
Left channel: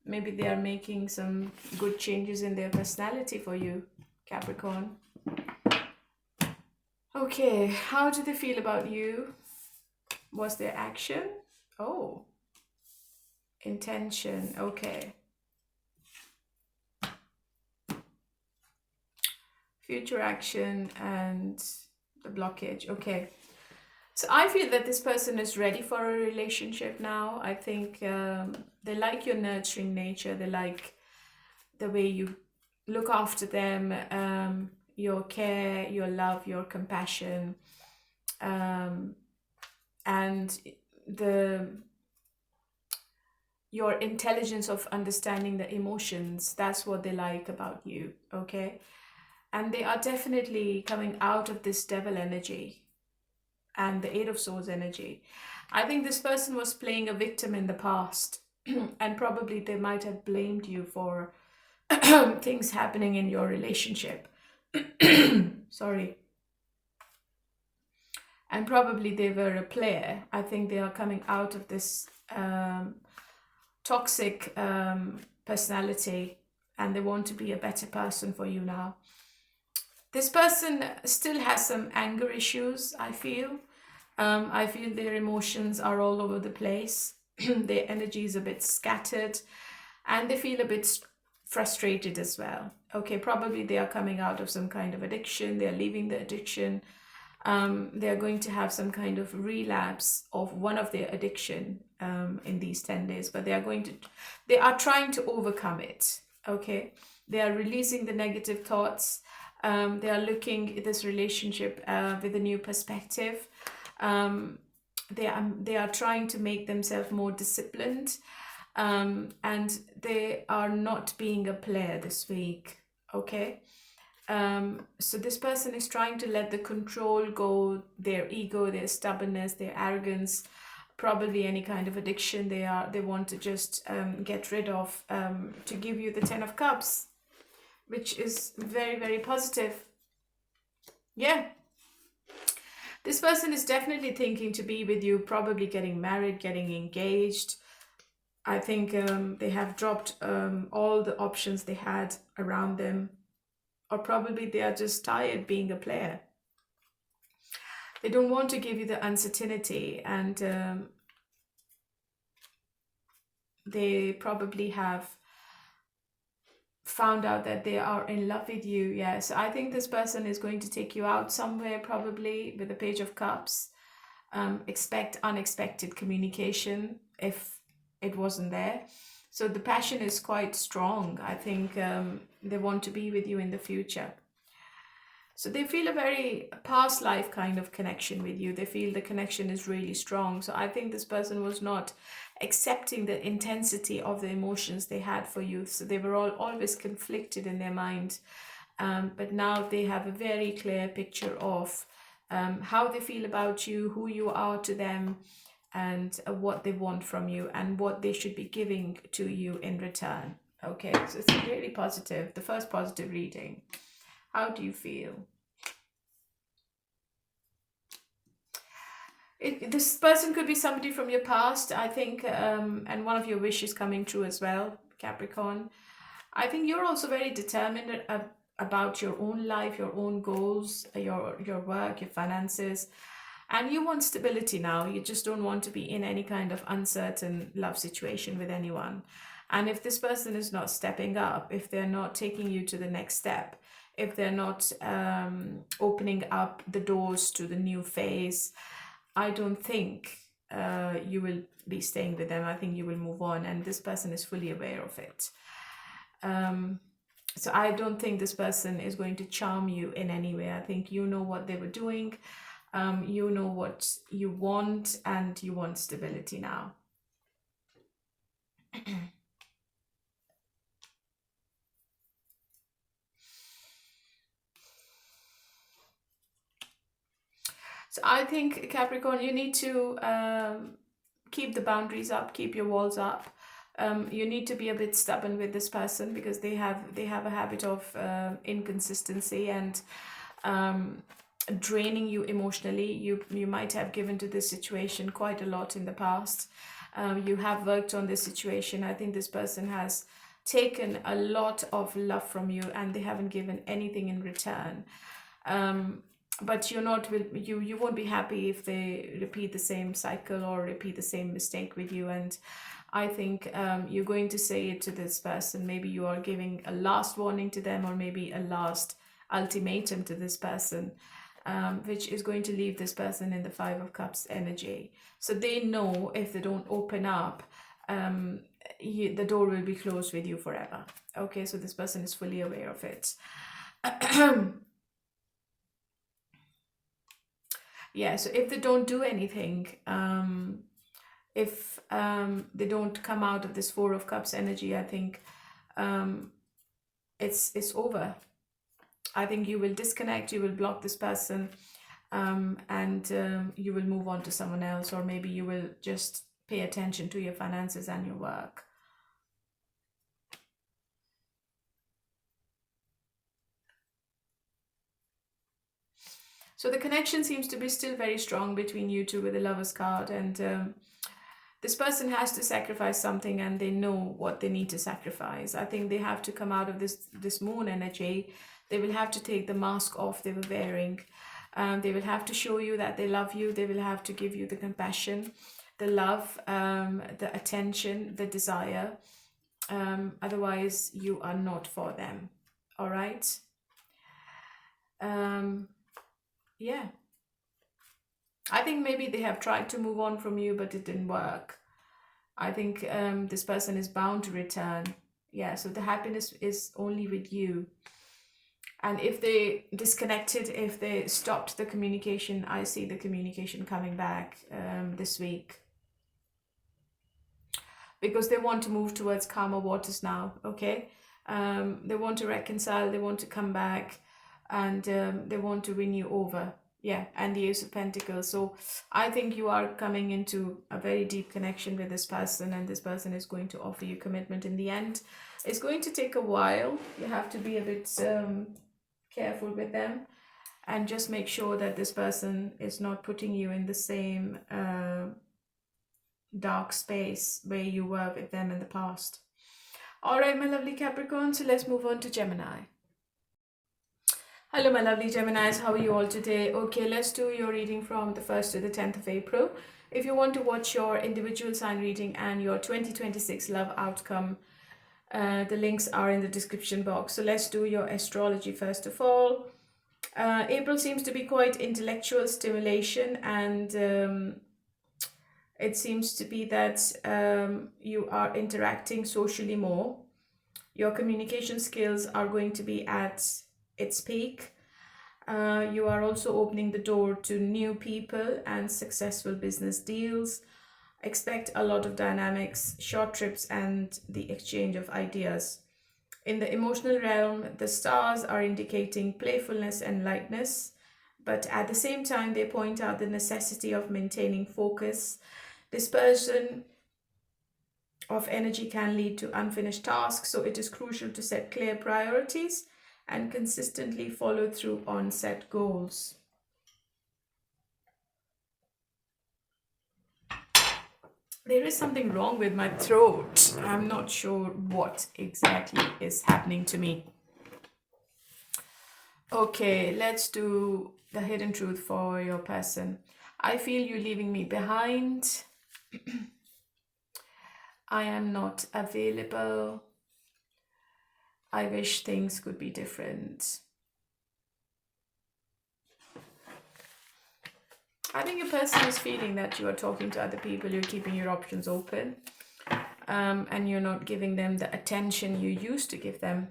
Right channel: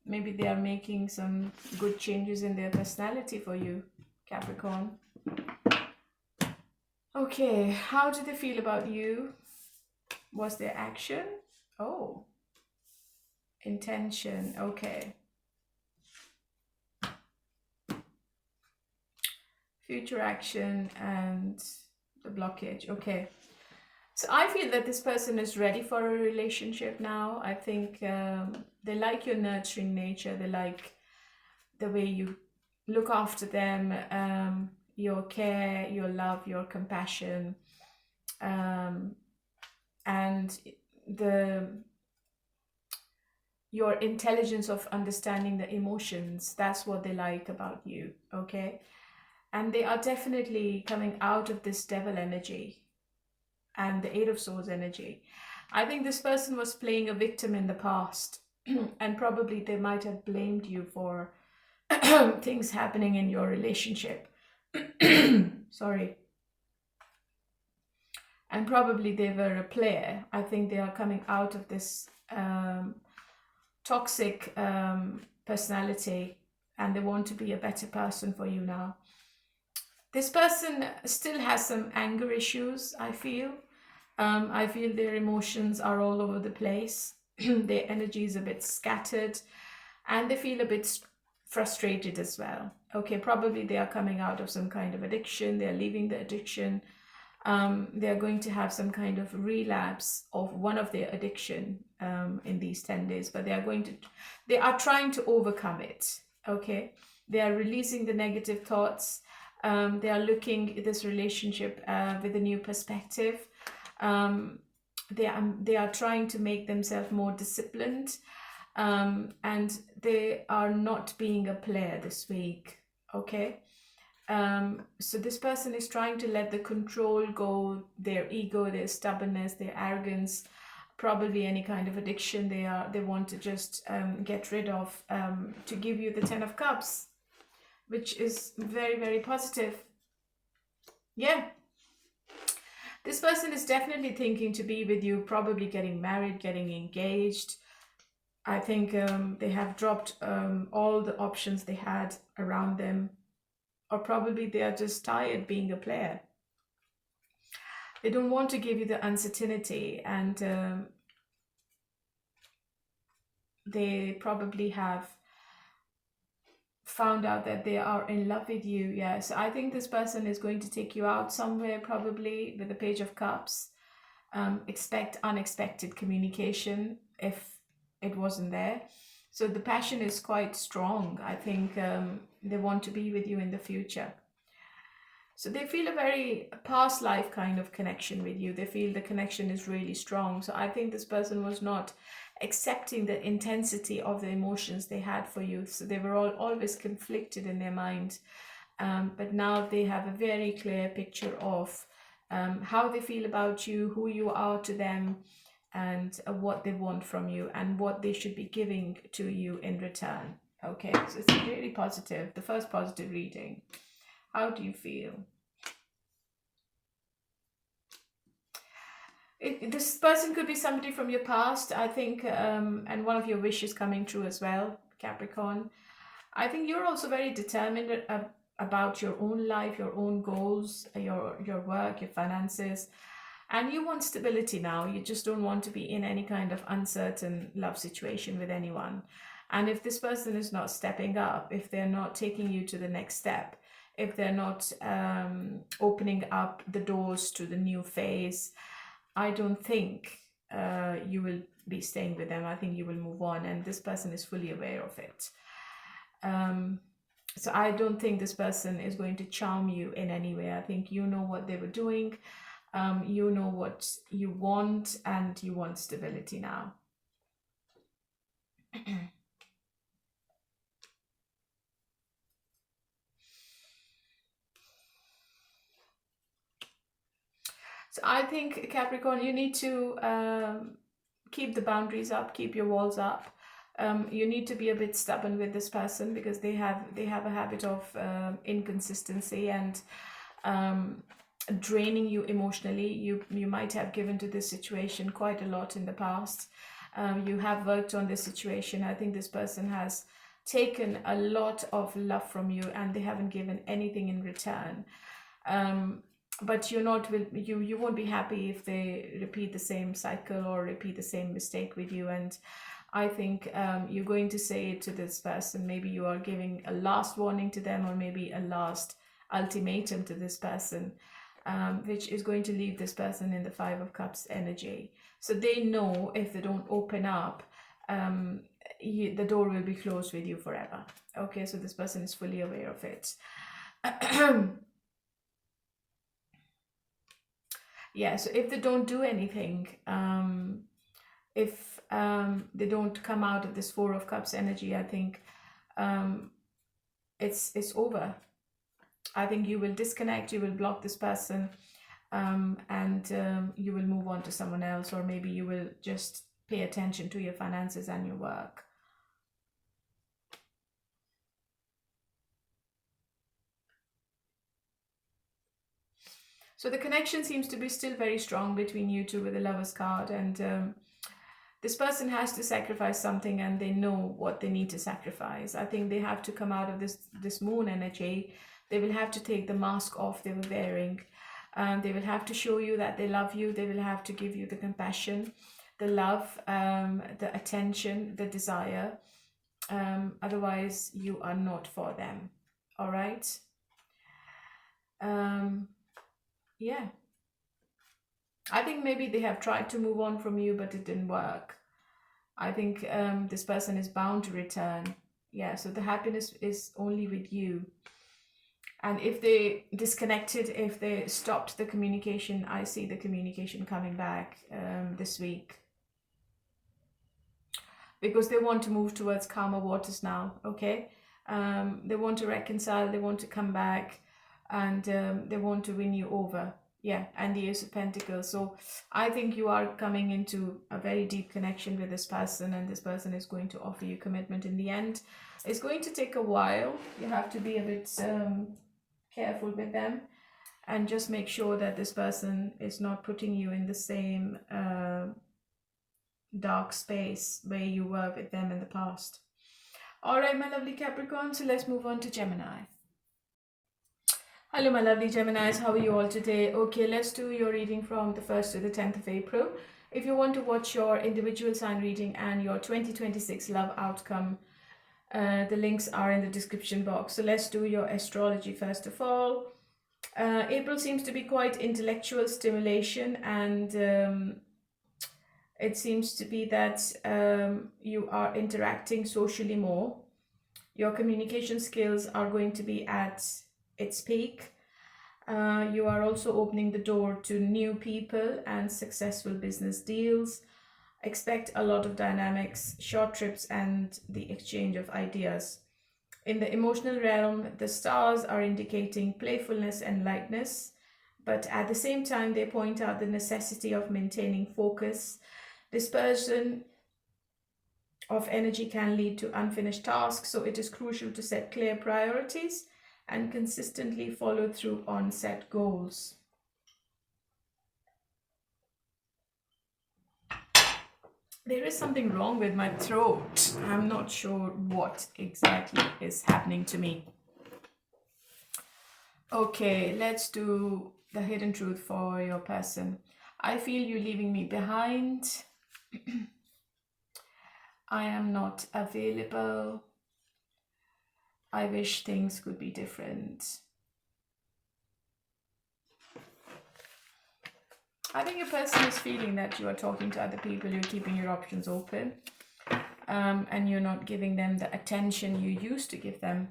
maybe they are making some good changes in their personality for you, Capricorn. Okay, how do they feel about you? Was there action? Oh, intention. Okay. Future action and the blockage. Okay. So I feel that this person is ready for a relationship now. I think they like your nurturing nature. They like the way you look after them, your care, your love, your compassion, and your intelligence of understanding the emotions. That's what they like about you. Okay. And they are definitely coming out of this devil energy and the Eight of Swords energy. I think this person was playing a victim in the past, and probably they might have blamed you for things happening in your relationship. Sorry. And probably they were a player. I think they are coming out of this toxic personality, and they want to be a better person for you now. This person still has some anger issues, I feel. I feel their emotions are all over the place. Their energy is a bit scattered, and they feel a bit frustrated as well. Okay, probably they are coming out of some kind of addiction. They are leaving the addiction. They are going to have some kind of relapse of one of their addiction in these 10 days, but they are trying to overcome it. Okay, they are releasing the negative thoughts. They are looking at this relationship with a new perspective. They are trying to make themselves more disciplined, and they are not being a player this week. Okay, so this person is trying to let the control go, their ego, their stubbornness, their arrogance, probably any kind of addiction they want to just get rid of, to give you the 10 of Cups, which is very, very positive. Yeah. This person is definitely thinking to be with you, probably getting married, getting engaged. I think they have dropped all the options they had around them, or probably they are just tired being a player. They don't want to give you the uncertainty, and they probably have found out that they are in love with you. Yeah, so I think this person is going to take you out somewhere, probably with the Page of Cups. Expect unexpected communication if it wasn't there. So the passion is quite strong. I think they want to be with you in the future. So they feel a very past life kind of connection with you. They feel the connection is really strong. So I think this person was not accepting the intensity of the emotions they had for you. So they were always conflicted in their mind. But now they have a very clear picture of how they feel about you, who you are to them, and what they want from you and what they should be giving to you in return. Okay, so it's really positive. The first positive reading. How do you feel? This person could be somebody from your past, I think, and one of your wishes coming true as well, Capricorn. I think you're also very determined about your own life, your own goals, your work, your finances, and you want stability now. You just don't want to be in any kind of uncertain love situation with anyone. And if this person is not stepping up, if they're not taking you to the next step, if they're not opening up the doors to the new phase, I don't think you will be staying with them. I think you will move on, and this person is fully aware of it. So I don't think this person is going to charm you in any way. I think you know what they were doing. You know what you want, and you want stability now. So I think, Capricorn, you need to keep the boundaries up, keep your walls up. You need to be a bit stubborn with this person because they have a habit of inconsistency and draining you emotionally. You might have given to this situation quite a lot in the past. You have worked on this situation. I think this person has taken a lot of love from you and they haven't given anything in return. But you won't be happy if they repeat the same cycle or repeat the same mistake with you. And I think you're going to say it to this person. Maybe you are giving a last warning to them, or maybe a last ultimatum to this person, which is going to leave this person in the Five of Cups energy. So they know if they don't open up, the door will be closed with you forever. Okay, so this person is fully aware of it. Yeah, so if they don't do anything, if they don't come out of this Four of Cups energy, I think it's over. I think you will disconnect, you will block this person, and you will move on to someone else, or maybe you will just pay attention to your finances and your work. So the connection seems to be still very strong between you two with the Lover's card, and this person has to sacrifice something, and they know what they need to sacrifice. I think they have to come out of this moon energy. They will have to take the mask off they were wearing. They will have to show you that they love you. They will have to give you the compassion, the love, the attention, the desire. Otherwise, you are not for them. All right? Yeah. I think maybe they have tried to move on from you, but it didn't work. I think this person is bound to return. Yeah, so the happiness is only with you. And if they disconnected, if they stopped the communication, I see the communication coming back this week. Because they want to move towards calmer waters now, okay? They want to reconcile, they want to come back, and they want to win you over. Yeah, and the Ace of Pentacles. So I think you are coming into a very deep connection with this person, and this person is going to offer you commitment in the end. It's going to take a while. You have to be a bit careful with them, and just make sure that this person is not putting you in the same dark space where you were with them in the past. All right, my lovely Capricorn, so let's move on to Gemini. Hello, my lovely Geminis. How are you all today? Okay, let's do your reading from the 1st to the 10th of April. If you want to watch your individual sign reading and your 2026 love outcome, the links are in the description box. So let's do your astrology first of all. April seems to be quite intellectual stimulation, and it seems to be that you are interacting socially more. Your communication skills are going to be at its peak. You are also opening the door to new people and successful business deals. Expect a lot of dynamics, short trips, and the exchange of ideas. In the emotional realm, the stars are indicating playfulness and lightness, but at the same time, they point out the necessity of maintaining focus. Dispersion of energy can lead to unfinished tasks, so it is crucial to set clear priorities and consistently follow through on set goals. There is something wrong with my throat. I'm not sure what exactly is happening to me. Okay, let's do the hidden truth for your person. I feel you leaving me behind. I am not available. I wish things could be different. I think your person is feeling that you are talking to other people, you're keeping your options open, and you're not giving them the attention you used to give them.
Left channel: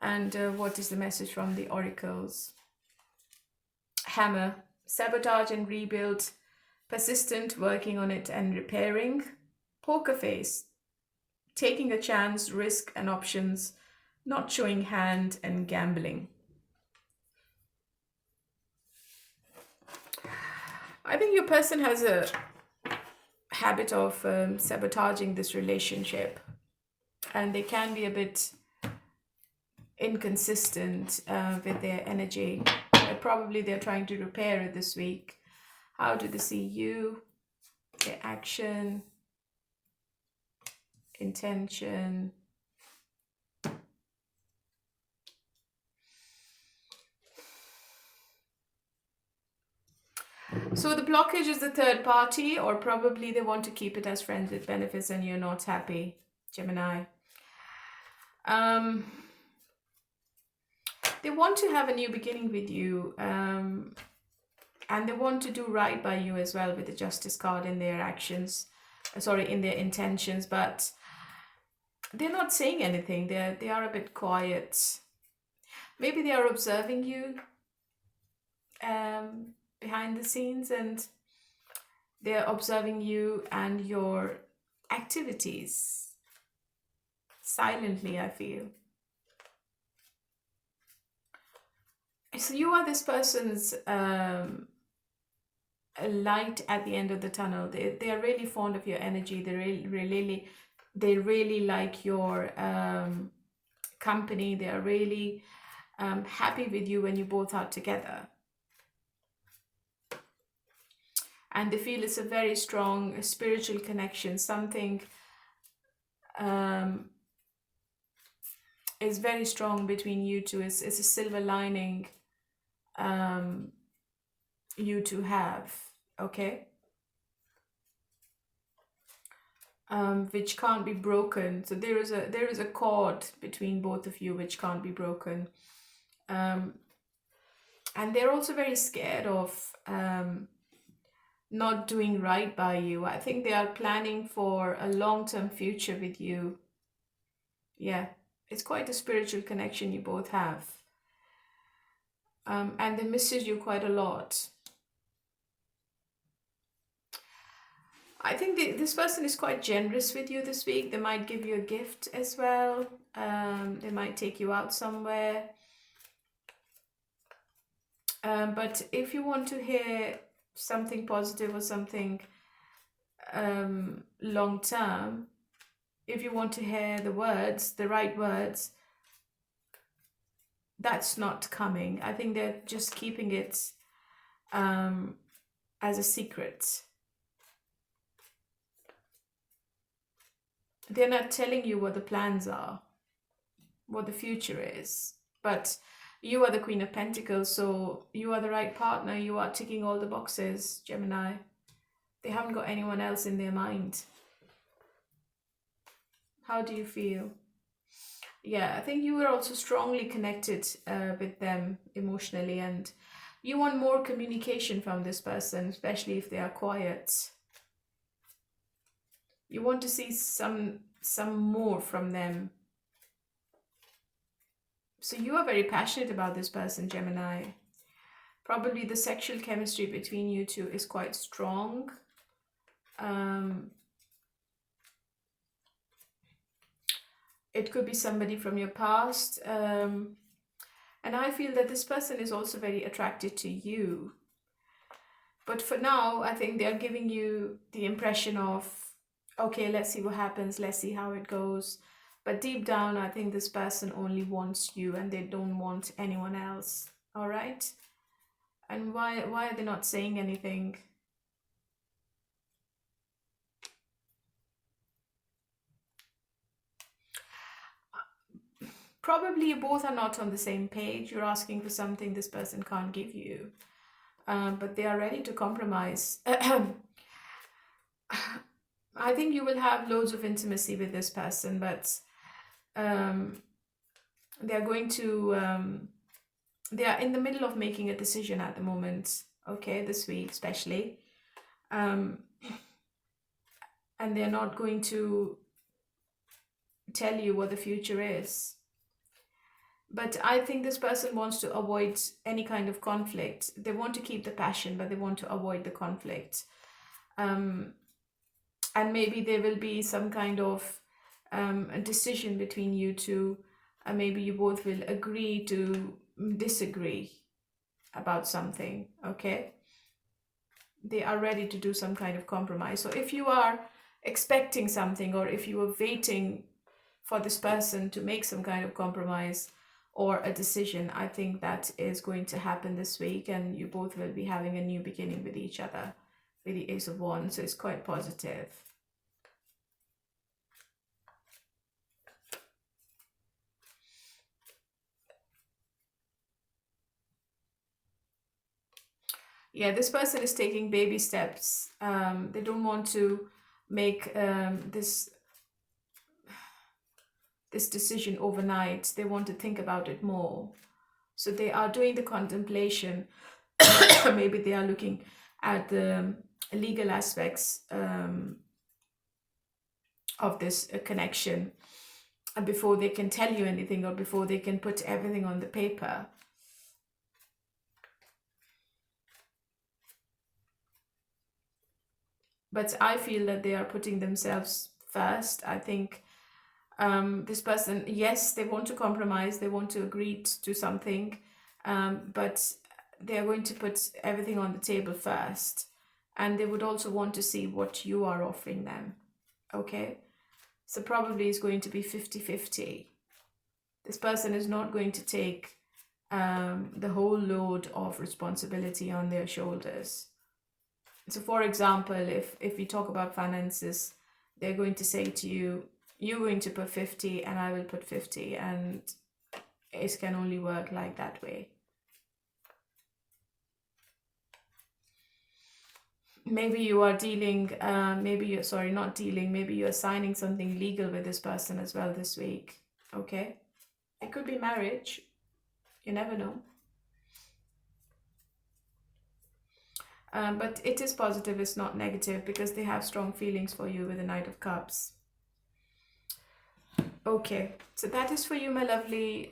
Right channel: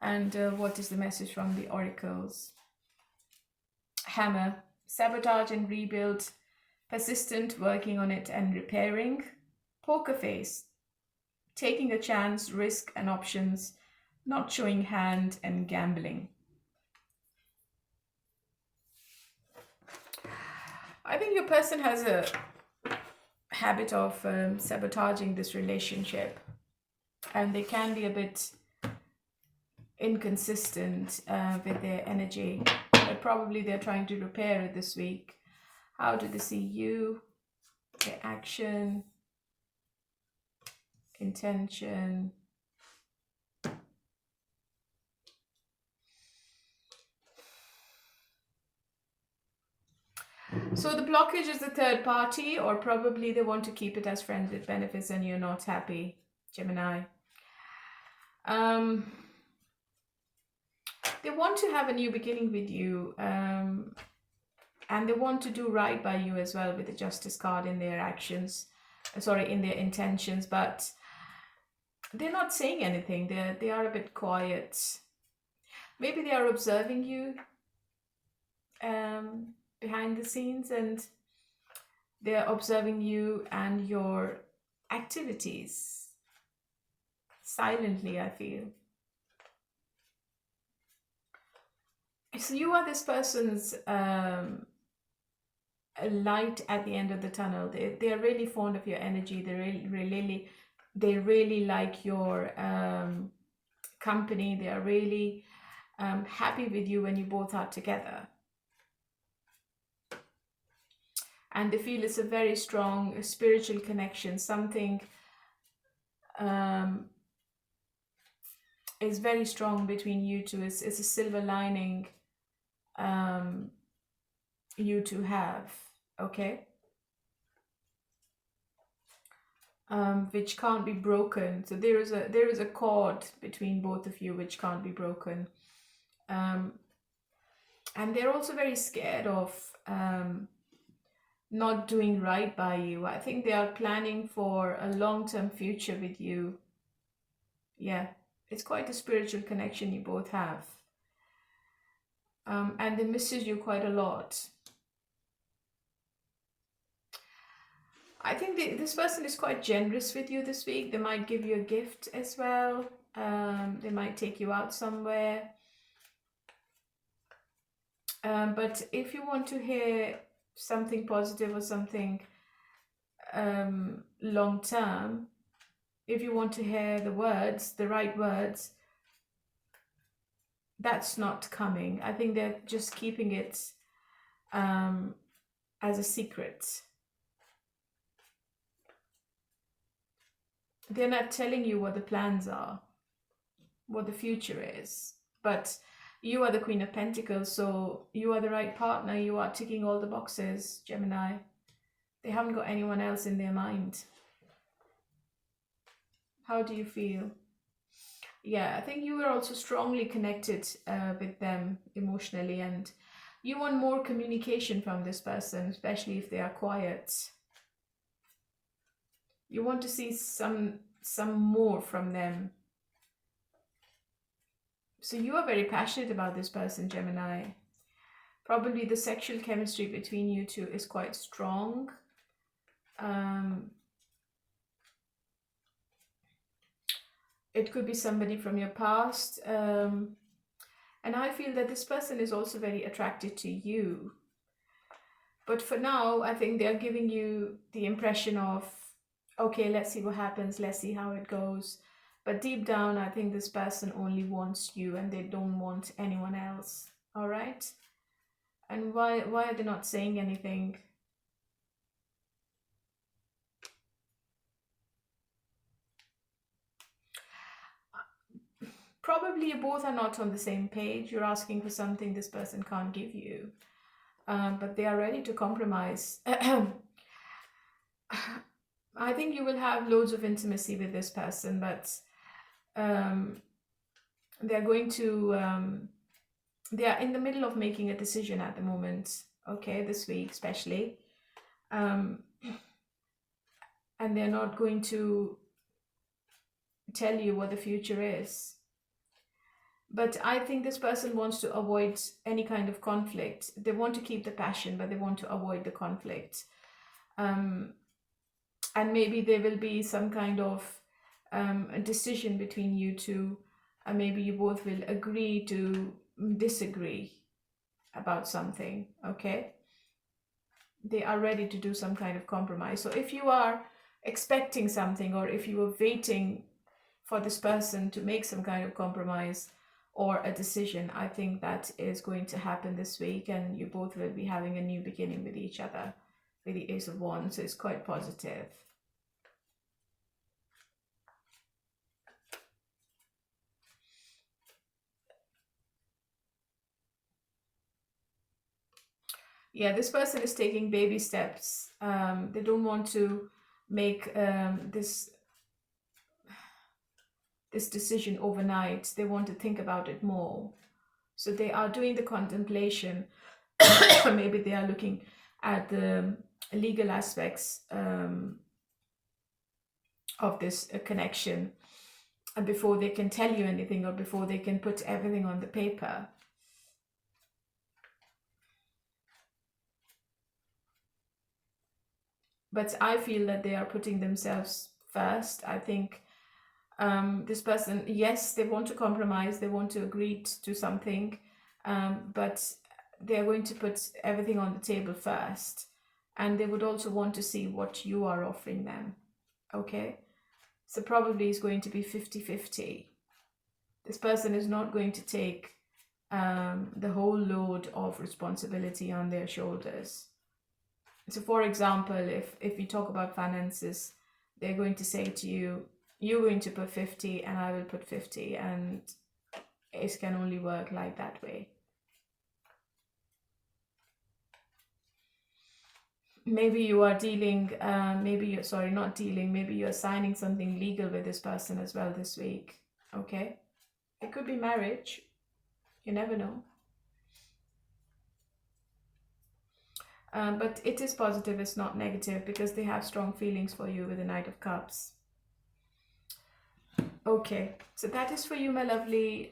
And what is the message from the oracles? Hammer, sabotage and rebuild, persistent, working on it and repairing. Poker face, taking a chance, risk and options, not showing hand, and gambling. I think your person has a habit of sabotaging this relationship, and they can be a bit inconsistent with their energy, but probably they're trying to repair it this week. How do they see you? Their action, intention. So the blockage is the third party, or probably they want to keep it as friends with benefits and you're not happy, Gemini. They want to have a new beginning with you, and they want to do right by you as well with the Justice card in their actions, in their intentions, but they're not saying anything. They are a bit quiet. Maybe they are observing you behind the scenes, and they're observing you and your activities silently, I feel. So you are this person's light at the end of the tunnel. They are really fond of your energy. They really like your company. They are really happy with you when you both are together. And they feel it's a very strong spiritual connection. Something is very strong between you two. It's a silver lining you two have, okay? Which can't be broken. So there is a cord between both of you which can't be broken. And they're also very scared of not doing right by you. I think they are planning for a long-term future with you. Yeah, it's quite a spiritual connection you both have. And they misses you quite a lot. I think this person is quite generous with you this week. They might give you a gift as well. They might take you out somewhere. But if you want to hear something positive or something long term, if you want to hear the words, the right words, that's not coming. I think they're just keeping it as a secret. They're not telling you what the plans are, what the future is. But you are the Queen of Pentacles, so you are the right partner. You are ticking all the boxes, Gemini. They haven't got anyone else in their mind. How do you feel? Yeah, I think you are also strongly connected with them emotionally, and you want more communication from this person, especially if they are quiet. You want to see some more from them. So you are very passionate about this person, Gemini. Probably the sexual chemistry between you two is quite strong. It could be somebody from your past. And I feel that this person is also very attracted to you. But for now, I think they're giving you the impression of, okay, let's see what happens. Let's see how it goes. But deep down, I think this person only wants you and they don't want anyone else. All right? And why are they not saying anything? Probably you both are not on the same page. You're asking for something this person can't give you. But they are ready to compromise. I think you will have loads of intimacy with this person, but they're going to, they are in the middle of making a decision at the moment, okay, this week especially. And they're not going to tell you what the future is. But I think this person wants to avoid any kind of conflict. They want to keep the passion, but they want to avoid the conflict. And maybe there will be some kind of a decision between you two. And maybe you both will agree to disagree about something, okay? They are ready to do some kind of compromise. So if you are expecting something, or if you are waiting for this person to make some kind of compromise or a decision, I think that is going to happen this week, and you both will be having a new beginning with each other with the Ace of Wands. So it's quite positive. Yeah, this person is taking baby steps. They don't want to make this decision overnight. They want to think about it more. So they are doing the contemplation. Maybe they are looking at the legal aspects of this connection, and before they can tell you anything, or before they can put everything on the paper. But I feel that they are putting themselves first. I think this person, yes, they want to compromise, they want to agree to something, but they're going to put everything on the table first. And they would also want to see what you are offering them, okay? So probably it's going to be 50-50. This person is not going to take the whole load of responsibility on their shoulders. So for example, if we talk about finances, they're going to say to you, you're going to put 50 and I will put 50, and it can only work like that way. Maybe you are dealing, maybe you're signing something legal with this person as well this week, okay? It could be marriage, you never know. But it is positive, it's not negative, because they have strong feelings for you with the Knight of Cups. Okay, so that is for you, my lovely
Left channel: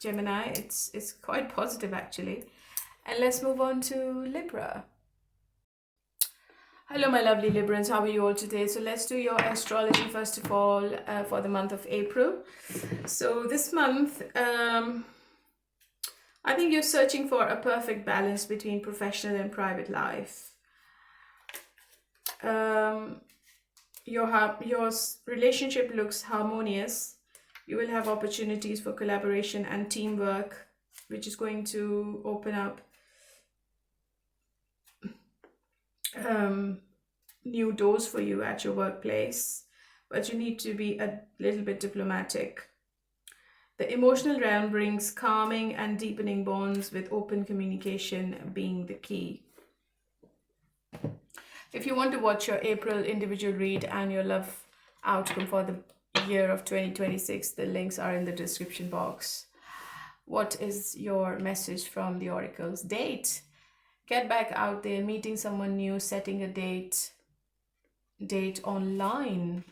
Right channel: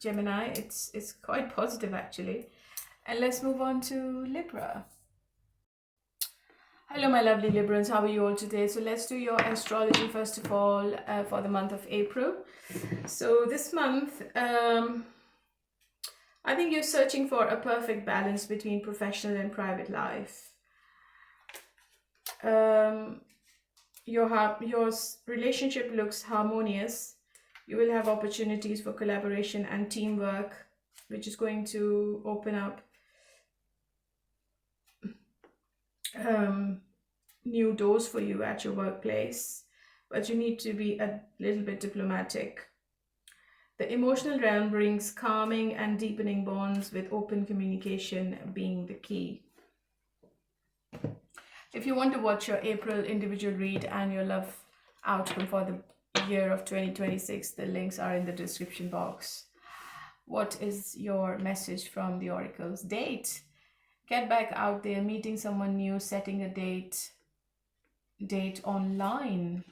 Gemini. It's quite positive, actually. And let's move on to Libra. Hello, my lovely Librans. How are you all today? So let's do your astrology first of all for the month of April. So this month, I think you're searching for a perfect balance between professional and private life. Your relationship looks harmonious. You will have opportunities for collaboration and teamwork, which is going to open up new doors for you at your workplace, but you need to be a little bit diplomatic. The emotional realm brings calming and deepening bonds, with open communication being the key. If you want to watch your April individual read and your love outcome for the year of 2026, the links are in the description box. What is your message from the oracles? Date. Get back out there, meeting someone new, setting a date online.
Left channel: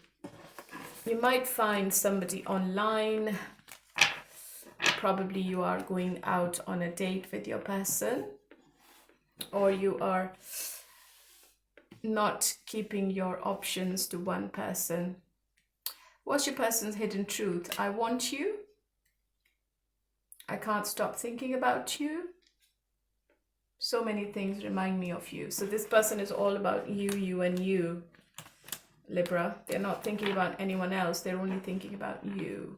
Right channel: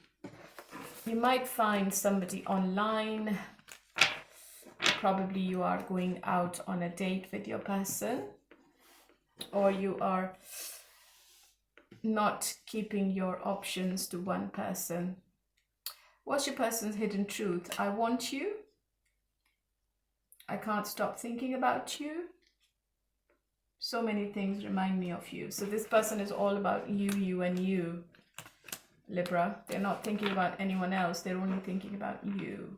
You might find somebody online. Probably you are going out on a date with your person, or you are not keeping your options to one person. What's your person's hidden truth? I want you. I can't stop thinking about you. So many things remind me of you. So this person is all about you, you, and you, Libra. They're not thinking about anyone else. They're only thinking about you.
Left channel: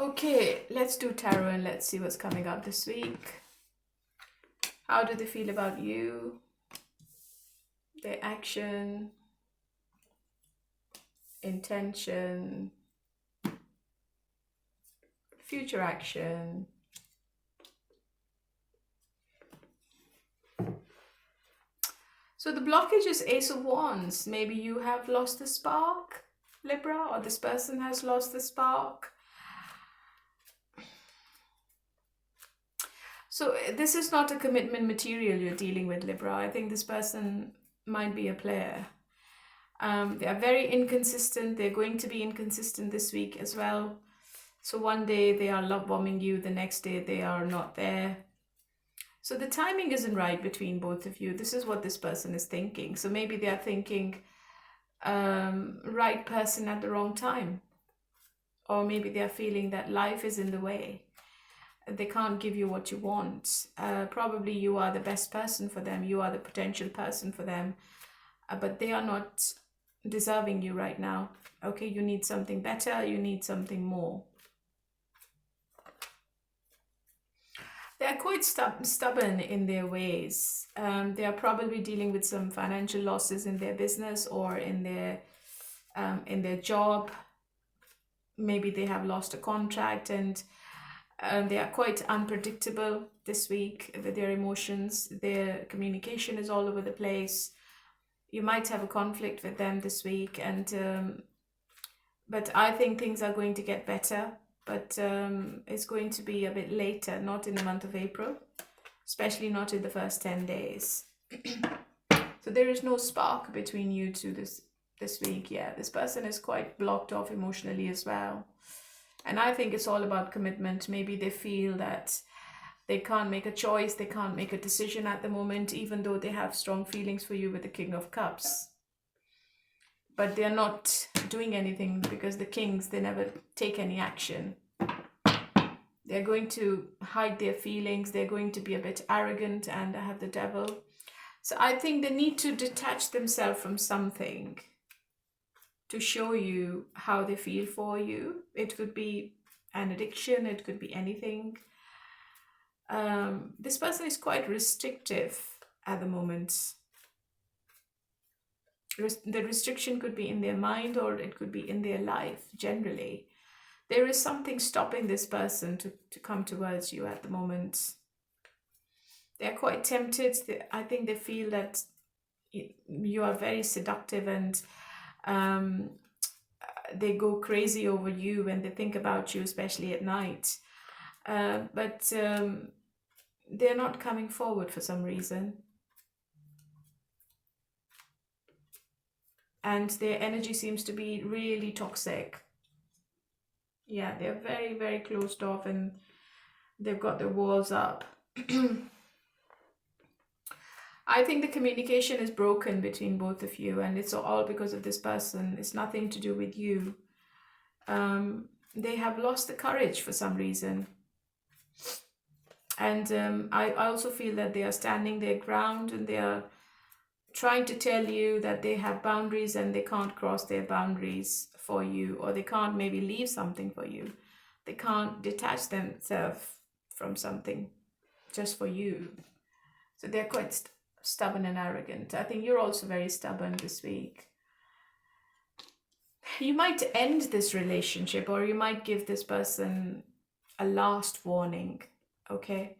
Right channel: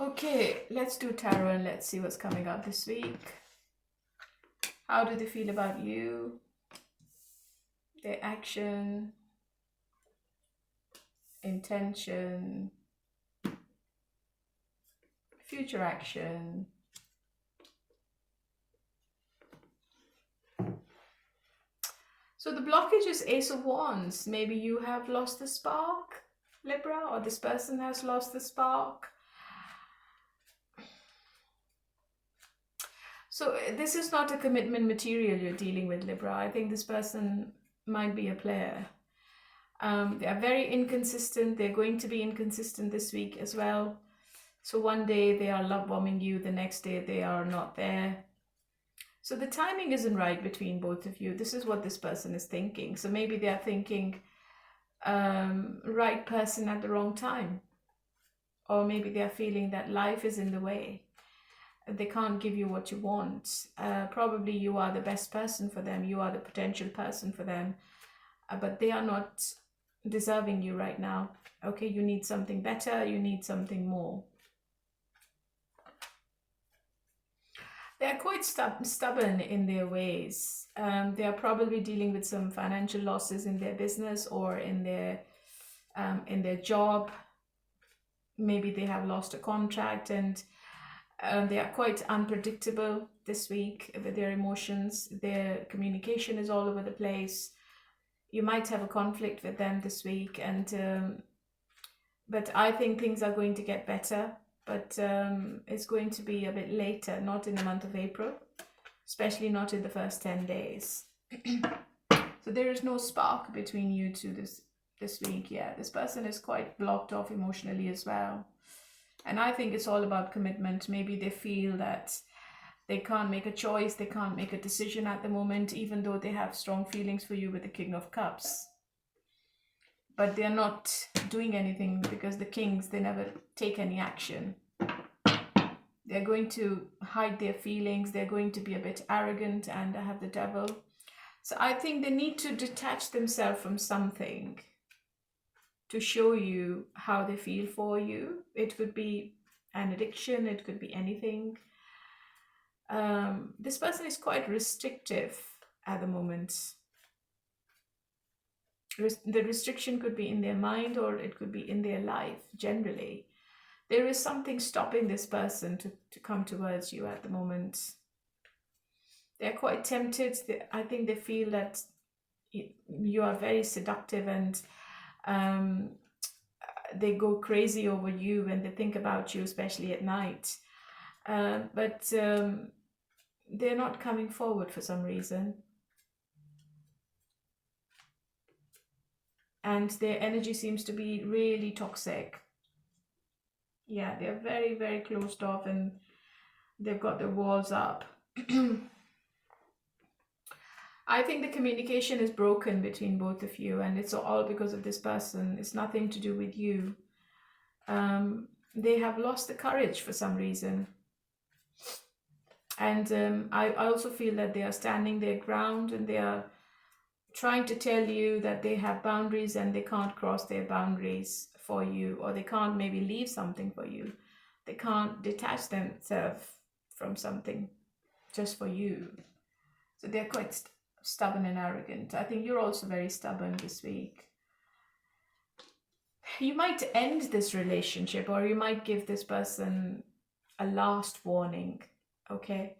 Okay, let's do tarot and let's see what's coming up this week. How do they feel about you? Their action, intention, future action. So the blockage is Ace of Wands. Maybe you have lost the spark, Libra, or this person has lost the spark. So this is not a commitment material you're dealing with, Libra. I think this person might be a player. They are very inconsistent. They're going to be inconsistent this week as well. So one day they are love bombing you, the next day they are not there. So the timing isn't right between both of you. This is what this person is thinking. So maybe they are thinking right person at the wrong time. Or maybe they are feeling that life is in the way. They can't give you what you want. Probably you are the best person for them. You are the potential person for them. But they are not deserving you right now. Okay, you need something better. You need something more. They are quite stubborn in their ways. They are probably dealing with some financial losses in their business or in their job. Maybe they have lost a contract, and they are quite unpredictable this week with their emotions. Their communication is all over the place. You might have a conflict with them this week, and but I think things are going to get better. But it's going to be a bit later, not in the month of April, especially not in the first 10 days. So there is no spark between you two this week. Yeah, this person is quite blocked off emotionally as well. And I think it's all about commitment. Maybe they feel that they can't make a choice, they can't make a decision at the moment, even though they have strong feelings for you with the King of Cups. But they're not doing anything because the kings, they never take any action. They're going to hide their feelings. They're going to be a bit arrogant, and I have the devil. So I think they need to detach themselves from something to show you how they feel for you. It could be an addiction. It could be anything. This person is quite restrictive at the moment. The restriction could be in their mind, or it could be in their life generally. There is something stopping this person to come towards you at the moment. They're quite tempted. I think they feel that you are very seductive, and they go crazy over you when they think about you, especially at night. But they're not coming forward for some reason. And their energy seems to be really toxic. Yeah, they're very, very closed off, and they've got their walls up. I think the communication is broken between both of you, and it's all because of this person. It's nothing to do with you. They have lost the courage for some reason. And I also feel that they are standing their ground, and they are trying to tell you that they have boundaries and they can't cross their boundaries for you, or they can't maybe leave something for you. They can't detach themselves from something just for you. So they're quite stubborn and arrogant. I think you're also very stubborn this week. You might end this relationship, or you might give this person a last warning, okay?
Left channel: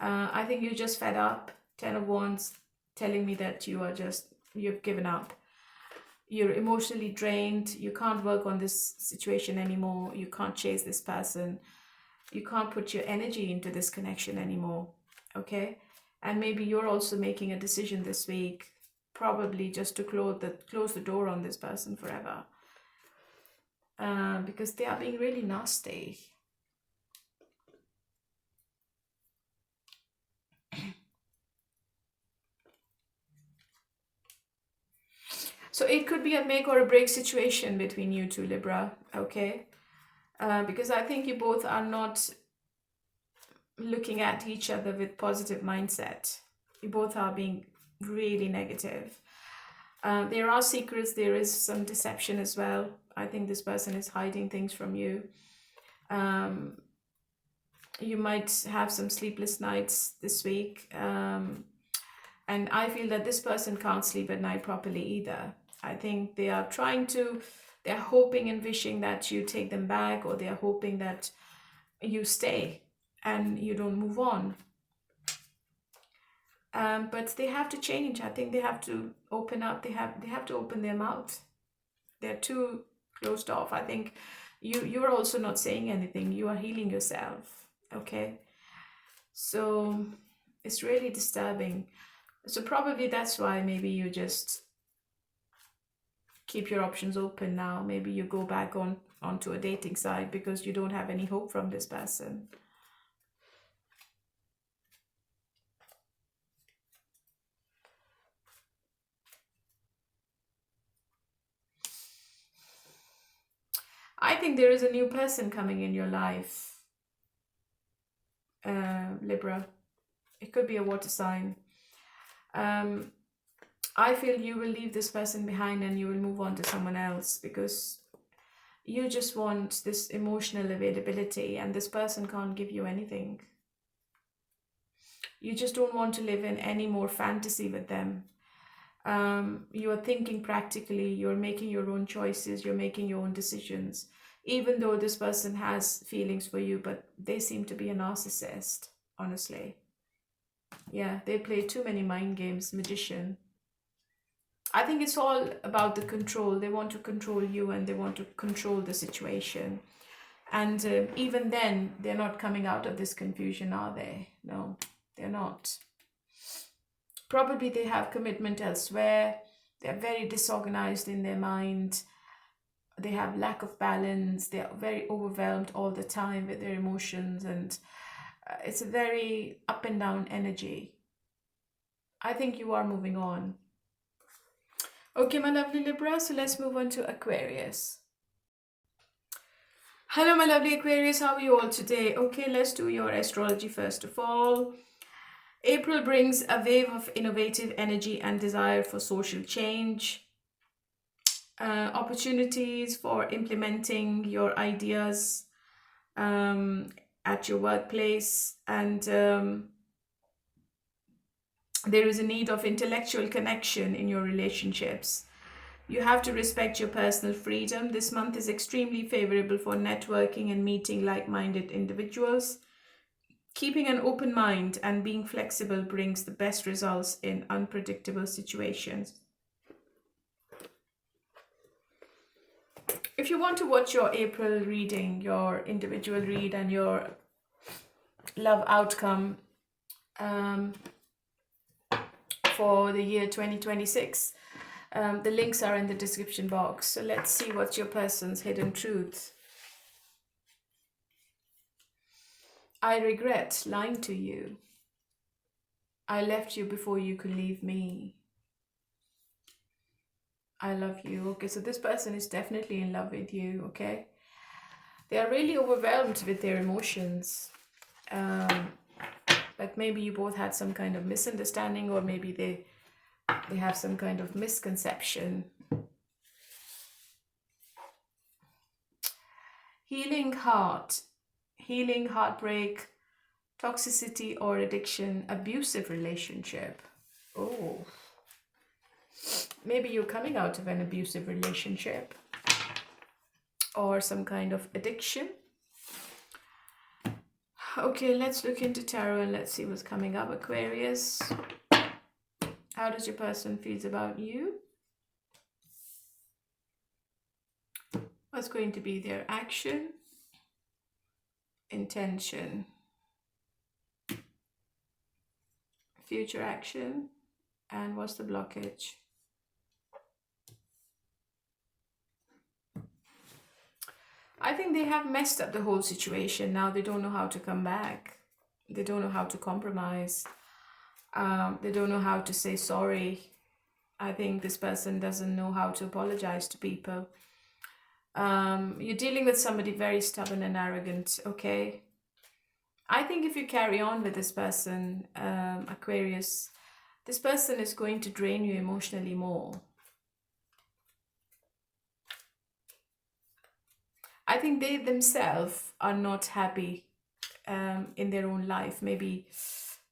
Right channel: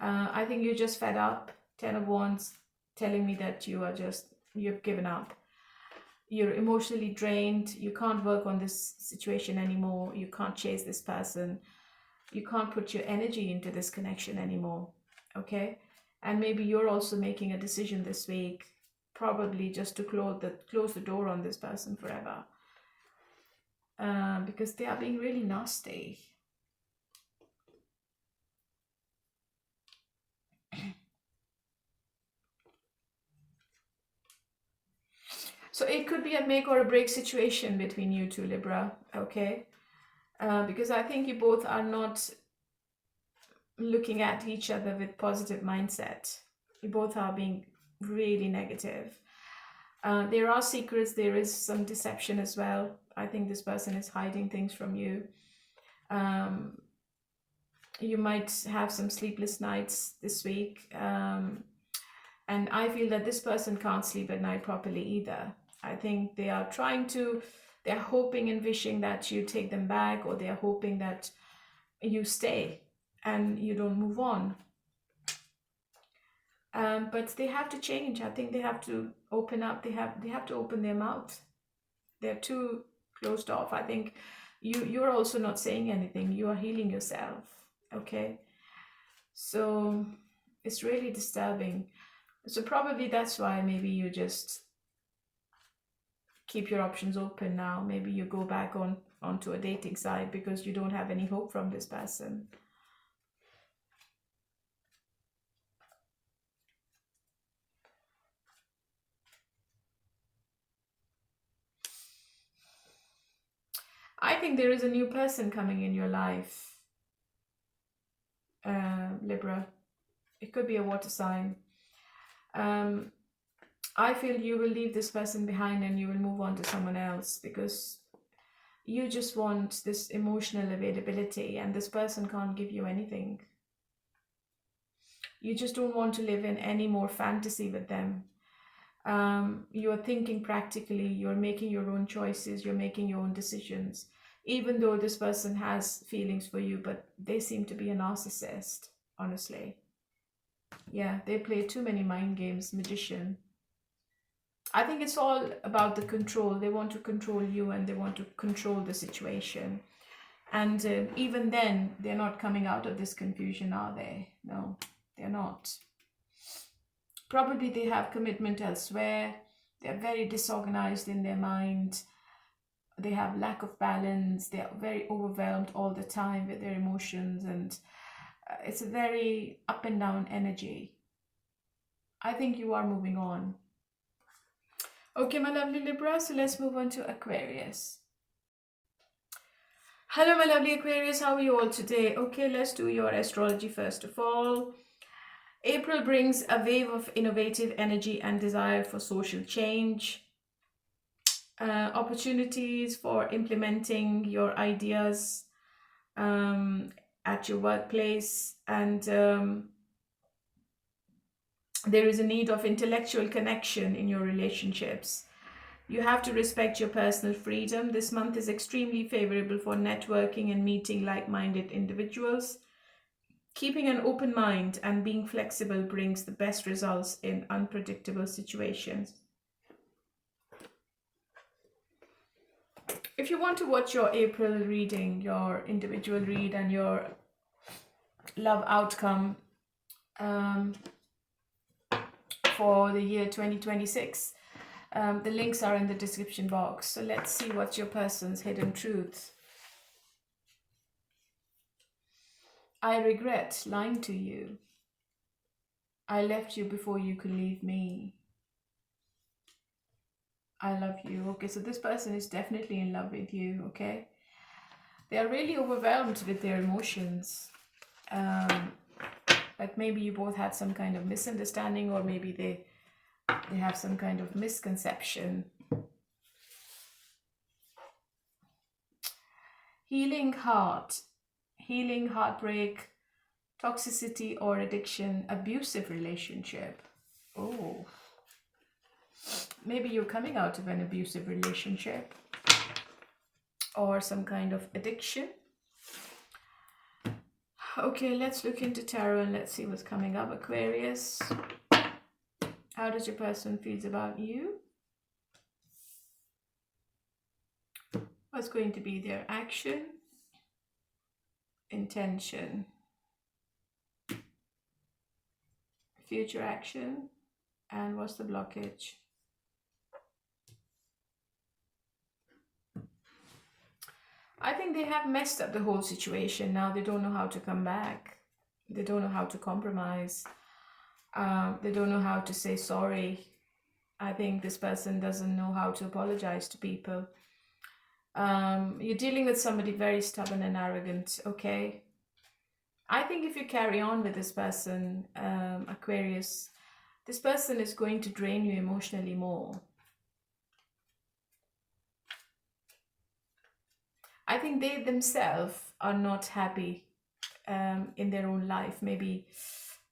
I think you're just fed up. 10 of Wands telling me that you've given up. You're emotionally drained. You can't work on this situation anymore. You can't chase this person. You can't put your energy into this connection anymore, okay? And maybe you're also making a decision this week, probably just to close the door on this person forever. because they are being really nasty. So it could be a make or a break situation between you two, Libra, okay? Because I think you both are not looking at each other with positive mindset. You both are being really negative. There are secrets, there is some deception as well. I think this person is hiding things from you. You might have some sleepless nights this week. And I feel that this person can't sleep at night properly either. I think they are they're hoping and wishing that you take them back, or they are hoping that you stay and you don't move on. But they have to change. I think they have to open up. They have to open their mouth. They're too closed off. I think you're also not saying anything. You are healing yourself. Okay. So it's really disturbing. So probably that's why maybe you just keep your options open now. Maybe you go back onto a dating site because you don't have any hope from this person. I think there is a new person coming in your life, Libra. It could be a water sign. I feel you will leave this person behind and you will move on to someone else, because you just want this emotional availability and this person can't give you anything. You just don't want to live in any more fantasy with them. You are thinking practically, you're making your own choices, you're making your own decisions, even though this person has feelings for you, but they seem to be a narcissist, honestly. Yeah, they play too many mind games, magician. I think it's all about the control. They want to control you and they want to control the situation. And even then, they're not coming out of this confusion, are they? No, they're not. Probably they have commitment elsewhere. They're very disorganized in their mind. They have lack of balance. They're very overwhelmed all the time with their emotions. And it's a very up and down energy. I think you are moving on. Okay, my lovely Libra, so let's move on to Aquarius. Hello, my lovely Aquarius, how are you all today? Okay, let's do your astrology first of all. April brings a wave of innovative energy and desire for social change. Opportunities for implementing your ideas at your workplace, and there is a need of intellectual connection in your relationships. You have to respect your personal freedom. This month is extremely favorable for networking and meeting like-minded individuals. Keeping an open mind and being flexible brings the best results in unpredictable situations. If you want to watch your April reading, your individual read and your love outcome for the year 2026, the links are in the description box. So let's see what's your person's hidden truth. I regret lying to you. I left you before you could leave me. I love you. Okay, so this person is definitely in love with you, okay? They are really overwhelmed with their emotions. Like maybe you both had some kind of misunderstanding, or maybe they have some kind of misconception. Healing heart, healing heartbreak, toxicity or addiction, abusive relationship. Oh, maybe you're coming out of an abusive relationship or some kind of addiction. Okay, let's look into tarot and let's see what's coming up, Aquarius. How does your person feel about you? What's going to be their action, intention, future action, and what's the blockage? I think they have messed up the whole situation. Now they don't know how to come back. They don't know how to compromise. They don't know how to say sorry. I think this person doesn't know how to apologize to people. You're dealing with somebody very stubborn and arrogant, okay? I think if you carry on with this person, Aquarius, this person is going to drain you emotionally more. I think they themselves are not happy in their own life. Maybe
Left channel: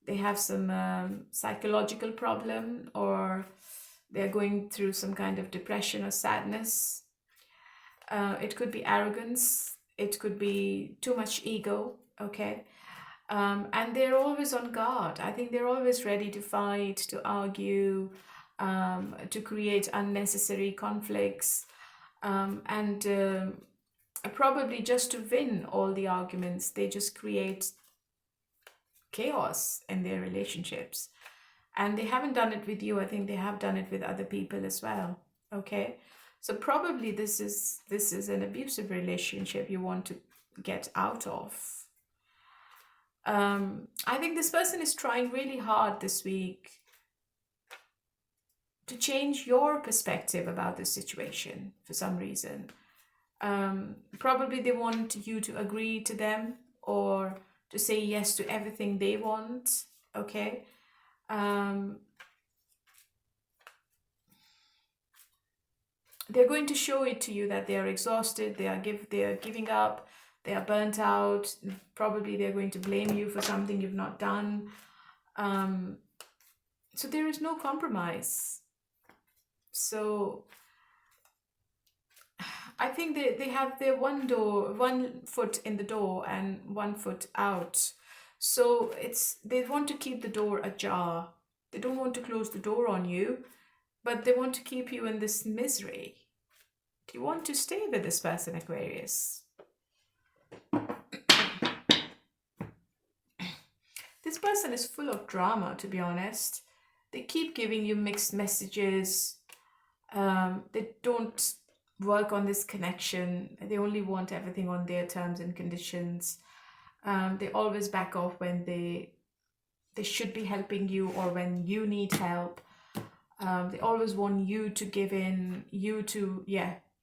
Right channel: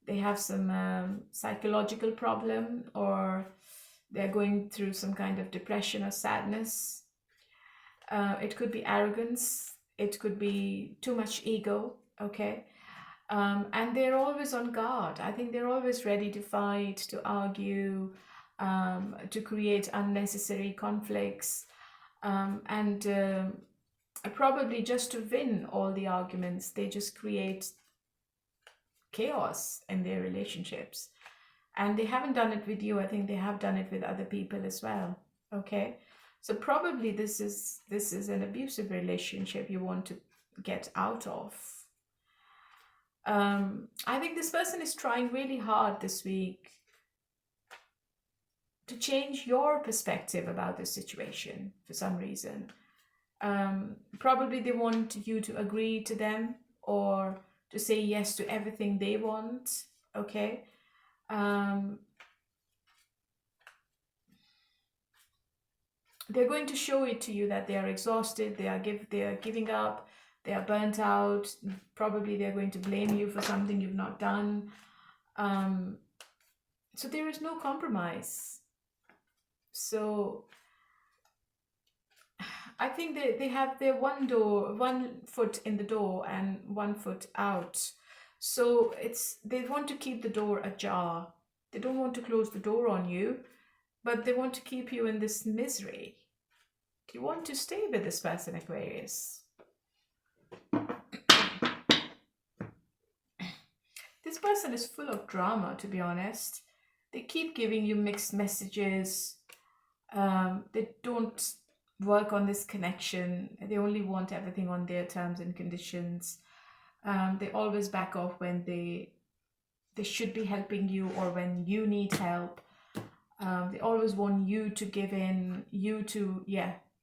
they have some psychological problem, or they're going through some kind of depression or sadness. It could be arrogance. It could be too much ego, okay? And they're always on guard. I think they're always ready to fight, to argue, to create unnecessary conflicts, and probably just to win all the arguments, they just create chaos in their relationships. And they haven't done it with you. I think they have done it with other people as well. Okay, so probably this is an abusive relationship you want to get out of. I think this person is trying really hard this week to change your perspective about the situation for some reason. Probably they want you to agree to them or to say yes to everything they want, okay? They're going to show it to you that they are exhausted, they are giving up, they are burnt out. Probably they're going to blame you for something you've not done. So there is no compromise. So I think they have their one foot in the door and one foot out. So they want to keep the door ajar. They don't want to close the door on you, but they want to keep you in this misery. Do you want to stay with this person, Aquarius? This person is full of drama, to be honest. They keep giving you mixed messages. They don't work on this connection. They only want everything on their terms and conditions. They always back off when they should be helping you or when you need help. They always want you to give in,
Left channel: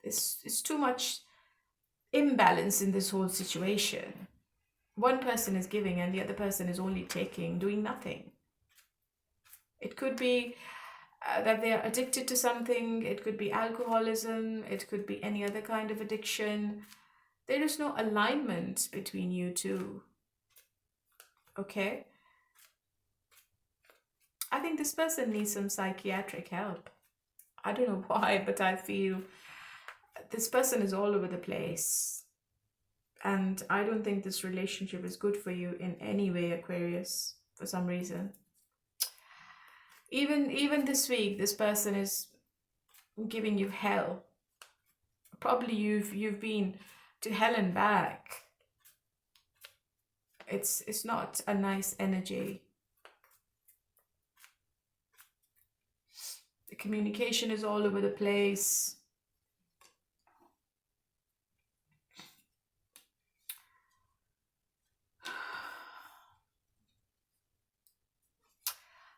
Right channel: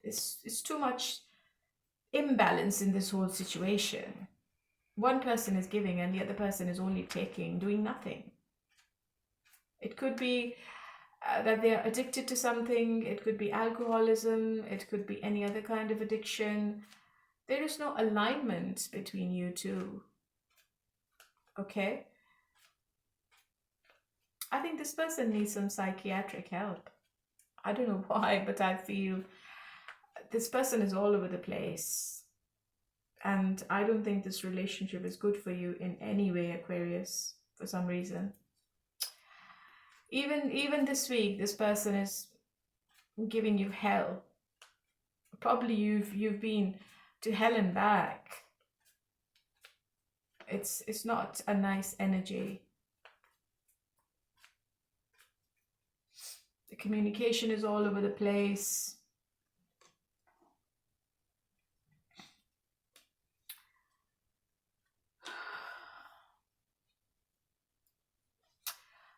it's too much imbalance in this whole situation. One person is giving and the other person is only taking, doing nothing. It could be that they're addicted to something. It could be alcoholism. It could be any other kind of addiction. There is no alignment between you two. Okay? I think this person needs some psychiatric help. I don't know why, but I feel this person is all over the place. And I don't think this relationship is good for you in any way, Aquarius, for some reason. Even this week, this person is giving you hell. Probably you've been to hell and back. It's not a nice energy. The communication is all over the place.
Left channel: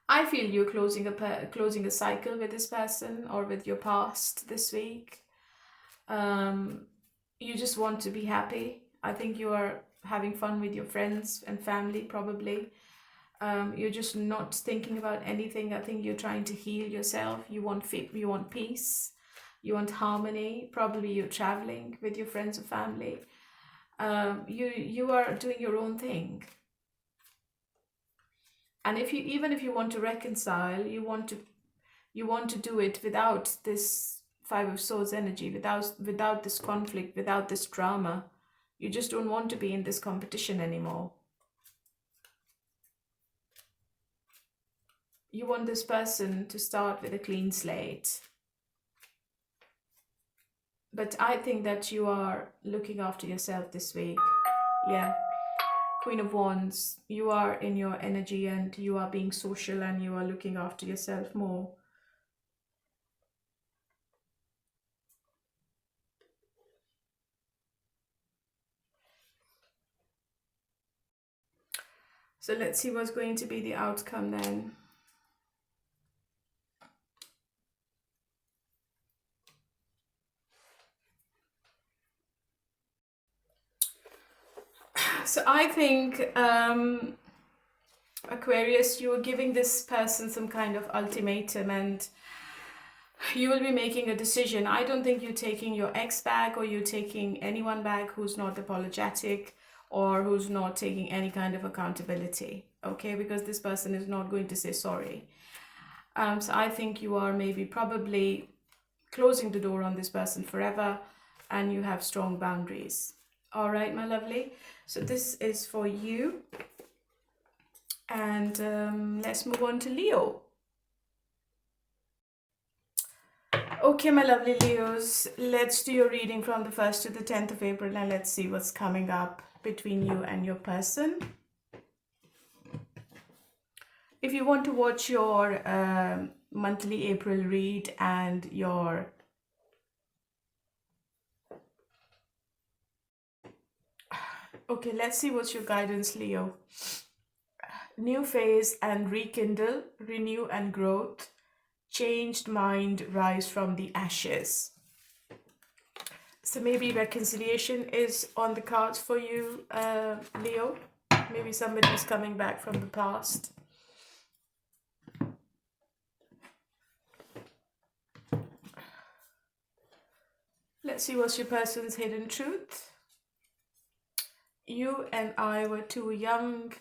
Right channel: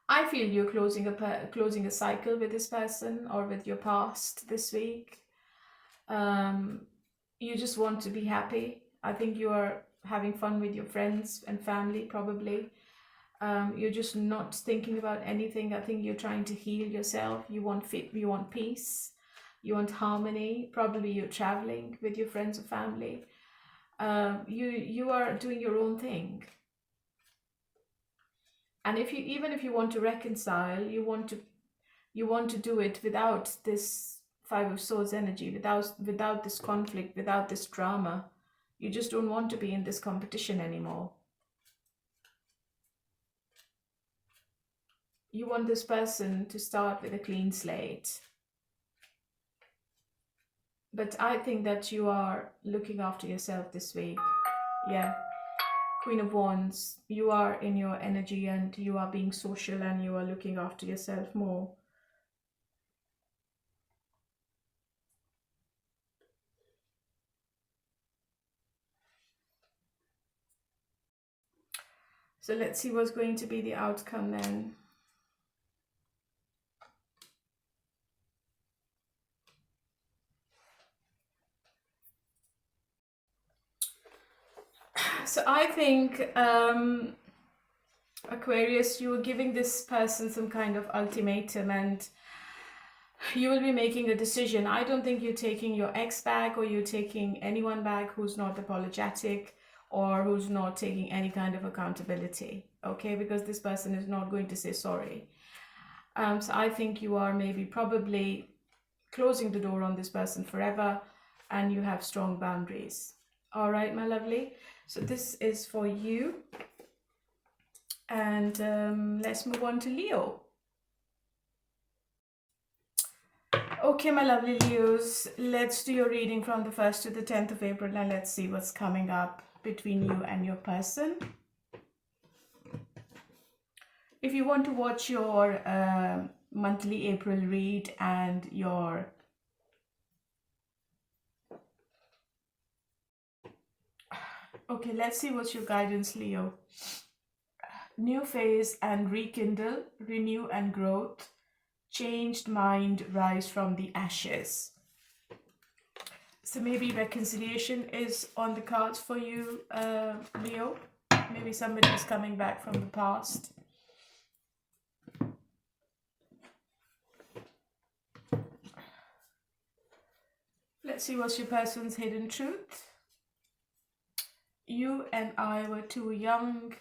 I feel you're closing a cycle with this person or with your past this week. You just want to be happy. I think you are having fun with your friends and family, probably. You're just not thinking about anything. I think you're trying to heal yourself. You want peace. You want harmony. Probably you're traveling with your friends or family. You are doing your own thing. And even if you want to reconcile, you want to do it without this Five of Swords energy, without this conflict, without this drama. You just don't want to be in this competition anymore. You want this person to start with a clean slate. But I think that you are looking after yourself this week. Yeah. Queen of Wands, you are in your energy and you are being social and you are looking after yourself more. So let's see what's going to be the outcome then. So I think, Aquarius, you are giving this person some kind of ultimatum and you will be making a decision. I don't think you're taking your ex back, or you're taking anyone back who's not apologetic or who's not taking any kind of accountability, okay? Because this person is not going to say sorry. So I think you are maybe probably closing the door on this person forever, and you have strong boundaries. All right, my lovely. So this is for you. And let's move on to Leo. Okay, my lovely Leos, let's do your reading from the 1st to the 10th of April, and let's see what's coming up between you and your person. If you want to watch your monthly April read and your okay, let's see what's your guidance, Leo. New phase and rekindle, renew and growth. Changed mind, rise from the ashes. So maybe reconciliation is on the cards for you, Leo. Maybe somebody's coming back from the past. Let's see what's your person's hidden truth. You and I were too young.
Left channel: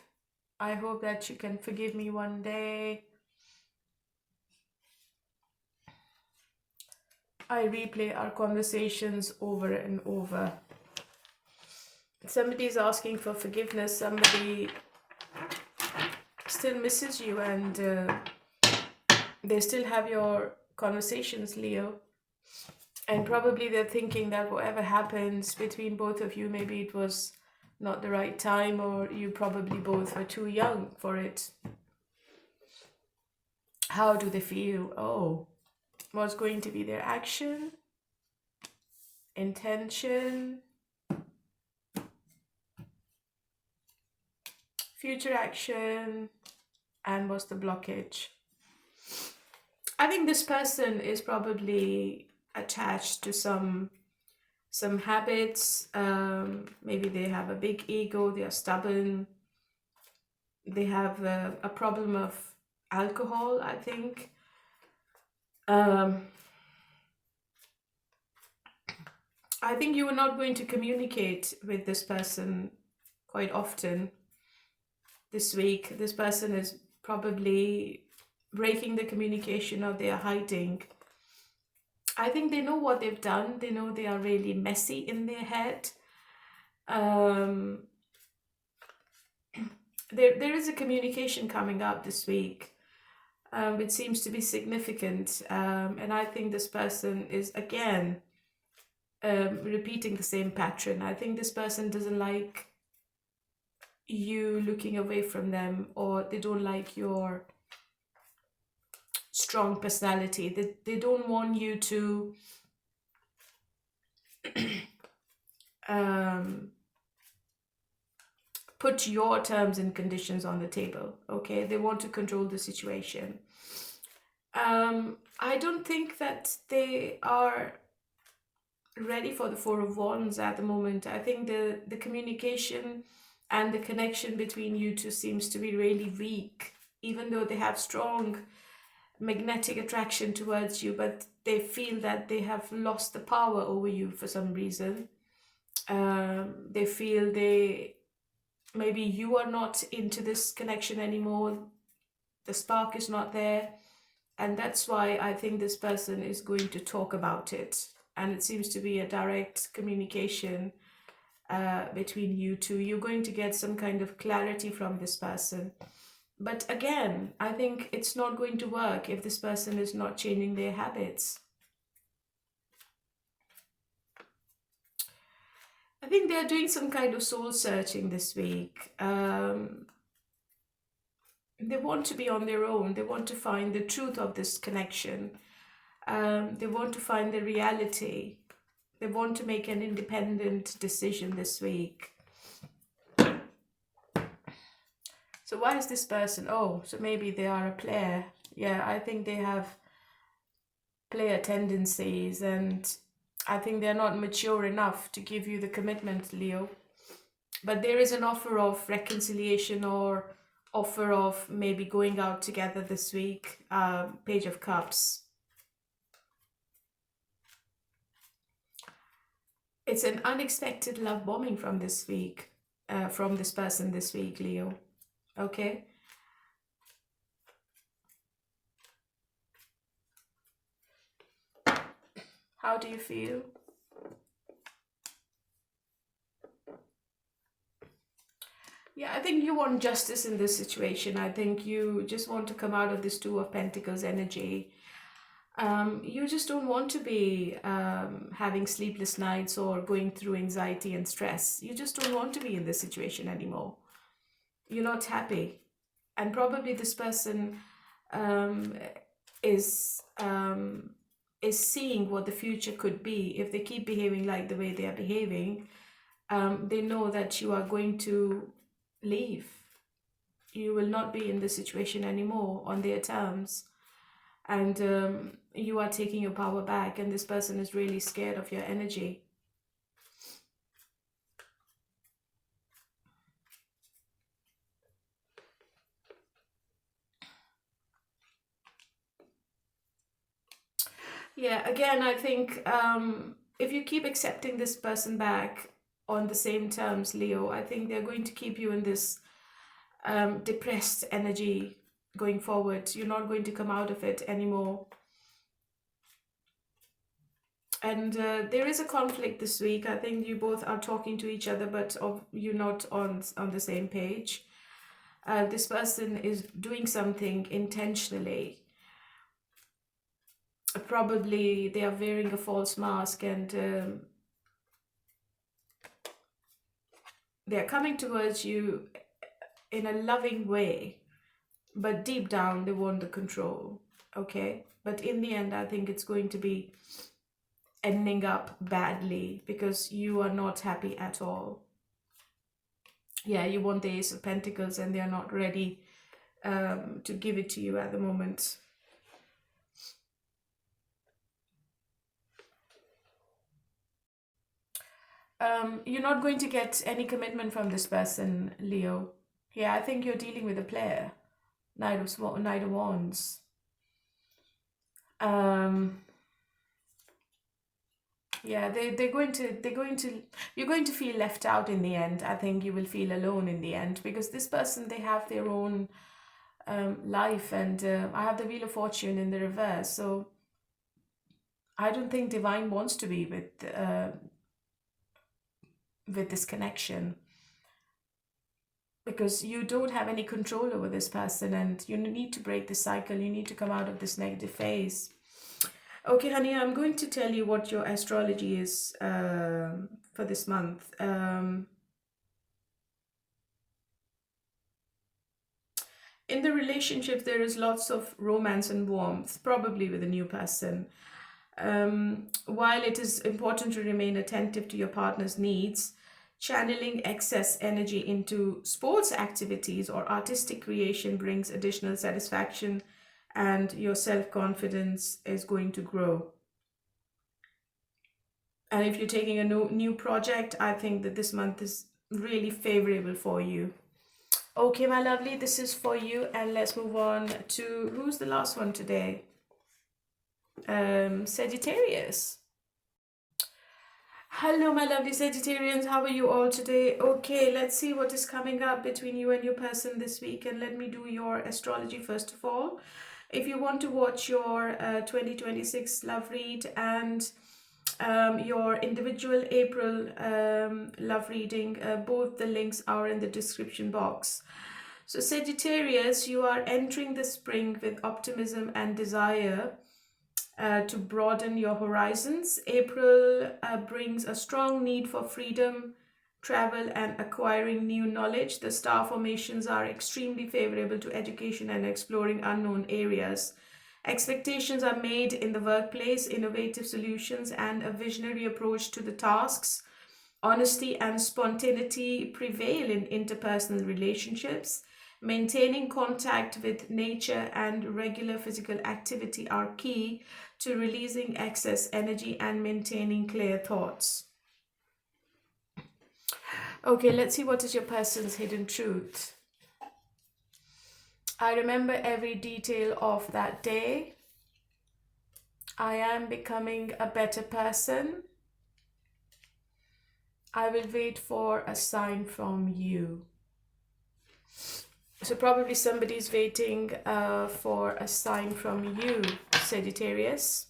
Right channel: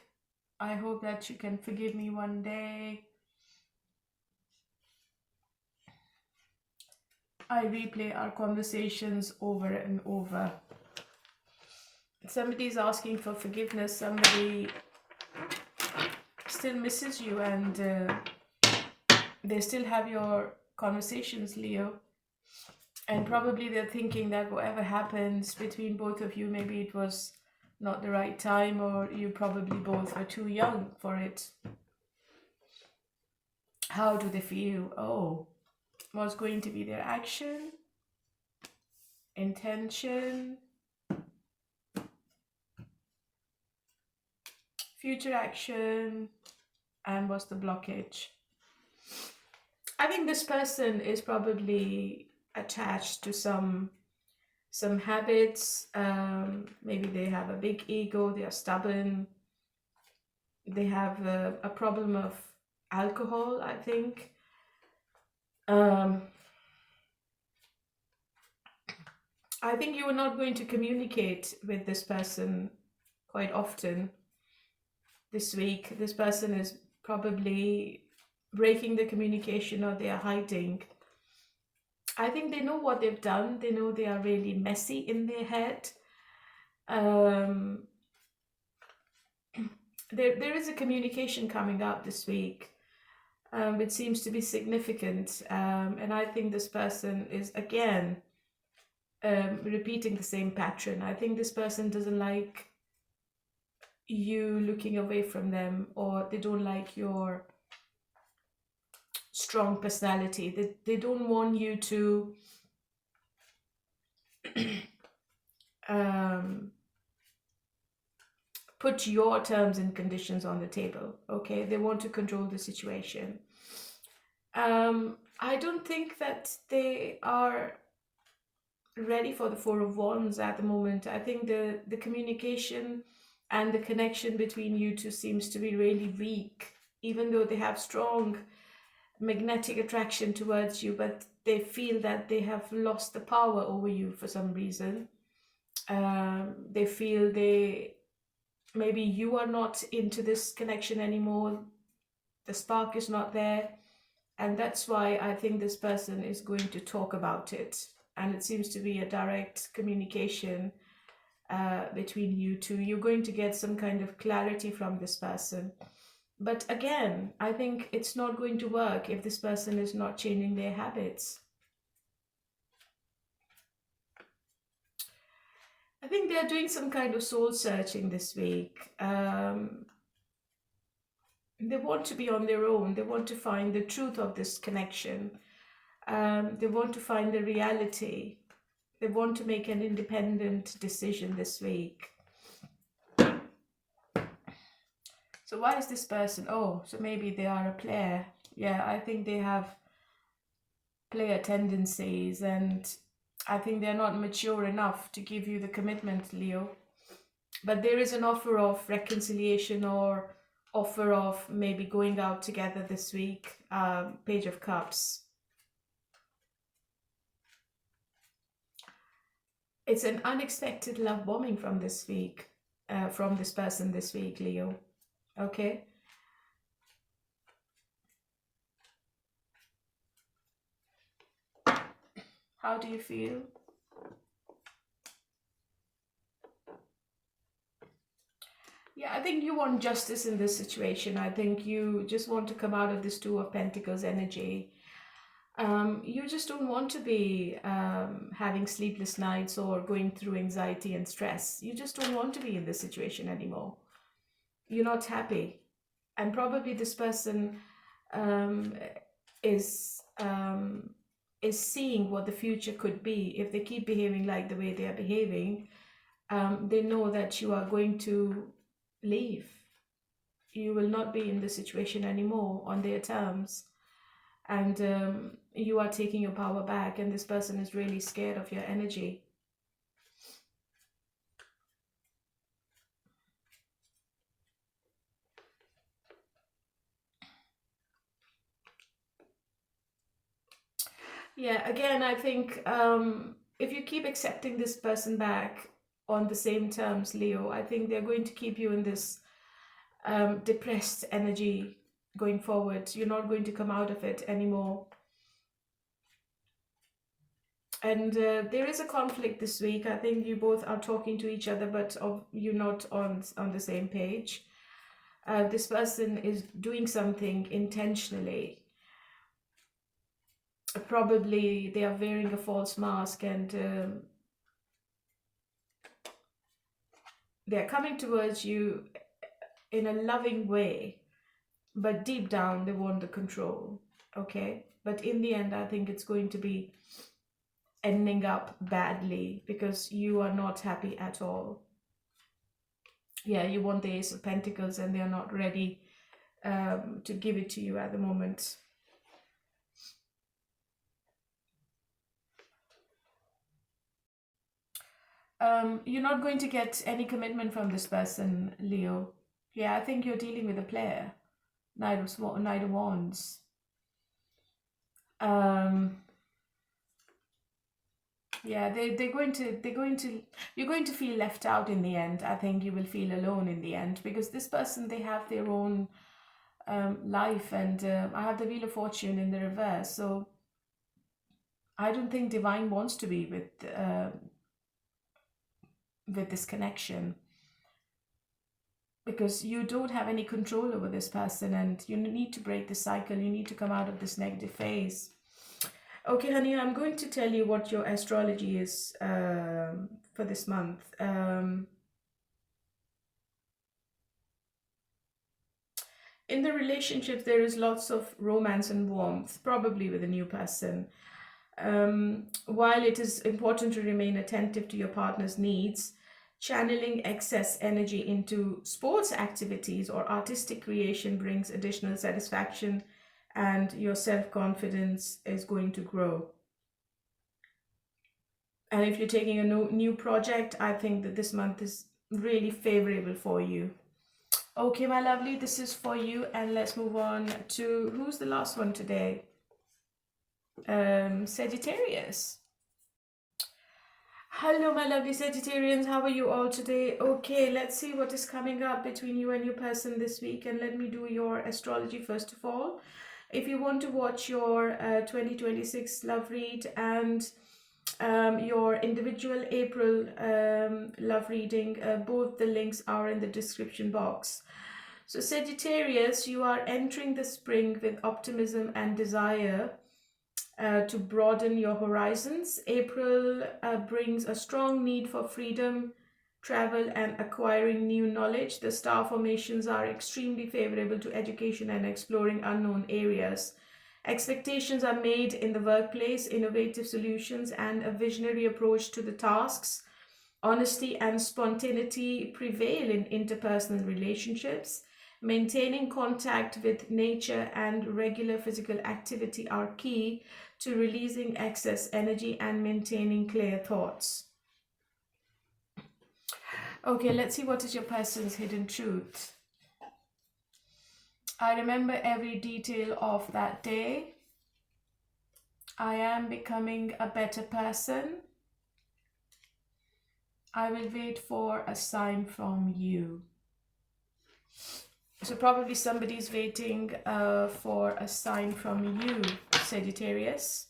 I hope that you can forgive me one day. I replay our conversations over and over. Somebody is asking for forgiveness. Somebody still misses you, and they still have your conversations, Leo. And probably they're thinking that whatever happens between both of you, maybe it was not the right time, or you probably both were too young for it. How do they feel? Oh, what's going to be their action, intention, future action, and what's the blockage? I think this person is probably attached to some habits. Maybe they have a big ego, they are stubborn, they have a problem of alcohol, I think. I think you are not going to communicate with this person quite often this week. This person is probably breaking the communication, or they are hiding. I think they know what they've done. They know they are really messy in their head. There is a communication coming up this week. It seems to be significant. And I think this person is, again, repeating the same pattern. I think this person doesn't like you looking away from them, or they don't like your strong personality. They don't want you to put your terms and conditions on the table, okay? They want to control the situation. I don't think that they are ready for the Four of Wands at the moment. I think the communication and the connection between you two seems to be really weak, even though they have strong magnetic attraction towards you, but they feel that they have lost the power over you for some reason. They feel maybe you are not into this connection anymore. The spark is not there. And that's why I think this person is going to talk about it. And it seems to be a direct communication between you two. You're going to get some kind of clarity from this person. But again, I think it's not going to work if this person is not changing their habits. I think they're doing some kind of soul searching this week. They want to be on their own. They want to find the truth of this connection. They want to find the reality. They want to make an independent decision this week. So So why is this person? Oh, so maybe they are a player. Yeah, I think they have player tendencies, and I think they're not mature enough to give you the commitment, Leo. But there is an offer of reconciliation or offer of maybe going out together this week. Page of Cups. It's an unexpected love bombing from this week, from this person this week, Leo. Okay. How do you feel? Yeah, I think you want justice in this situation. I think you just want to come out of this Two of Pentacles energy. You just don't want to be having sleepless nights or going through anxiety and stress. You just don't want to be in this situation anymore. You're not happy. And probably this person um, is seeing what the future could be. If they keep behaving like the way they are behaving, they know that you are going to leave. You will not be in this situation anymore on their terms. And you are taking your power back, and this person is really scared of your energy. Yeah, again, I think if you keep accepting this person back on the same terms, Leo, I think they're going to keep you in this depressed energy going forward. You're not going to come out of it anymore. And there is a conflict this week. I think you both are talking to each other, but you're not on the same page. This person is doing something intentionally. Probably they are wearing a false mask, and they are coming towards you in a loving way, but deep down they want the control. Okay, but in the end I think it's going to be ending up badly because you are not happy at all. Yeah, you want the Ace of Pentacles and they're not ready to give it to you at the moment. You're not going to get any commitment from this person, Leo. Yeah, I think you're dealing with a player. Knight of Wands. Yeah, they're going to you're going to feel left out in the end. I think you will feel alone in the end because this person, they have their own life, and I have the Wheel of Fortune in the reverse, so I don't think Divine wants to be with this connection, because you don't have any control over this person and you need to break the cycle. You need to come out of this negative phase. Okay, honey, I'm going to tell you what your astrology is for this month. In the relationships, there is lots of romance and warmth, probably with a new person. While it is important to remain attentive to your partner's needs, channeling excess energy into sports activities or artistic creation brings additional satisfaction, and your self-confidence is going to grow. And if you're taking a new project, I think that this month is really favorable for you. Okay, my lovely, this is for you, and let's move on to who's the last one today. Sagittarius. Hello, my lovely Sagittarians. How are you all today? Okay, let's see what is coming up between you and your person this week. And let me do your astrology first of all. If you want to watch your 2026 love read and your individual April love reading, both the links are in the description box. So Sagittarius, you are entering the spring with optimism and desire to broaden your horizons. April brings a strong need for freedom, travel, and acquiring new knowledge. The star formations are extremely favorable to education and exploring unknown areas. Expectations are made in the workplace, innovative solutions, and a visionary approach to the tasks. Honesty and spontaneity prevail in interpersonal relationships. Maintaining contact with nature and regular physical activity are key to releasing excess energy and maintaining clear thoughts. Okay, let's see what is your person's hidden truth. I remember every detail of that day. I am becoming a better person. I will wait for a sign from you. So probably somebody's waiting for a sign from you, Sagittarius.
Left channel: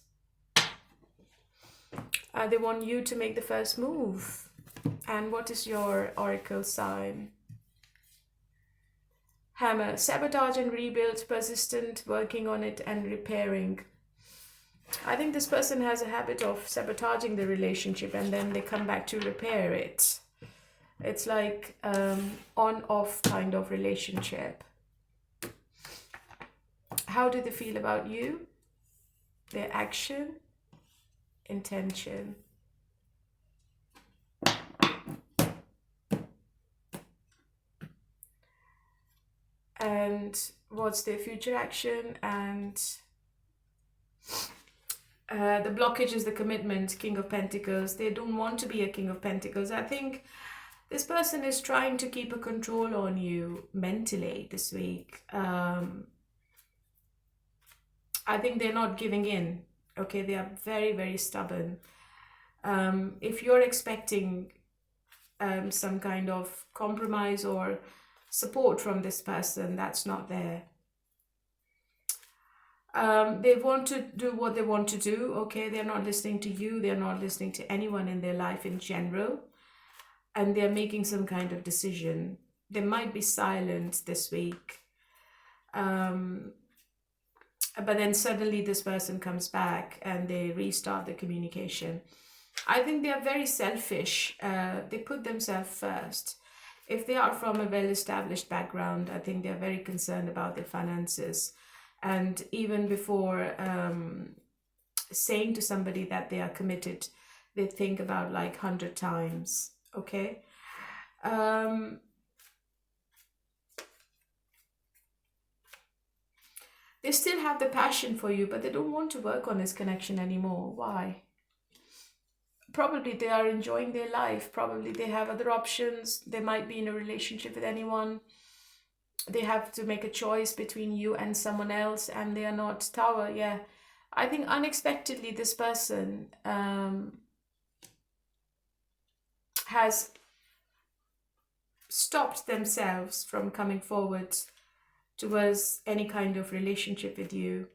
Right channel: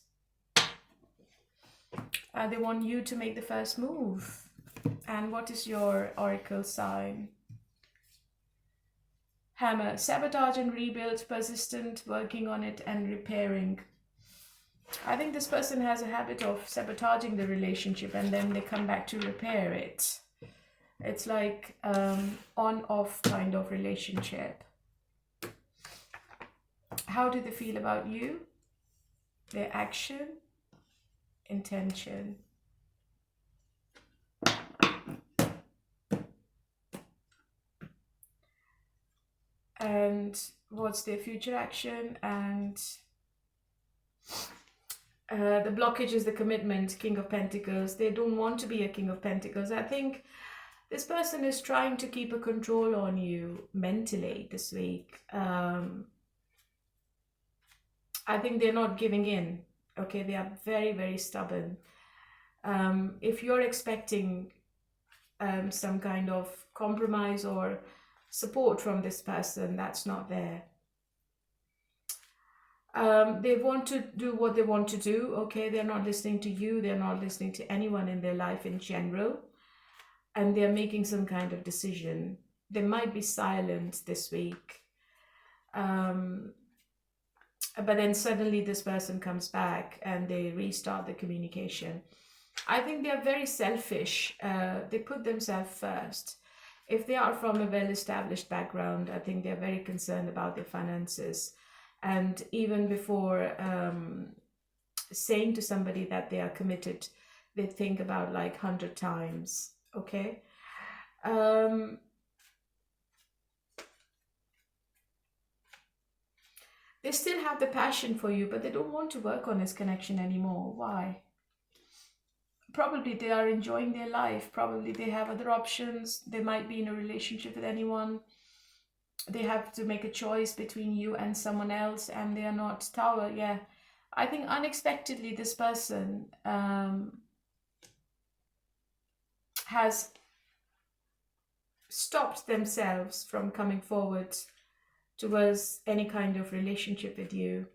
They want you to make the first move. And what is your oracle sign? Hammer. Sabotage and rebuild, persistent, working on it and repairing. I think this person has a habit of sabotaging the relationship and then they come back to repair it. It's like on-off kind of relationship. How do they feel about you? Their action, intention. And what's their future action? And the blockage is the commitment, King of Pentacles. They don't want to be a King of Pentacles. I think this person is trying to keep a control on you mentally this week. I think they're not giving in. Okay, they are very, very stubborn. If you're expecting some kind of compromise or support from this person, that's not there. They want to do what they want to do. Okay, they're not listening to you. They're not listening to anyone in their life in general. And they're making some kind of decision. They might be silent this week. But then suddenly this person comes back and they restart the communication. I think they are very selfish. They put themselves first. If they are from a well-established background, I think they're very concerned about their finances. And even before saying to somebody that they are committed, they think about like 100 times. Okay. They still have the passion for you, but they don't want to work on this connection anymore. Why? Probably they are enjoying their life. Probably they have other options. They might be in a relationship with anyone. They have to make a choice between you and someone else, and they are not Tower. Yeah. I think unexpectedly this person has stopped themselves from coming forward towards any kind of relationship with you.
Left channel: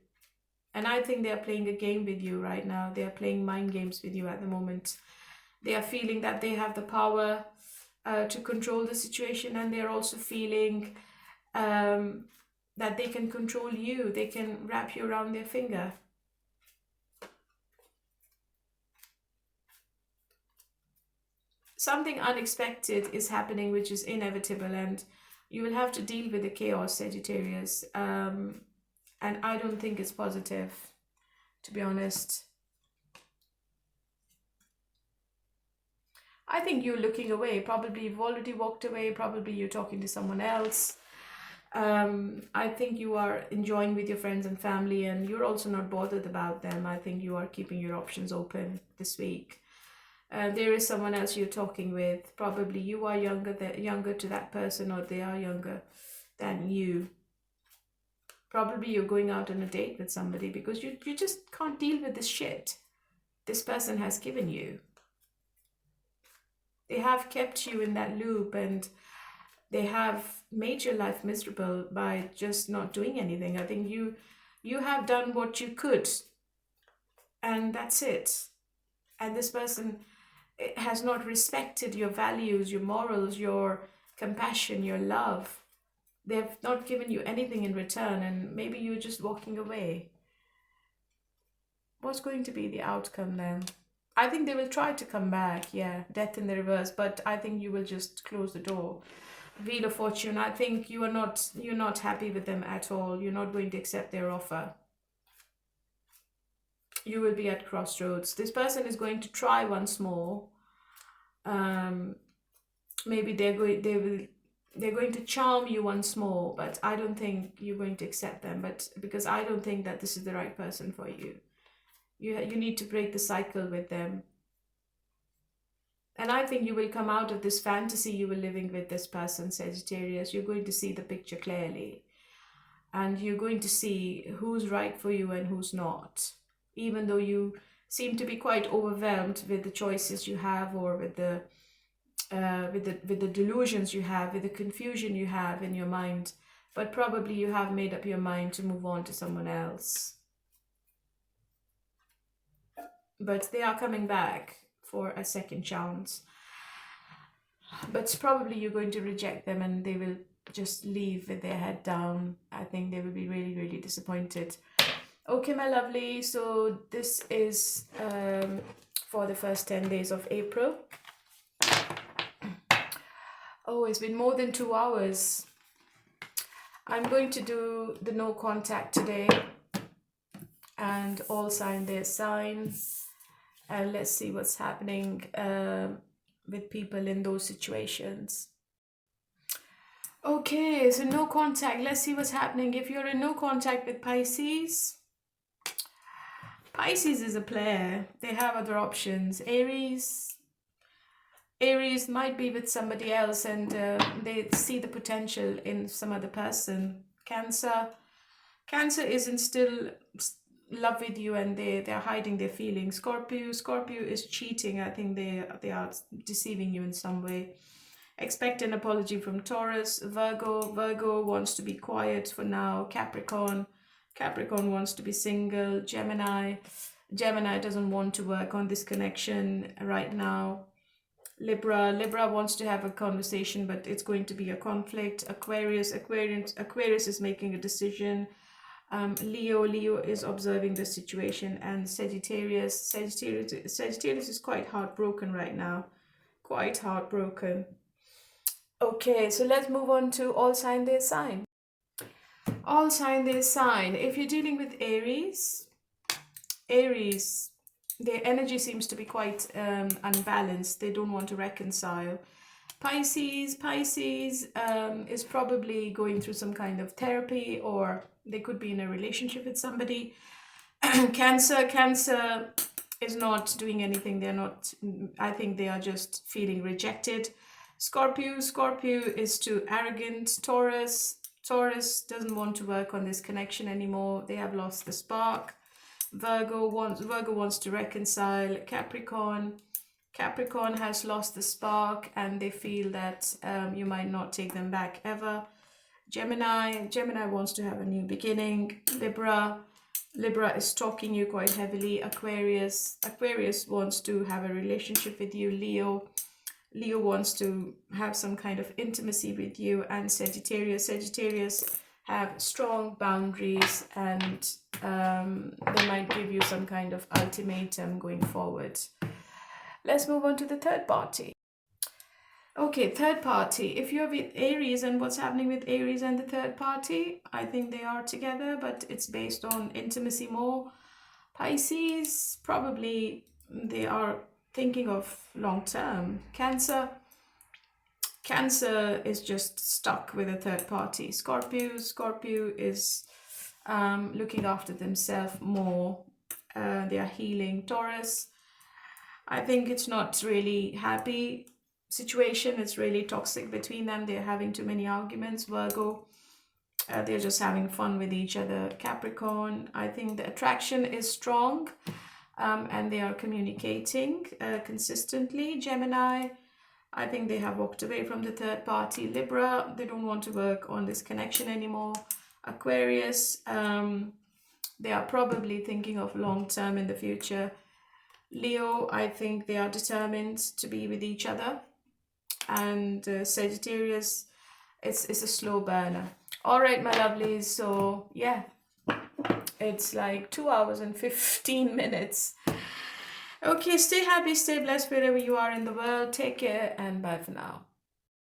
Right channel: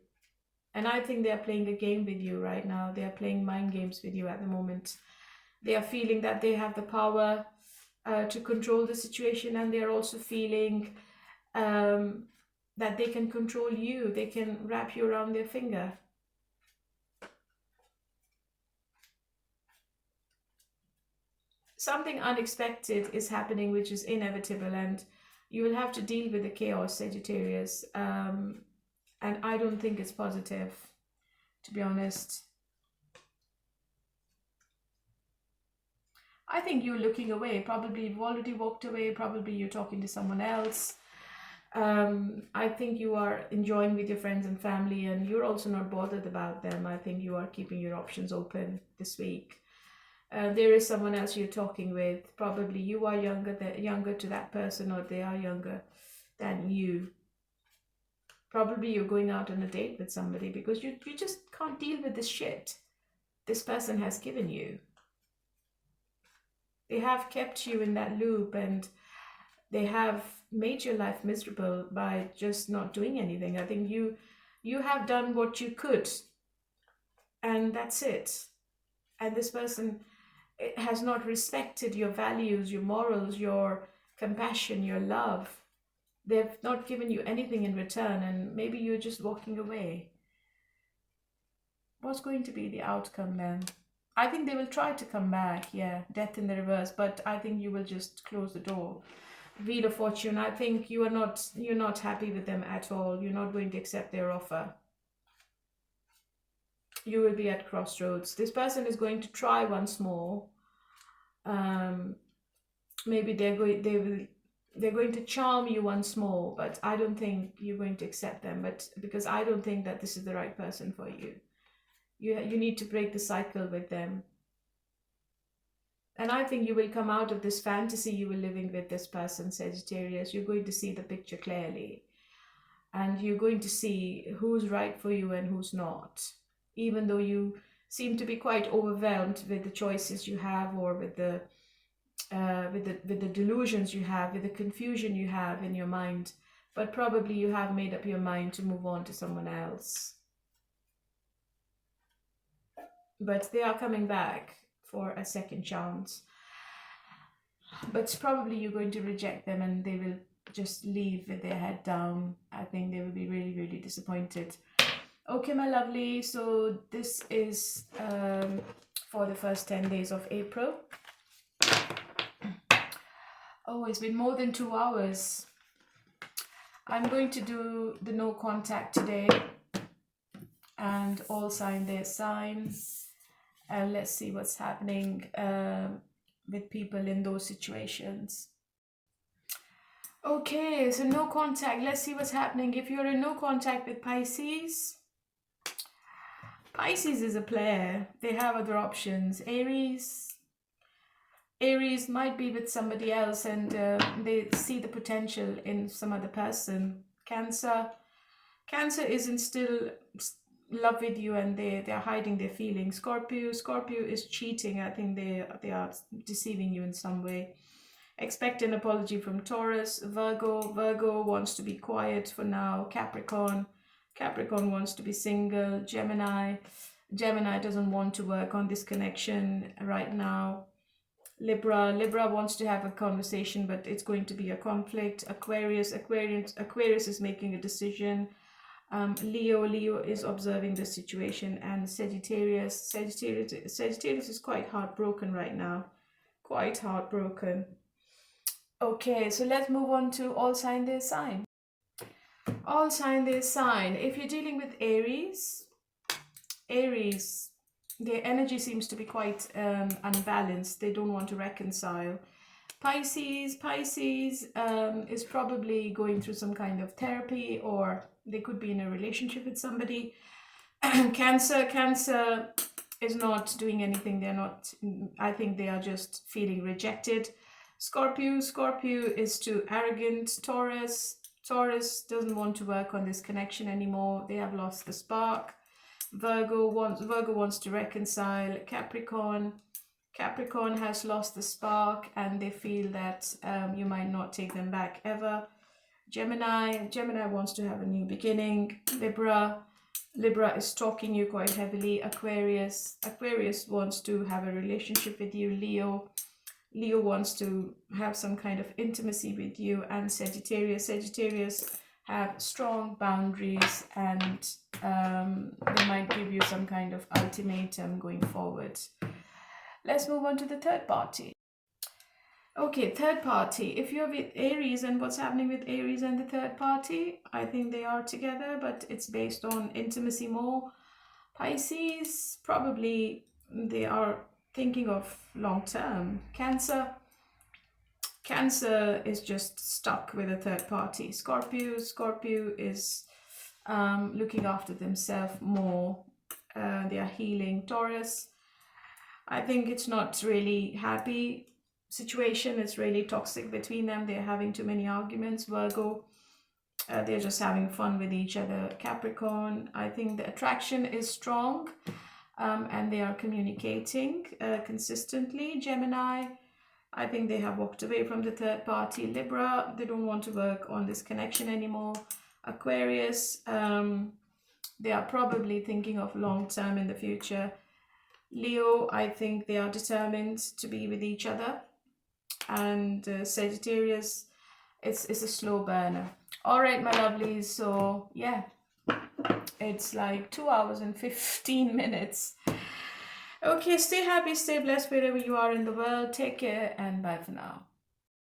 And I think they are playing a game with you right now. They are playing mind games with you at the moment. They are feeling that they have the power to control the situation, and they're also feeling that they can control you. They can wrap you around their finger. Something unexpected is happening, which is inevitable, and you will have to deal with the chaos, Sagittarius. And I don't think it's positive, to be honest. I think you're looking away. Probably you've already walked away. Probably you're talking to someone else. I think you are enjoying with your friends and family, and you're also not bothered about them. I think you are keeping your options open this week. There is someone else you're talking with. Probably you are younger to that person, or they are younger than you. Probably you're going out on a date with somebody because you just can't deal with this shit this person has given you. They have kept you in that loop, and they have made your life miserable by just not doing anything. I think you have done what you could, and that's it. And this person has not respected your values, your morals, your compassion, your love. They've not given you anything in return, and maybe you're just walking away. What's going to be the outcome then? I think they will try to come back. Yeah, death in the reverse, but I think you will just close the door. Wheel of Fortune. I think you're not happy with them at all. You're not going to accept their offer. You will be at crossroads. This person is going to try once more. Maybe they will they're going to charm you once more, but I don't think you're going to accept them, but because I don't think that this is the right person for you. You need to break the cycle with them. And I think you will come out of this fantasy you were living with this person, Sagittarius. You're going to see the picture clearly. And you're going to see who's right for you and who's not. Even though you seem to be quite overwhelmed with the choices you have, or with the delusions you have, with the confusion you have in your mind. But probably you have made up your mind to move on to someone else. But they are coming back for a second chance. But probably you're going to reject them and they will just leave with their head down. I think they will be really, really disappointed. Okay, my lovely. So this is for the first 10 days of April. Oh, it's been more than 2 hours. I'm going to do the no contact today. And all sign their signs. And let's see what's happening with people in those situations. Okay, so no contact. Let's see what's happening. If you're in no contact with Pisces, Pisces is a player. They have other options. Aries might be with somebody else and they see the potential in some other person. Cancer isn't still love with you and they're hiding their feelings. Scorpio is cheating. I think they are deceiving you in some way. Expect an apology from Taurus. Virgo wants to be quiet for now. Capricorn wants to be single. Gemini doesn't want to work on this connection right now. Libra wants to have a conversation, but it's going to be a conflict. Aquarius is making a decision. Leo is observing the situation, and Sagittarius is quite heartbroken right now. Quite heartbroken. Okay, so let's move on to all sign their sign. All sign their sign. If you're dealing with Aries, their energy seems to be quite unbalanced. They don't want to reconcile. Pisces is probably going through some kind of therapy, or they could be in a relationship with somebody. Cancer is not doing anything. I think they are just feeling rejected. Scorpio is too arrogant. Taurus doesn't want to work on this connection anymore. They have lost the spark. Virgo wants to reconcile. Capricorn has lost the spark and they feel that you might not take them back ever. Gemini wants to have a new beginning. Libra is stalking you quite heavily. Aquarius wants to have a relationship with you. Leo wants to have some kind of intimacy with you. And Sagittarius have strong boundaries, and they might give you some kind of ultimatum going forward. Let's move on to the third party. Okay, third party. If you're with Aries, and what's happening with Aries and the third party, I think they are together, but it's based on intimacy more. Pisces, probably they are thinking of long term. Cancer is just stuck with a third party. Scorpio is looking after themselves more. They are healing. Taurus, I think it's not really happy situation. It's really toxic between them. They're having too many arguments. Virgo, they're just having fun with each other. Capricorn, I think the attraction is strong and they are communicating consistently. Gemini, I think they have walked away from the third party. Libra, they don't want to work on this connection anymore. Aquarius, they are probably thinking of long term in the future. Leo, I think they are determined to be with each other. And Sagittarius, it's a slow burner. All right, my lovelies. So yeah, it's like 2 hours and 15 minutes. Okay, stay happy, stay blessed wherever you are in the world. Take care and bye for now.